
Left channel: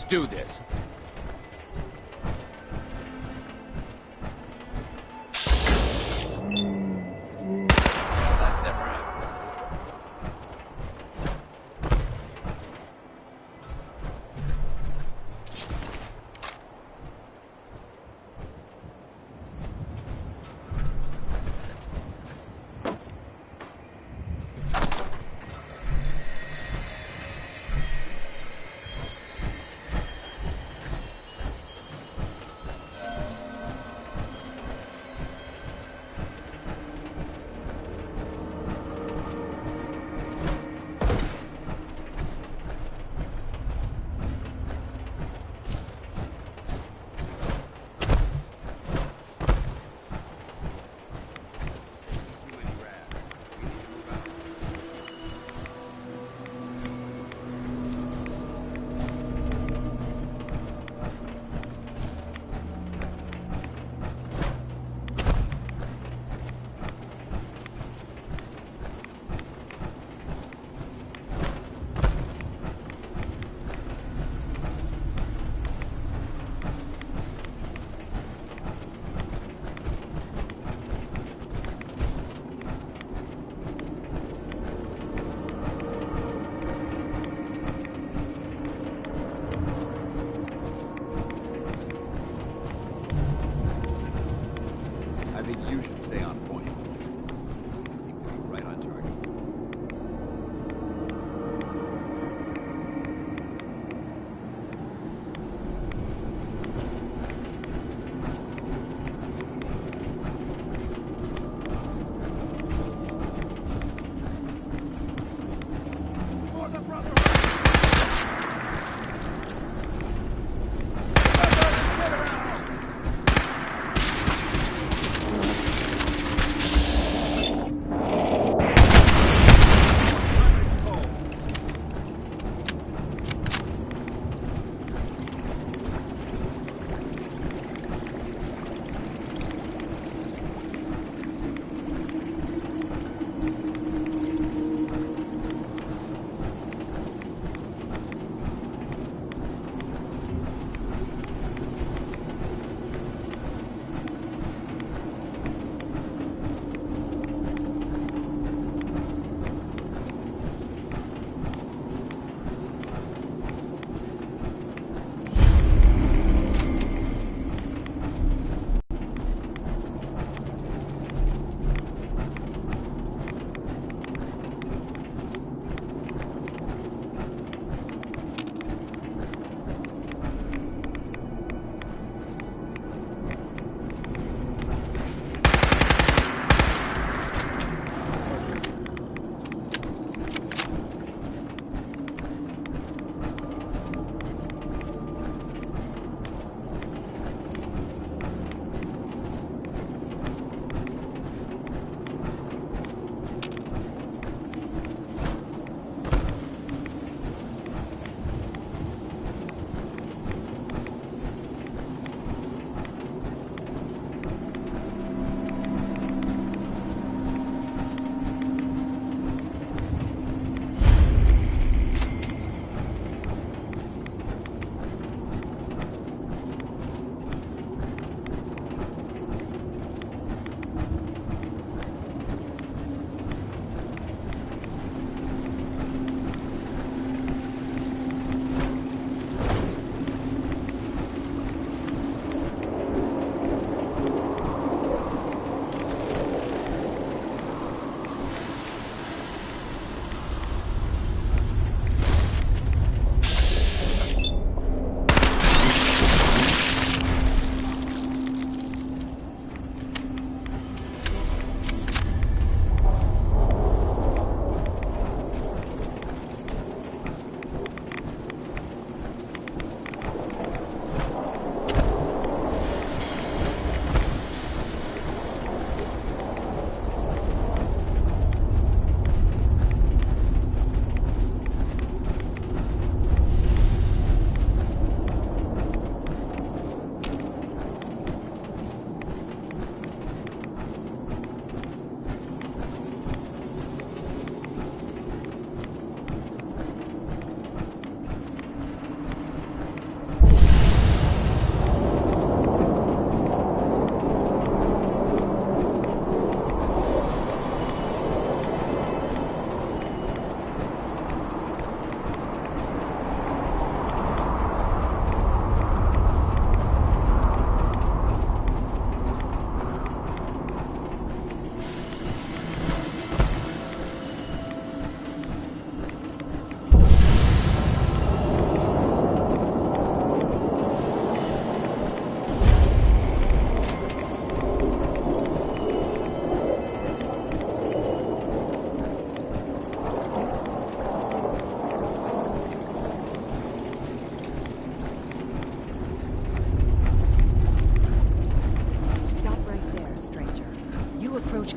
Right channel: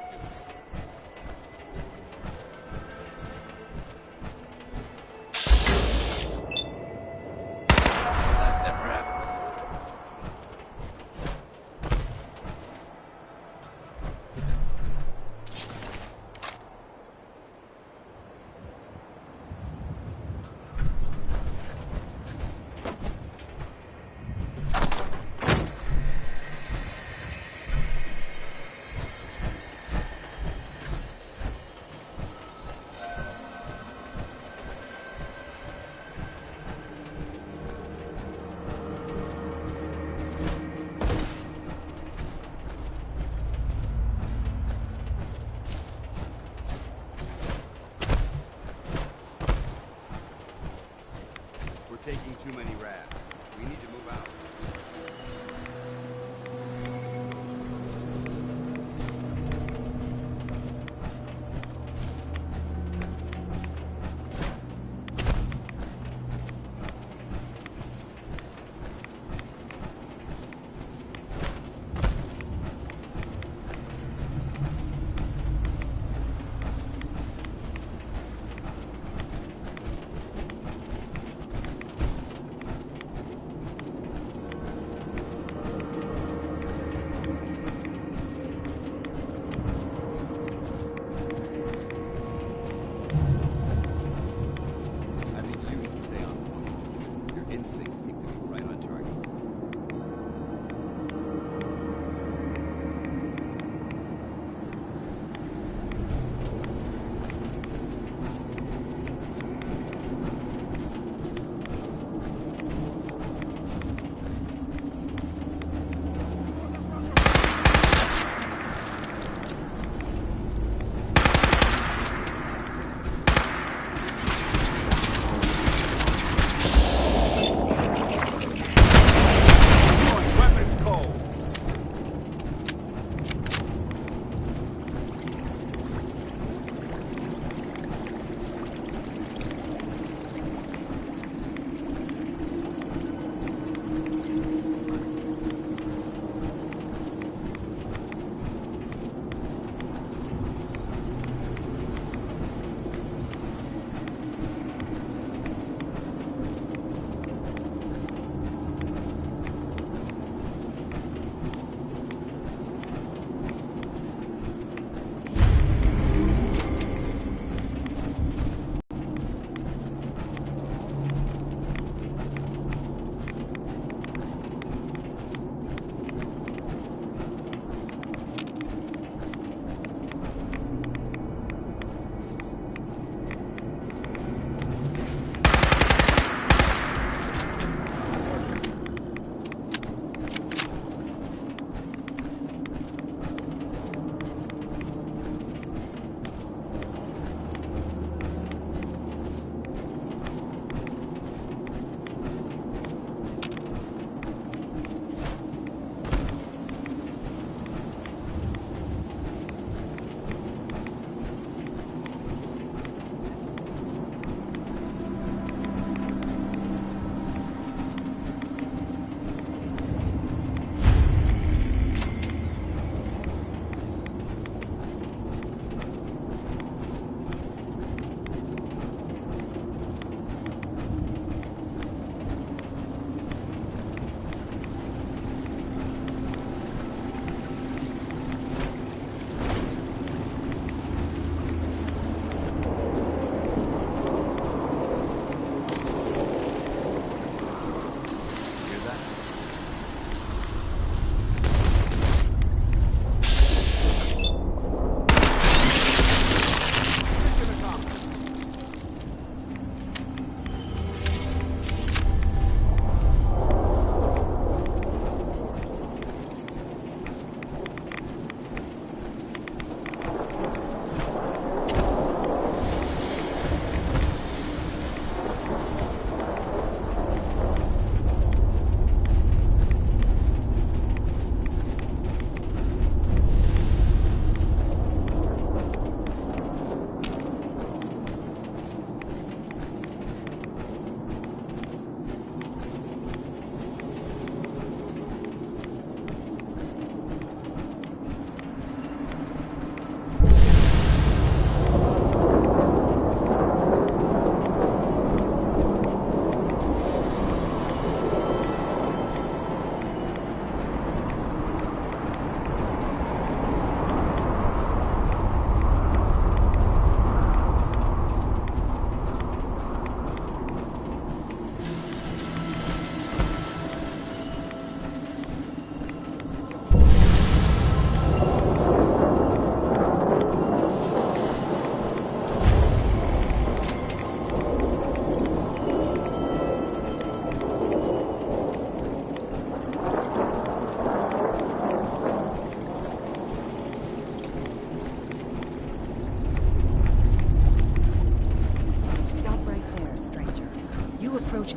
Let's do this. That's never happened.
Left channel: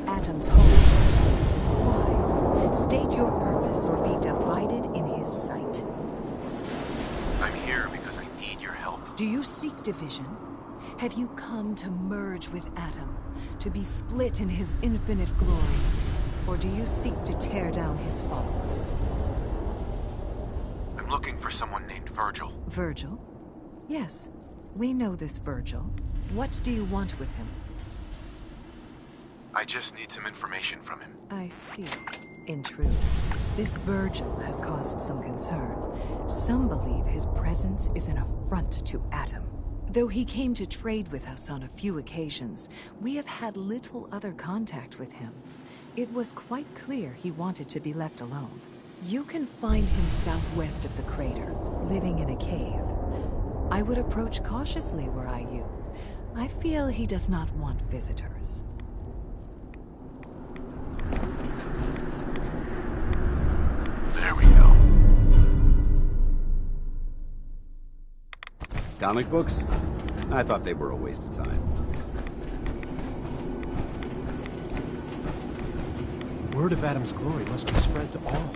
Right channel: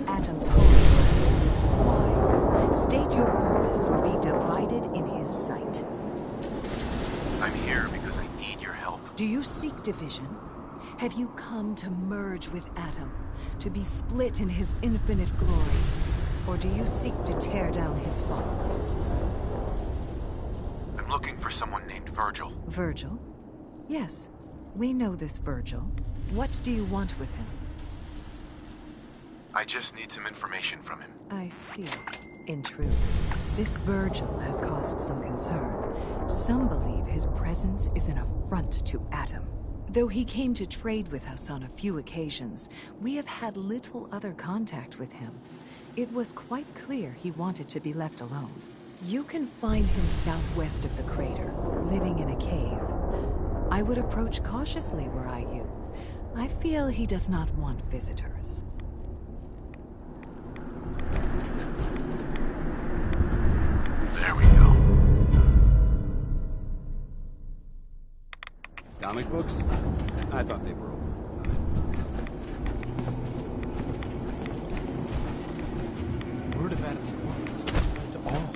Atom's holy ground. Why? State your purpose or be divided in his sight. I'm here because I need your help. Do you seek division? Have you come to merge with Atom, to be split in his infinite glory? Or do you seek to tear down his followers? I'm looking for someone named Virgil. Virgil? Yes, we know this Virgil. What do you want with him? I just need some information from him. I see. In truth, this Virgil has caused some concern. Some believe his presence is an affront to Atom. Though he came to trade with us on a few occasions, we have had little other contact with him. It was quite clear he wanted to be left alone. You can find him southwest of the crater, living in a cave. I would approach cautiously were I you. I feel he does not want visitors. There we go. Comic books? I thought they were a waste of time. Word of Atom's glory must be spread to all.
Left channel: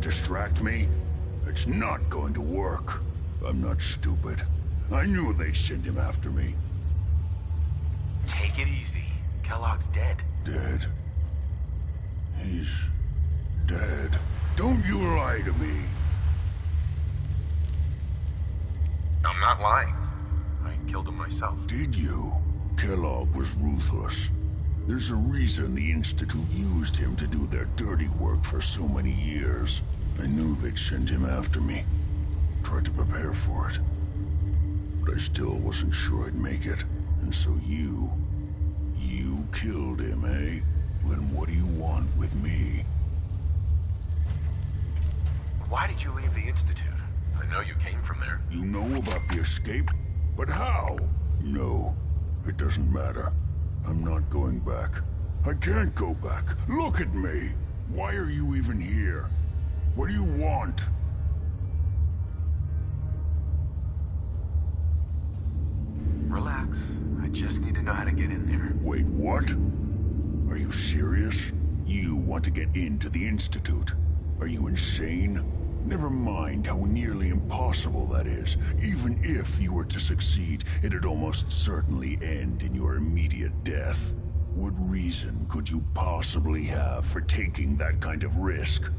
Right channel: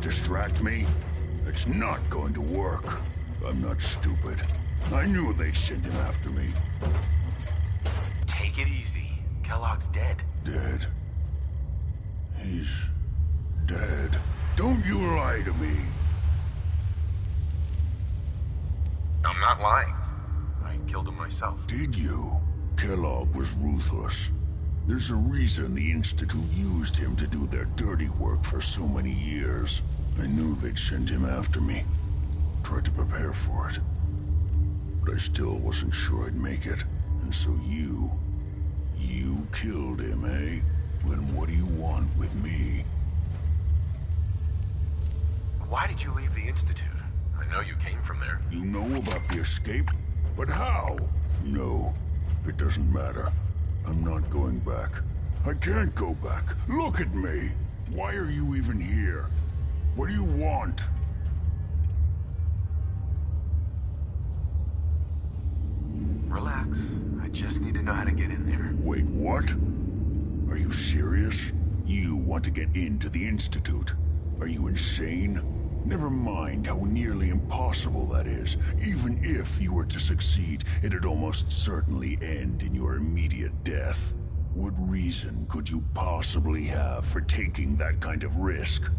Distract me? It's not going to work. I'm not stupid. I knew they'd send him after me. Take it easy. Kellogg's dead. Dead? He's dead. Don't you lie to me. I'm not lying. I killed him myself. Did you? Kellogg was ruthless. There's a reason the Institute used him to do their dirty work for so many years. I knew they'd send him after me. Tried to prepare for it. But I still wasn't sure I'd make it. And so you killed him, eh? Then what do you want with me? Why did you leave the Institute? I know you came from there. You know about the escape? But how? No, it doesn't matter. I'm not going back. I can't go back. Look at me! Why are you even here? What do you want? Relax. I just need to know how to get in there. Wait, what? Are you serious? You want to get into the Institute? Are you insane? Never mind how nearly impossible that is. Even if you were to succeed, it'd almost certainly end in your immediate death. What reason could you possibly have for taking that kind of risk?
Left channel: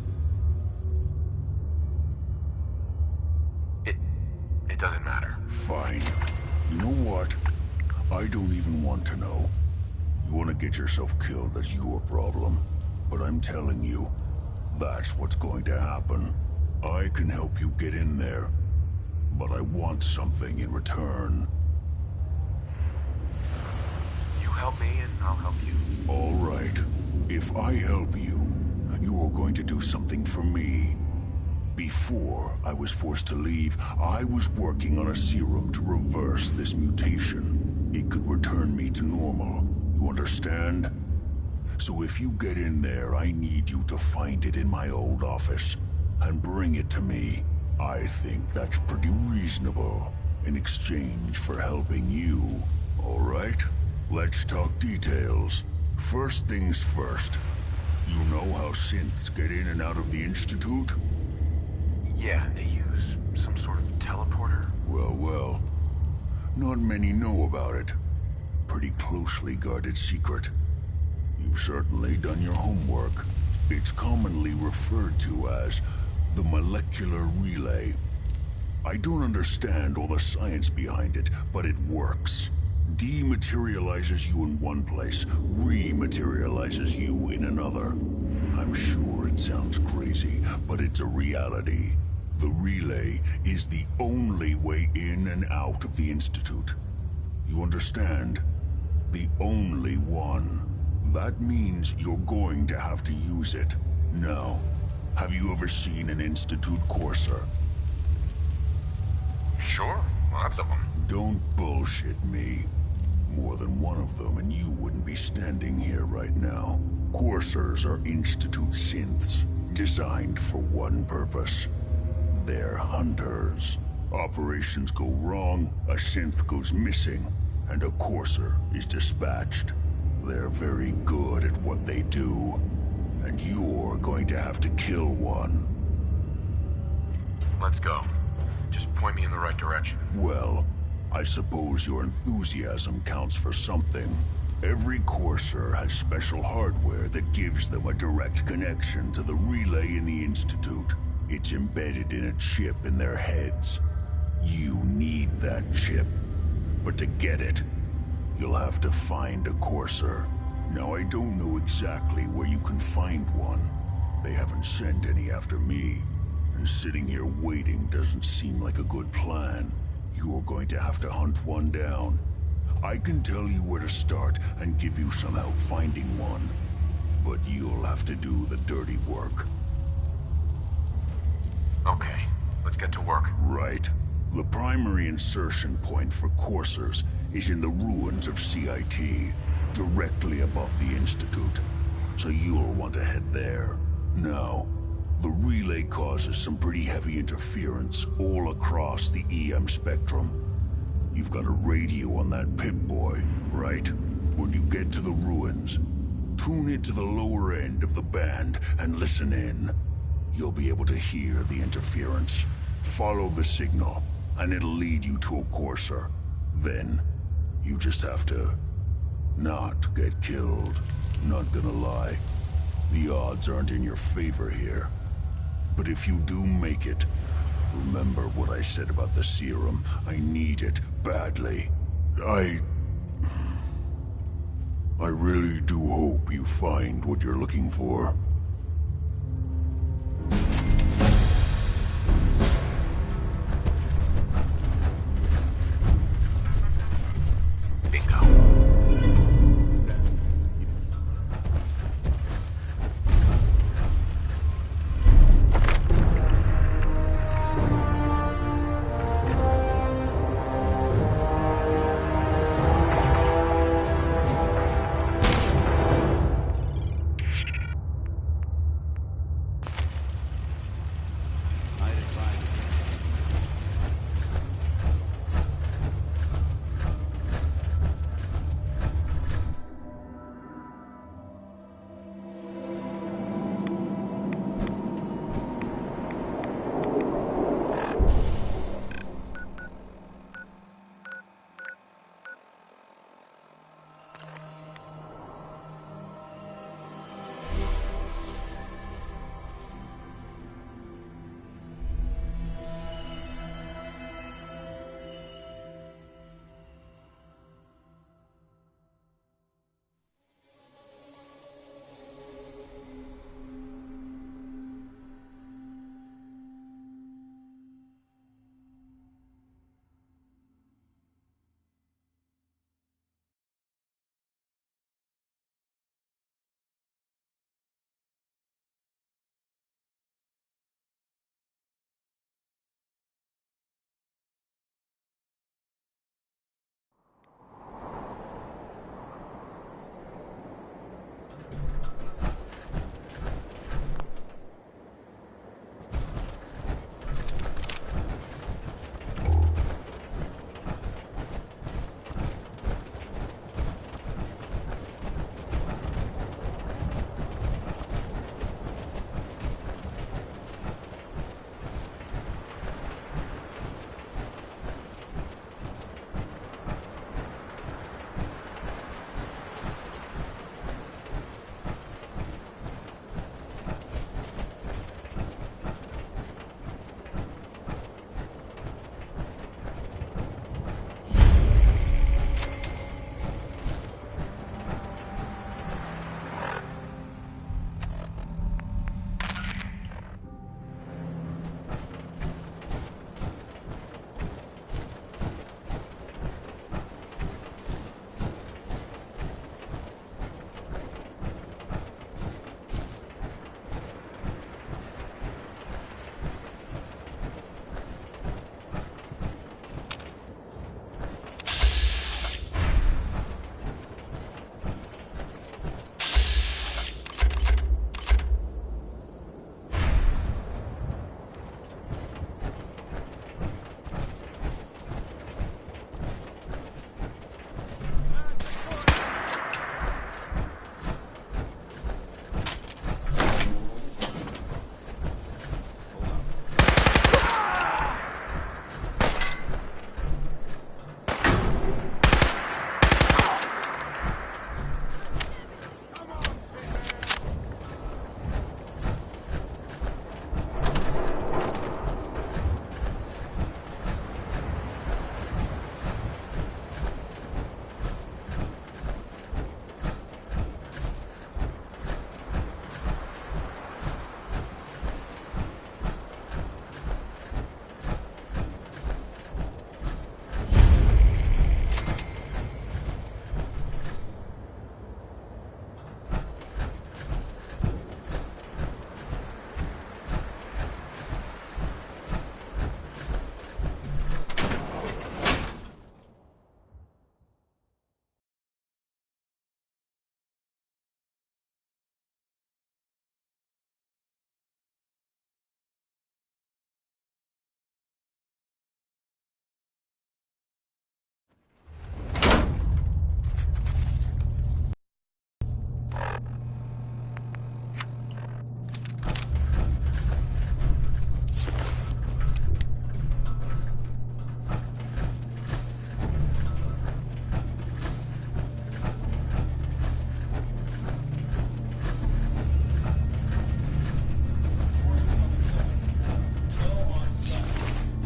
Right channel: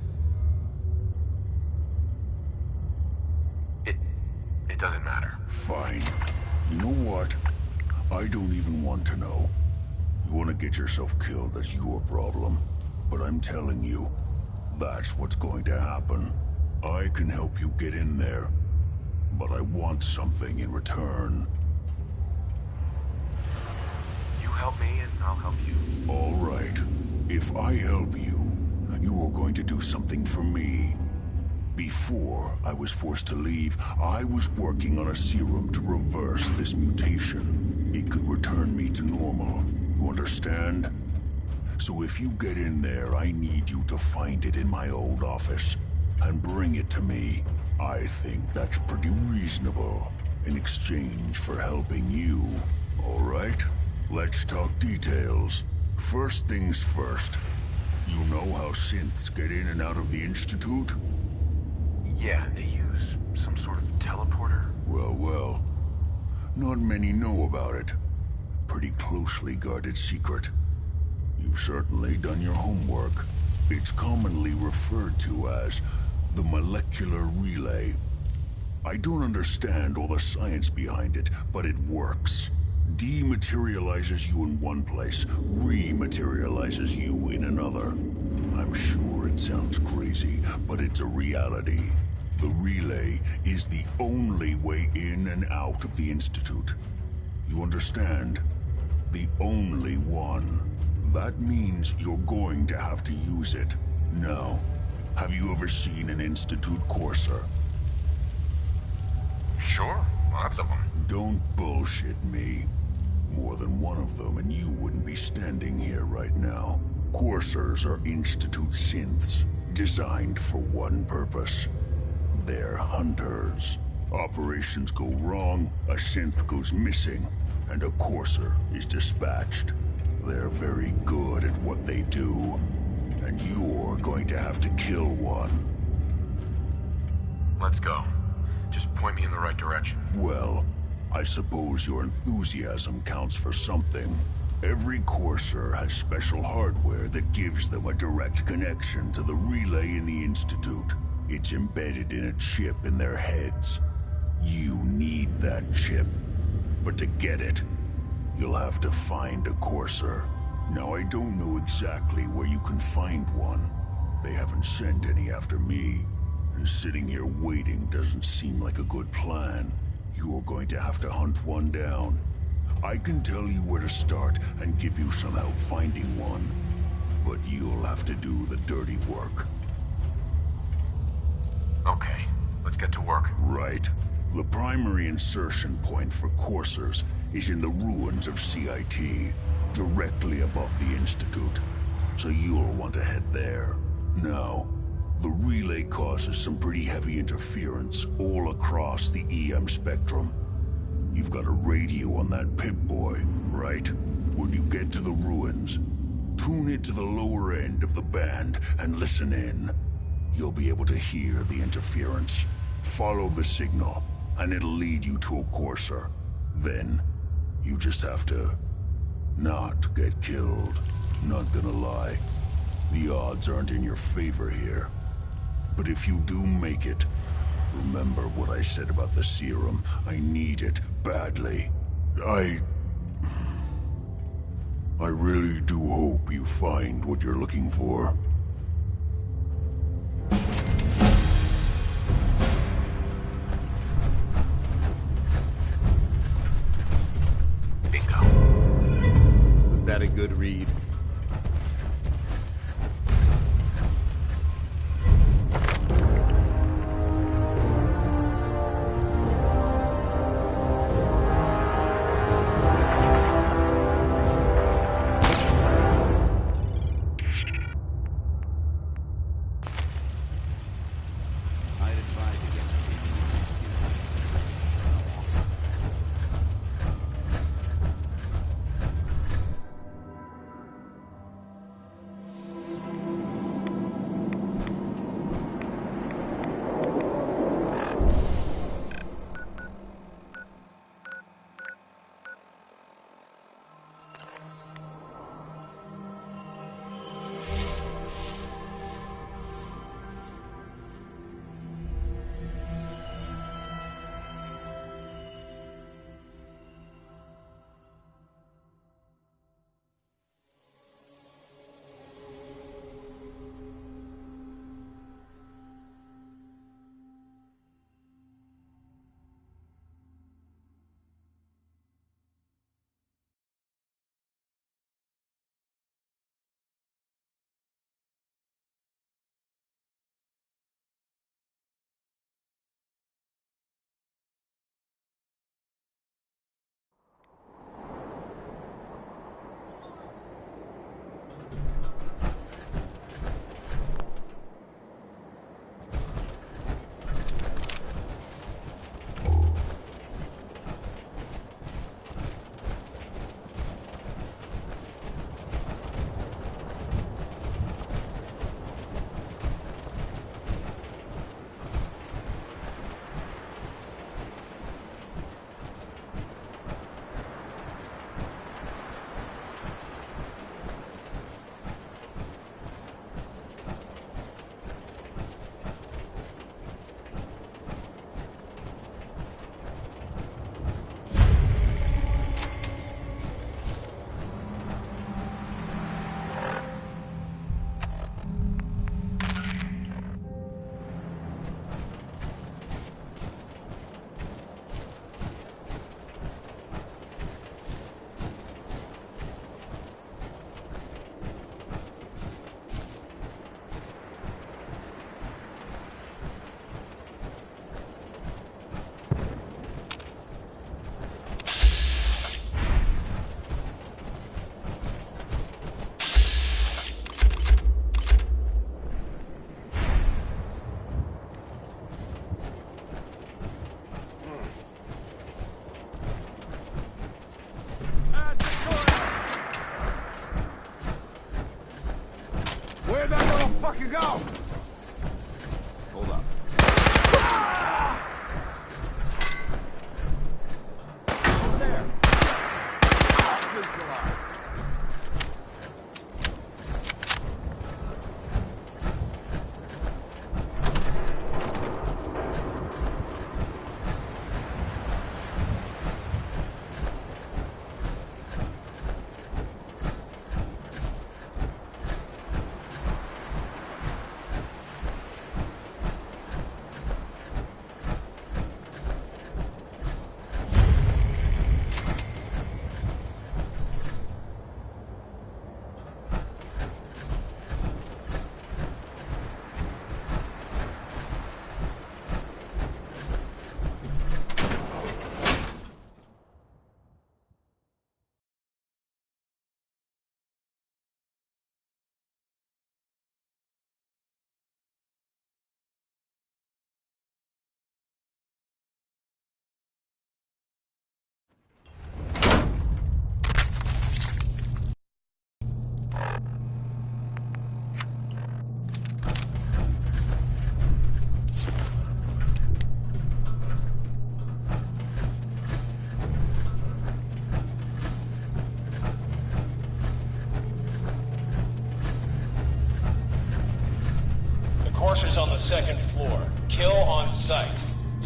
It doesn't matter. Fine. You know what? I don't even want to know. You want to get yourself killed, that's your problem. But I'm telling you, that's what's going to happen. I can help you get in there, but I want something in return. You help me and I'll help you. All right. If I help you, you're going to do something for me. Before I was forced to leave, I was working on a serum to reverse this mutation. It could return me to normal. You understand? So if you get in there, I need you to find it in my old office and bring it to me. I think that's pretty reasonable in exchange for helping you. All right? Let's talk details. First things first. You know how synths get in and out of the Institute? Yeah, they use some sort of teleporter. Well. Not many know about it. Pretty closely guarded secret. You've certainly done your homework. It's commonly referred to as the molecular relay. I don't understand all the science behind it, but it works. Dematerializes you in one place, rematerializes you in another. I'm sure it sounds crazy, but it's a reality. The relay is the only way in and out of the Institute. You understand? The only one. That means you're going to have to use it. Now, have you ever seen an Institute courser? Sure, lots of them. Don't bullshit me. More than one of them and you wouldn't be standing here right now. Coursers are Institute synths, designed for one purpose. They're hunters. Operations go wrong, a synth goes missing, and a courser is dispatched. They're very good at what they do, and you're going to have to kill one. Let's go. Just point me in the right direction. Well, I suppose your enthusiasm counts for something. Every courser has special hardware that gives them a direct connection to the relay in the Institute. It's embedded in a chip in their heads. You need that chip. But to get it, you'll have to find a courser. Now, I don't know exactly where you can find one. They haven't sent any after me. And sitting here waiting doesn't seem like a good plan. You're going to have to hunt one down. I can tell you where to start and give you some help finding one. But you'll have to do the dirty work. Okay, let's get to work. Right. The primary insertion point for coursers is in the ruins of CIT, directly above the Institute. So you'll want to head there. Now, the relay causes some pretty heavy interference all across the EM spectrum. You've got a radio on that Pip-Boy, right? When you get to the ruins, tune it to the lower end of the band and listen in. You'll be able to hear the interference. Follow the signal, and it'll lead you to a courser. Then, you just have to not get killed. Not gonna lie, the odds aren't in your favor here. But if you do make it, remember what I said about the serum. I need it badly. I really do hope you find what you're looking for. Bingo. Was that a good read?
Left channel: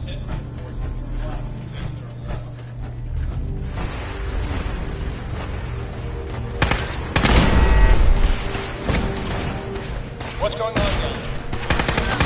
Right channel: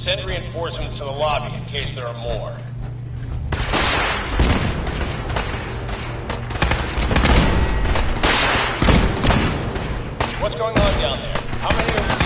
send reinforcements to the lobby in case there are more. What's going on down there? How many are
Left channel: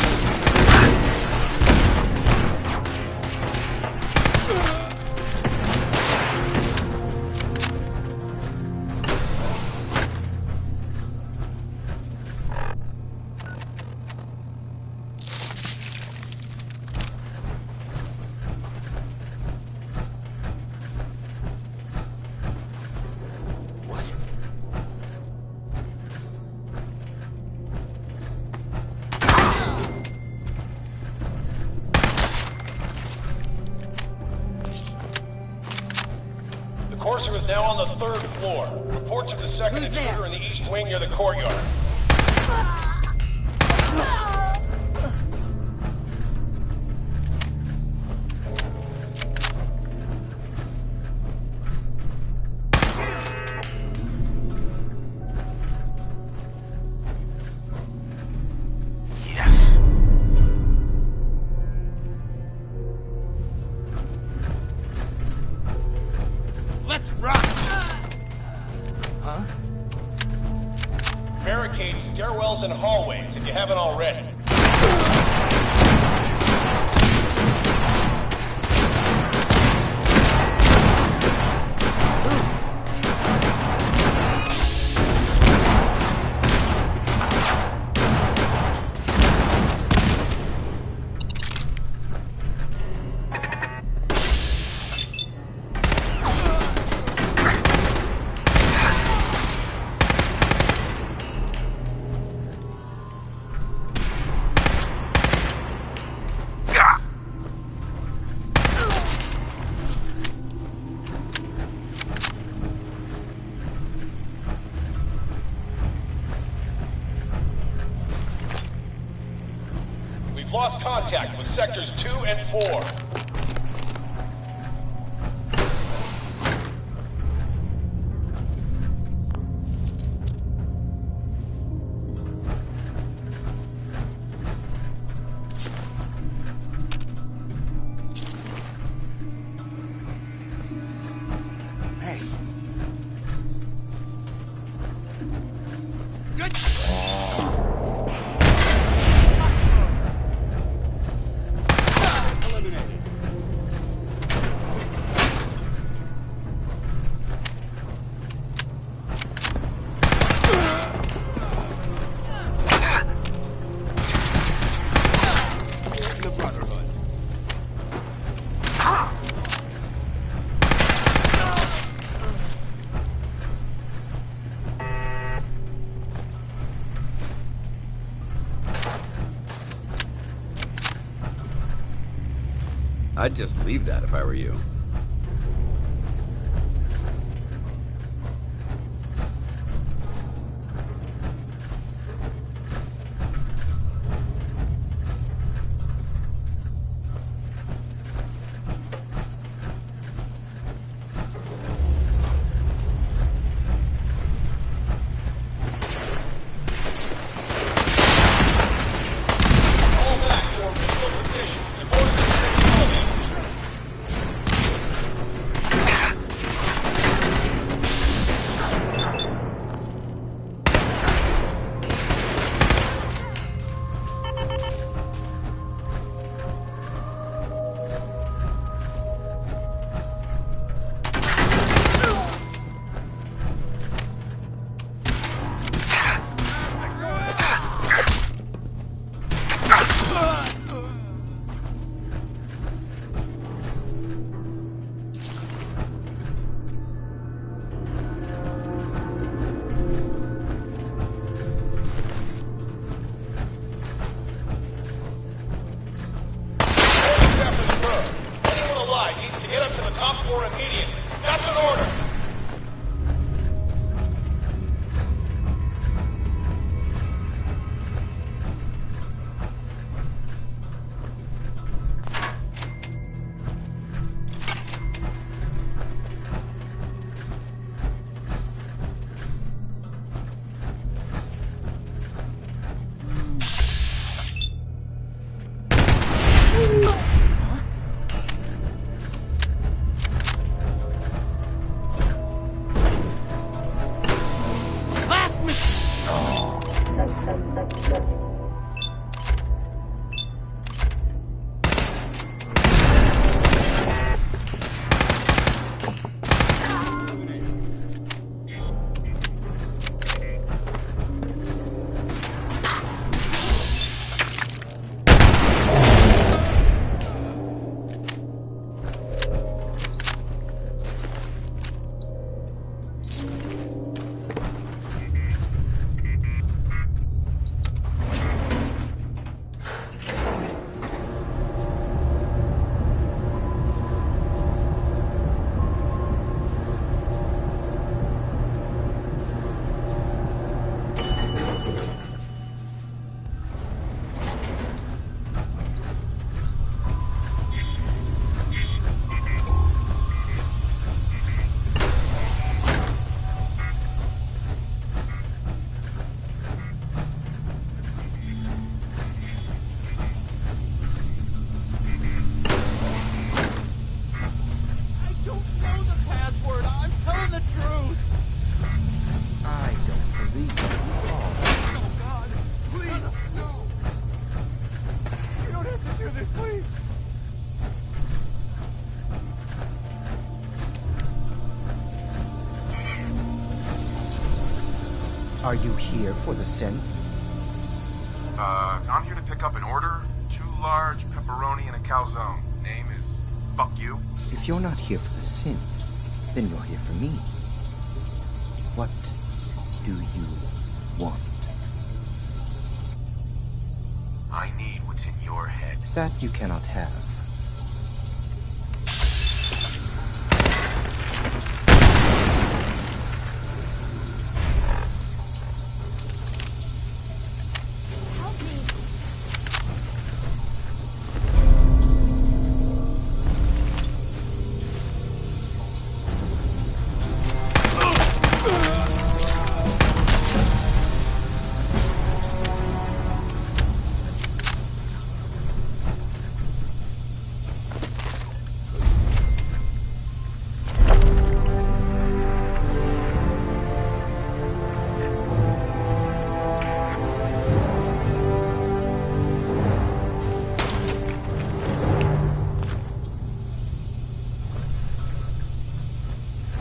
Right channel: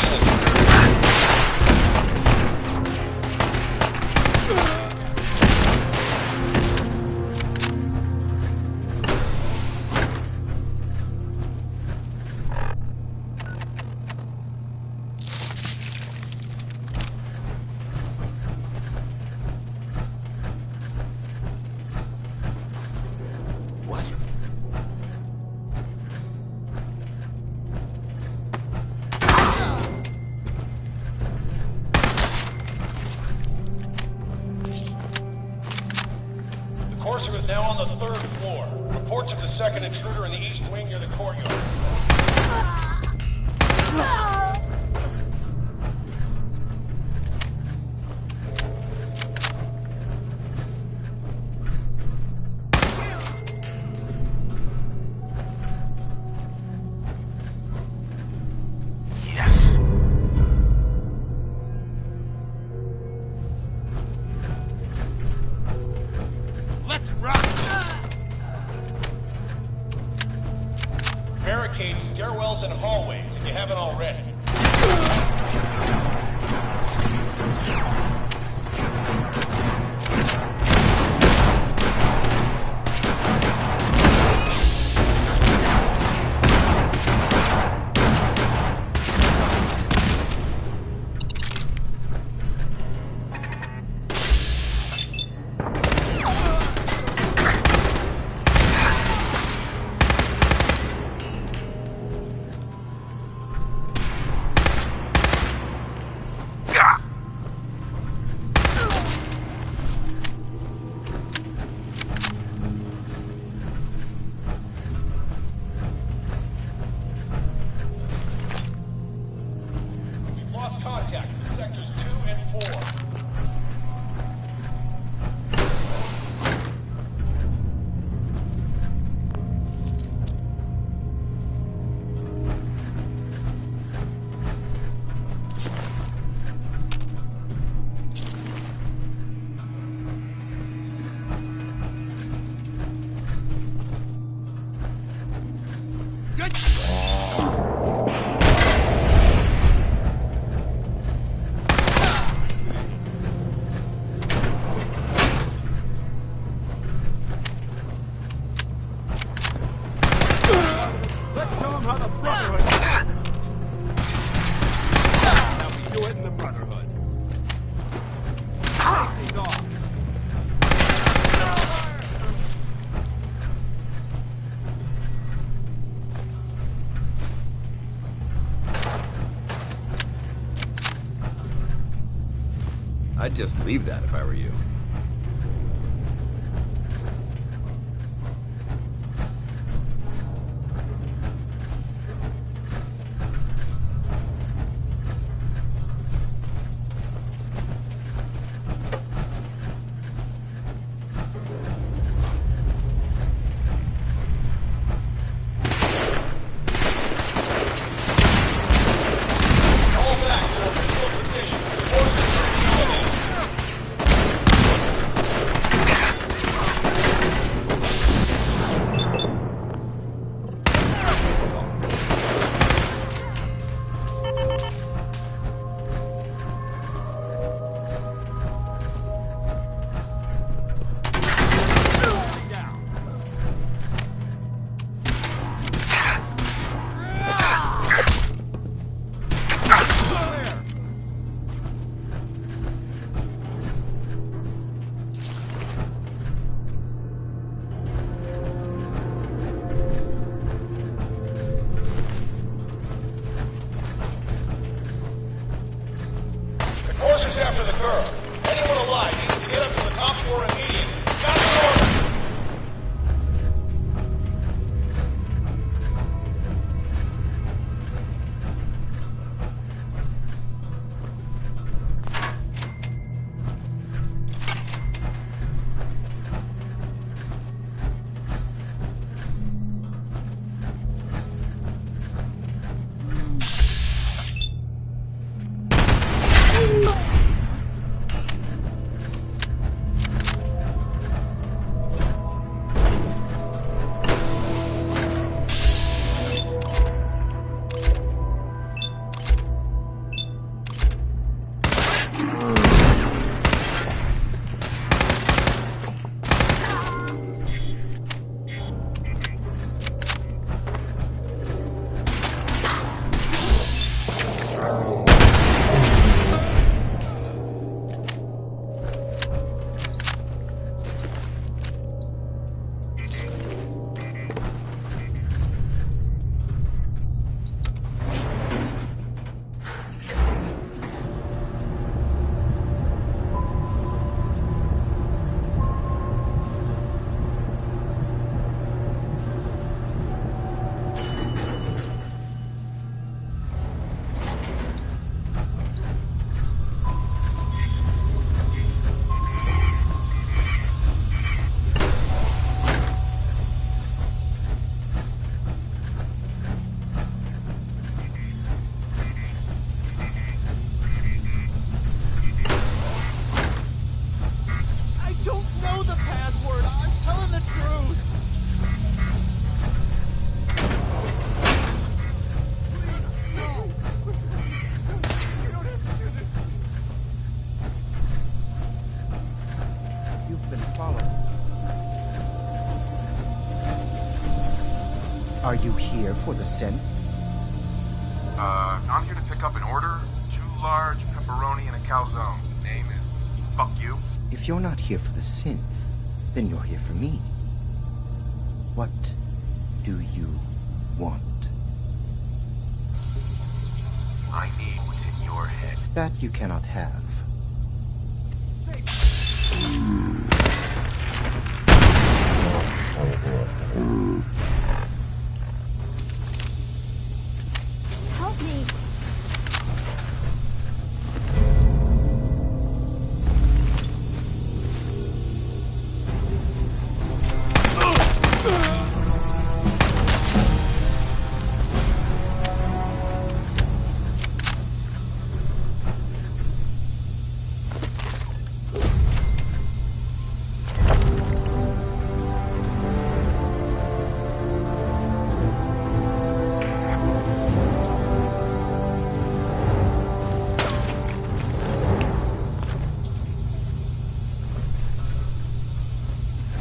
Courser is now on the 3rd floor. Reports of the second intruder in the east wing near the courtyard. Yes. Let's rock! Barricade stairwells and hallways if you haven't already. Lost contact with sectors 2 and 4. I'd just leave that if I were you. Are you here for the synth? I'm here to pick up an order. 2 large pepperoni and a calzone. Name is Fuck You. If you're not here for the synth, then you're here for me. What do you want? I need what's in your head. That you cannot have. Help me.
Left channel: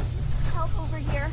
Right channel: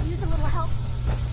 Use a little help over here.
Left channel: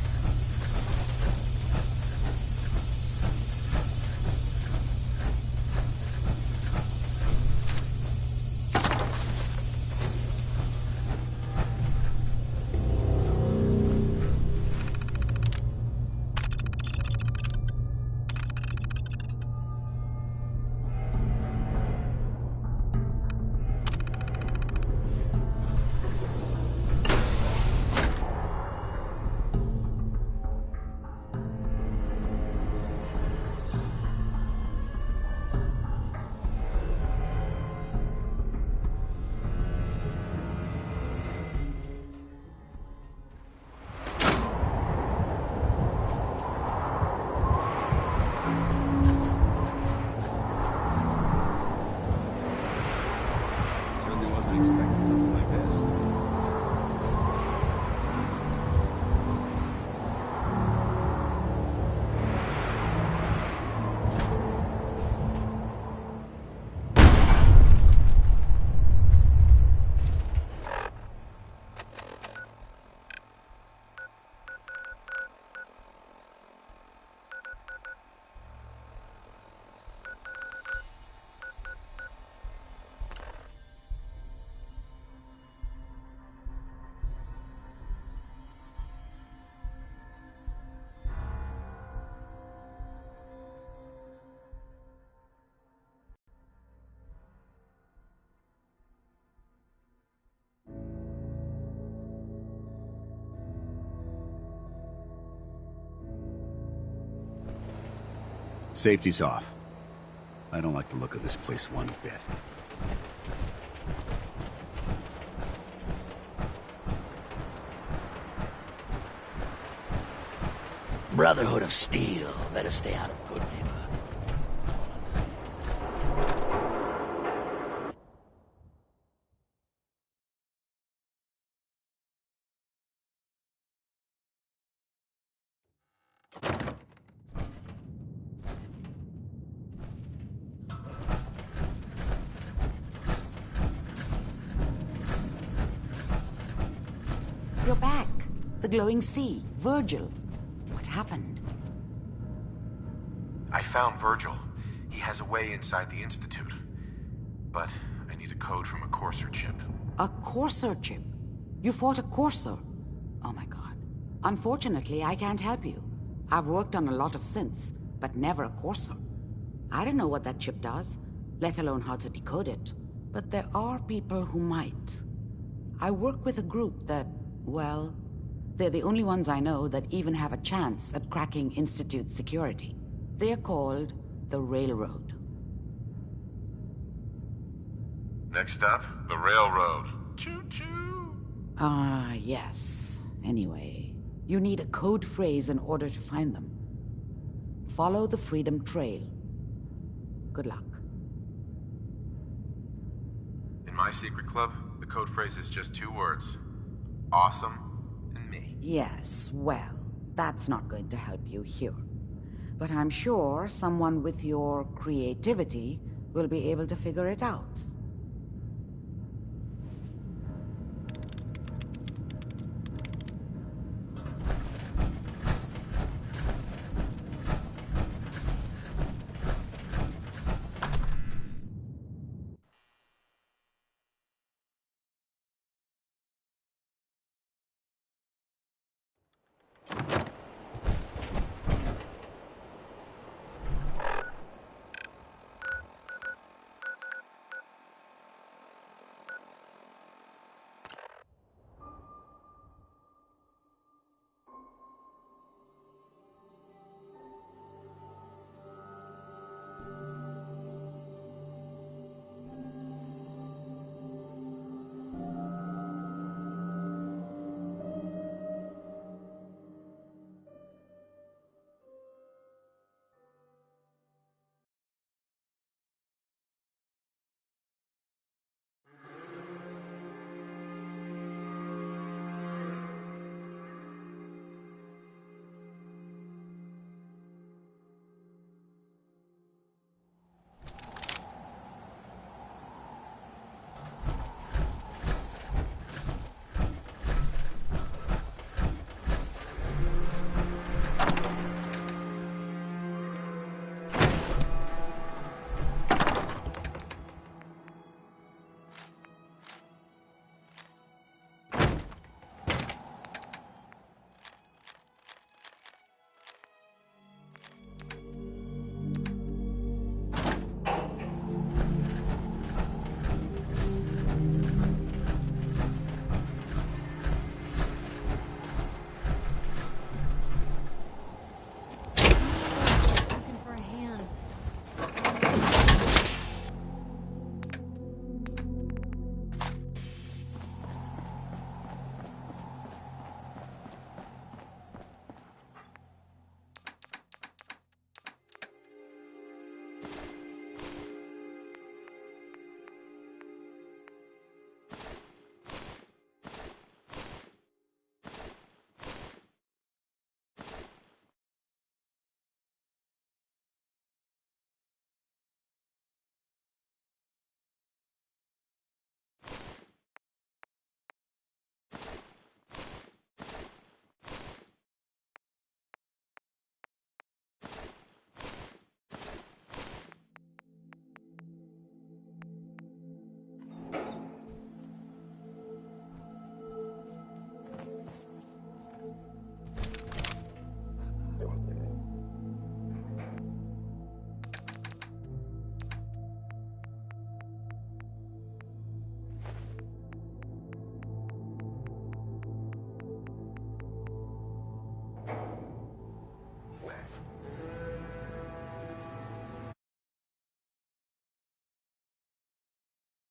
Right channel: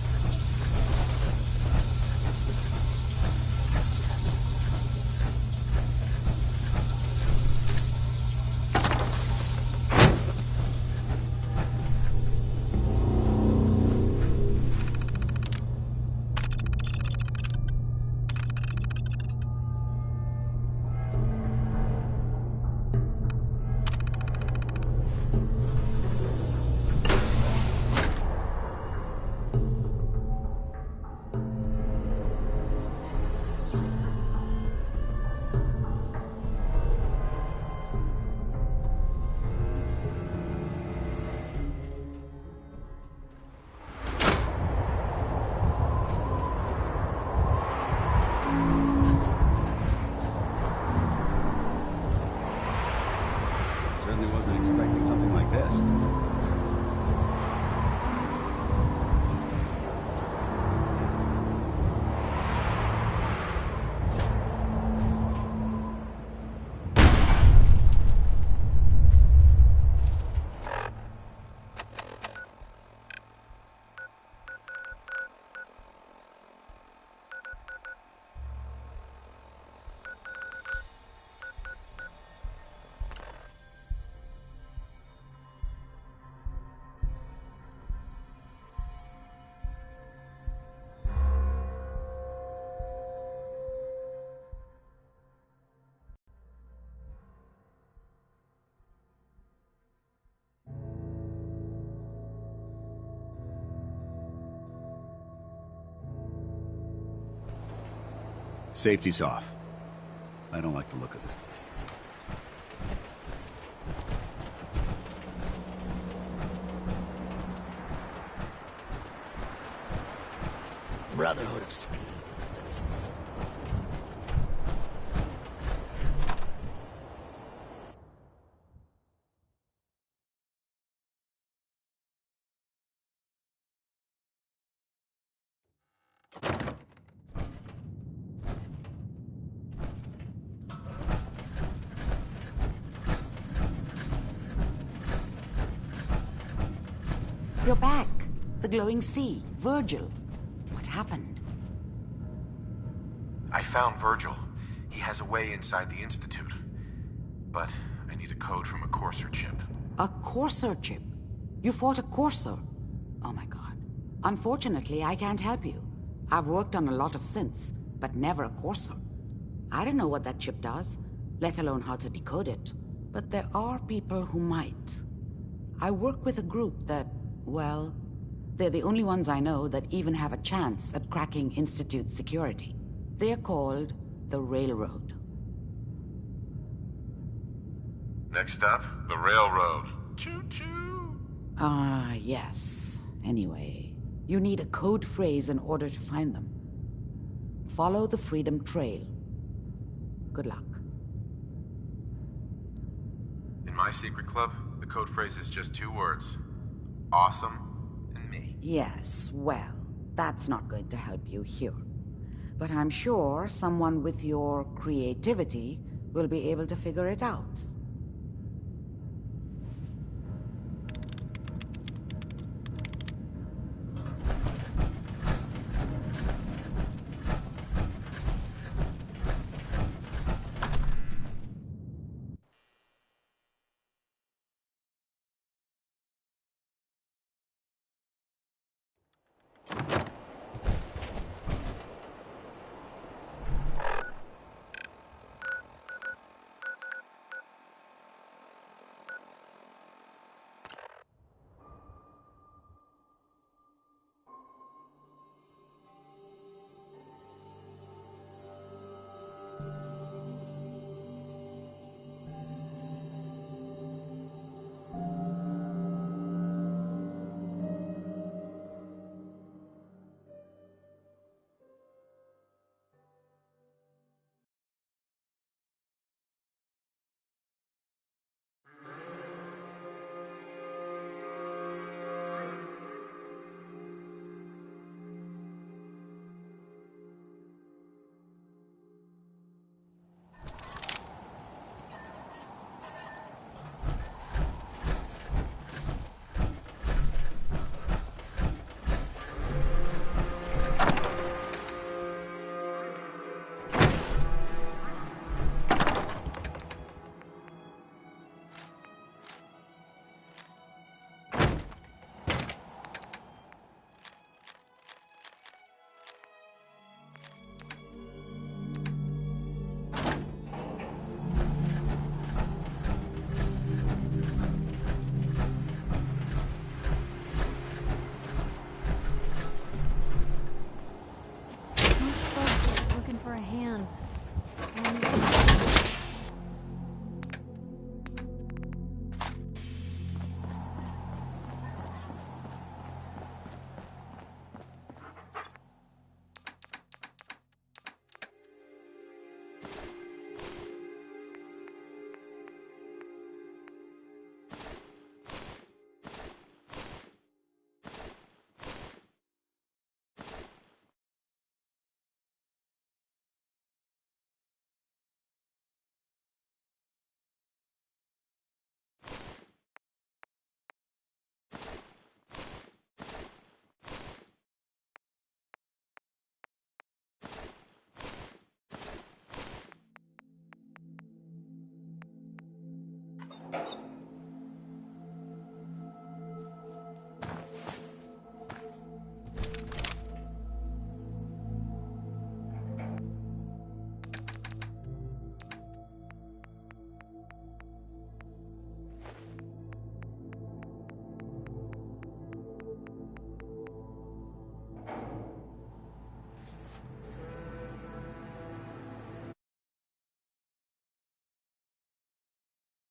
Certainly wasn't expecting something like this. Safety's off. I don't like the look of this place one bit. Brotherhood of Steel. Better stay out of good neighbor. You're back. The glowing sea. Virgil. What happened? I found Virgil. He has a way inside the Institute. But I need a code from a Courser chip. A Courser chip? You fought a Courser? Oh my god. Unfortunately, I can't help you. I've worked on a lot of synths, but never a Courser. I don't know what that chip does, let alone how to decode it. But there are people who might. I work with a group that, well, they're the only ones I know that even have a chance at cracking Institute security. They're called the Railroad. Next up, the Railroad. Choo-choo! Ah, yes. Anyway, you need a code phrase in order to find them. Follow the Freedom Trail. Good luck. In my secret club, the code phrase is just 2 words. Awesome and me. Yes, well, that's not going to help you here. But I'm sure someone with your creativity will be able to figure it out.